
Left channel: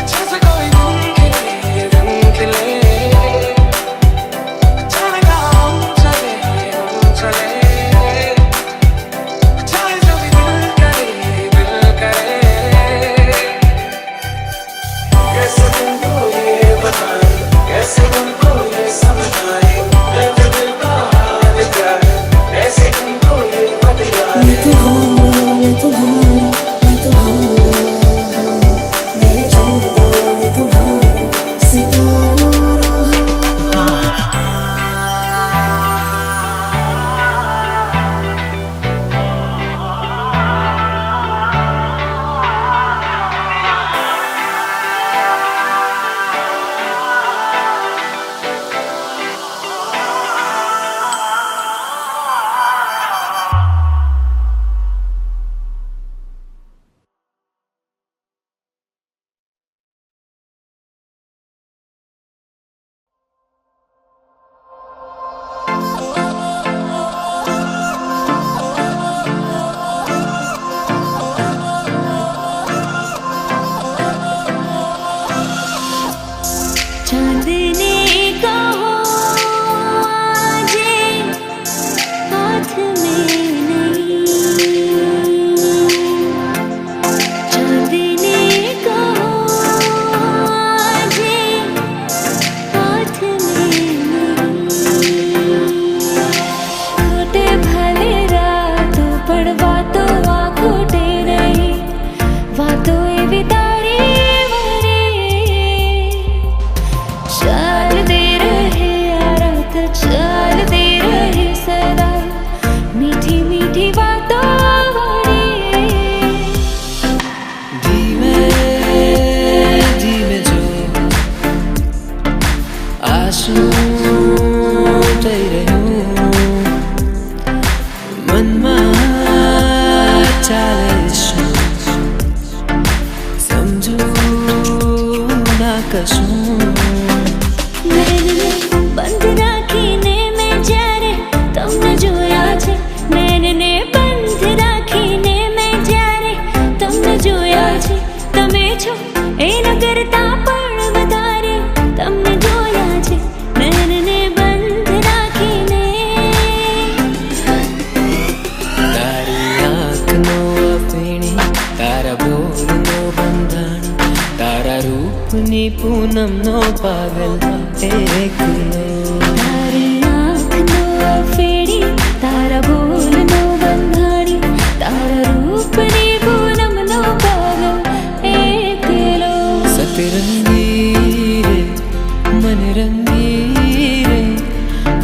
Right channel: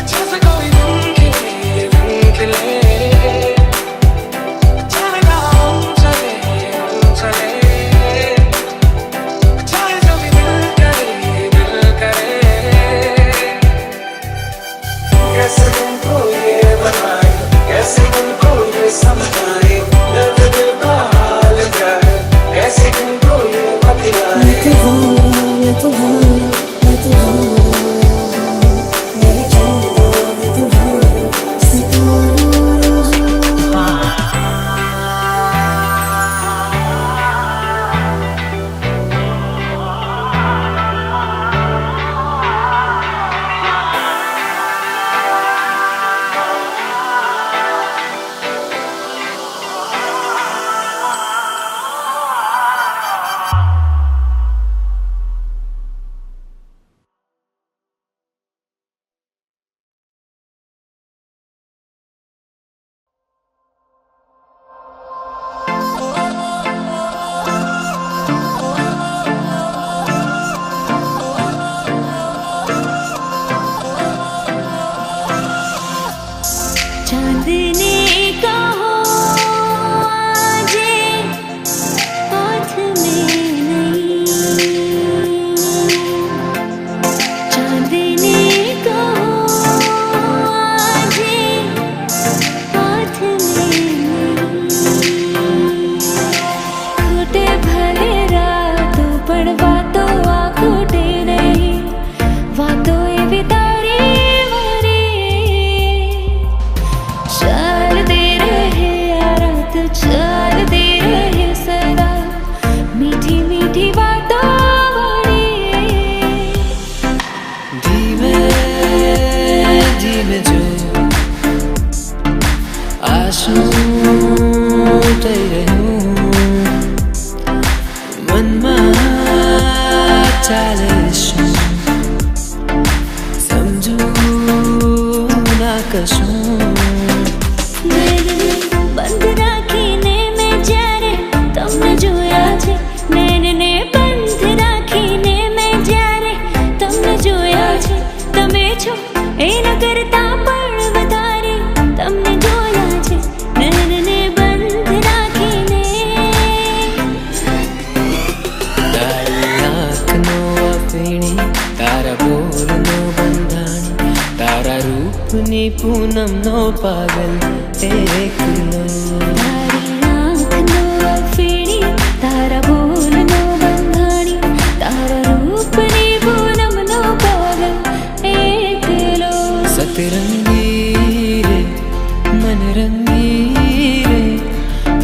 अच्छा से कोई दिन खिले। चांदनी का हो आजे हाथ में नहीं। चाल दे रहे सदा मीठी मीठी बातों धीमे धीमे जो आंसू થઈ રહ્યું મનમાં ચાલે શું સમજું ના કશું નૈનને બંધ રાખીને મેં જ્યારે તમને જોયા છે નૈનને બંધ રાખીને મેં જ્યારે તમને જોયા છે તમે છો એના કરતા પણ વધારે તમને જોયા છે નૈનને બંધ રાખીને તારી આંખનો અફીણી તારા બોલનો બંધાણી તારા રૂપની પૂનમનો પાગલ એકલો તારી આંખનો અફીણી તારા બોલનો બંધાણી તારા રૂપની પૂનમનો પાગલ એકલો સતરંગી રે मन रंगी रे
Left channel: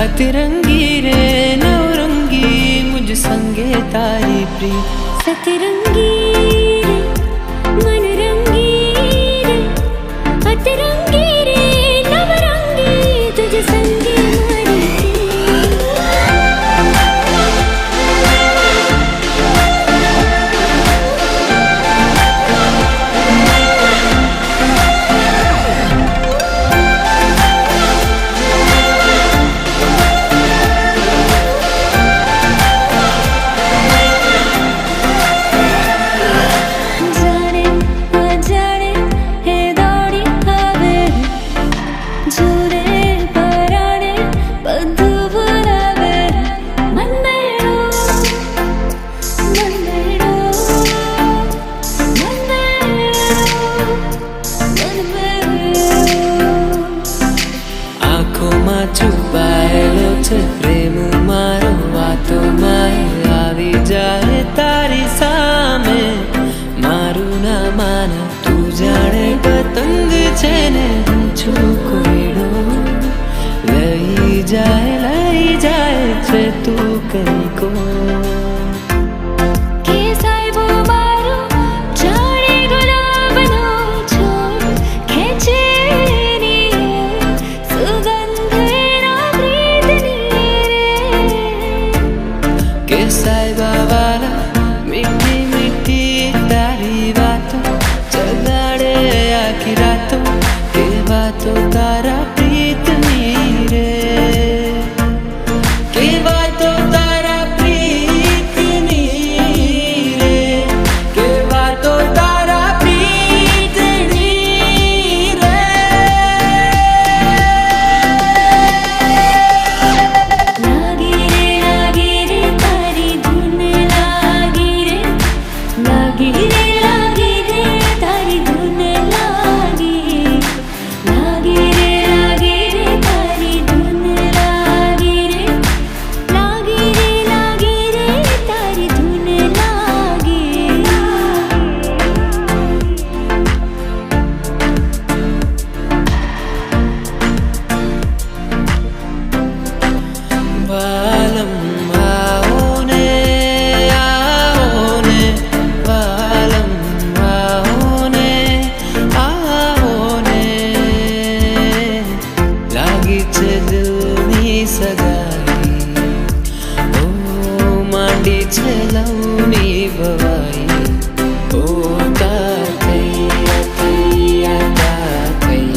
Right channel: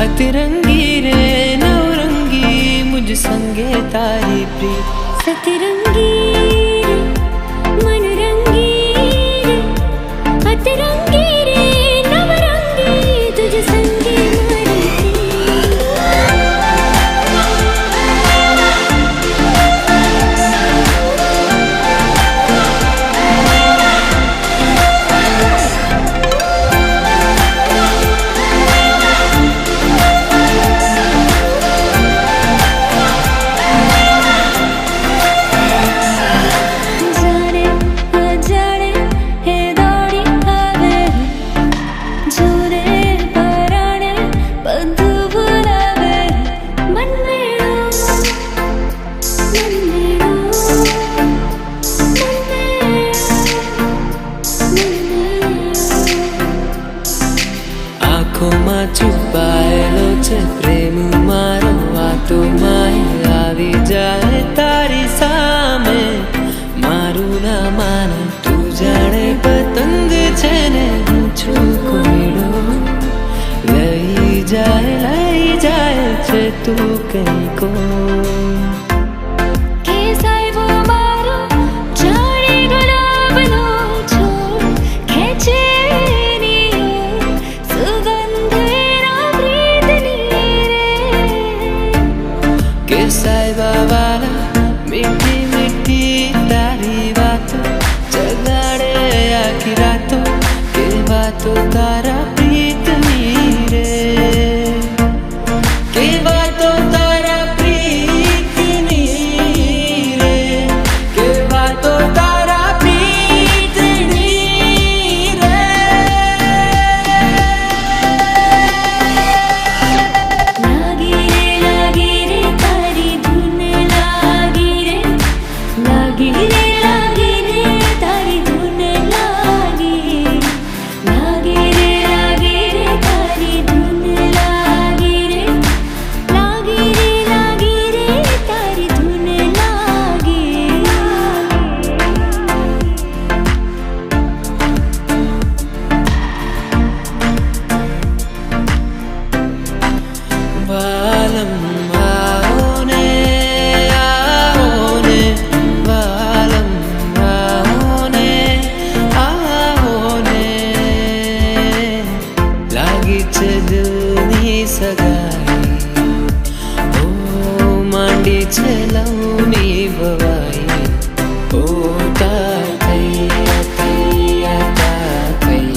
अतरंगी रे नवरंगी मुझ संगे तारी प्रीत सतरंगी रे मन रंगी रे अतरंगी रे नवरंगी तुझ संगे मारी છુપાયેલો છે પ્રેમ મારો વાતો માય આવી જાય તારી સામે મારું ના માને તું જાણે પતંગ છે ને હું છું કોયડો લઈ જાય છે તું કઈ કો કે સાહેબો મારો જાણે ગુલાબનો છોડ ખેંચે સાહેબા વાલા મીઠી મીઠી તારી વાતો જગાડે આખી રાતો કે વાતો તારા પ્રીતની રે કે વાતો તારા પ્રીતની રે કે વાતો તારા પ્રીતની રે લાગી રે તારી ધૂન લાગી રે લાગી રે તારી ધૂન લાગી લાગી રે તારી ધૂન લાગી રે લાગી રે તારી ધૂન લાગી વાલમ આવો ને વાલમ આવો ને લાગી છે દિલની સગાઈ ઓ માંડી છે લવની ભવાઈ ઓ તા થઈ તા થઈ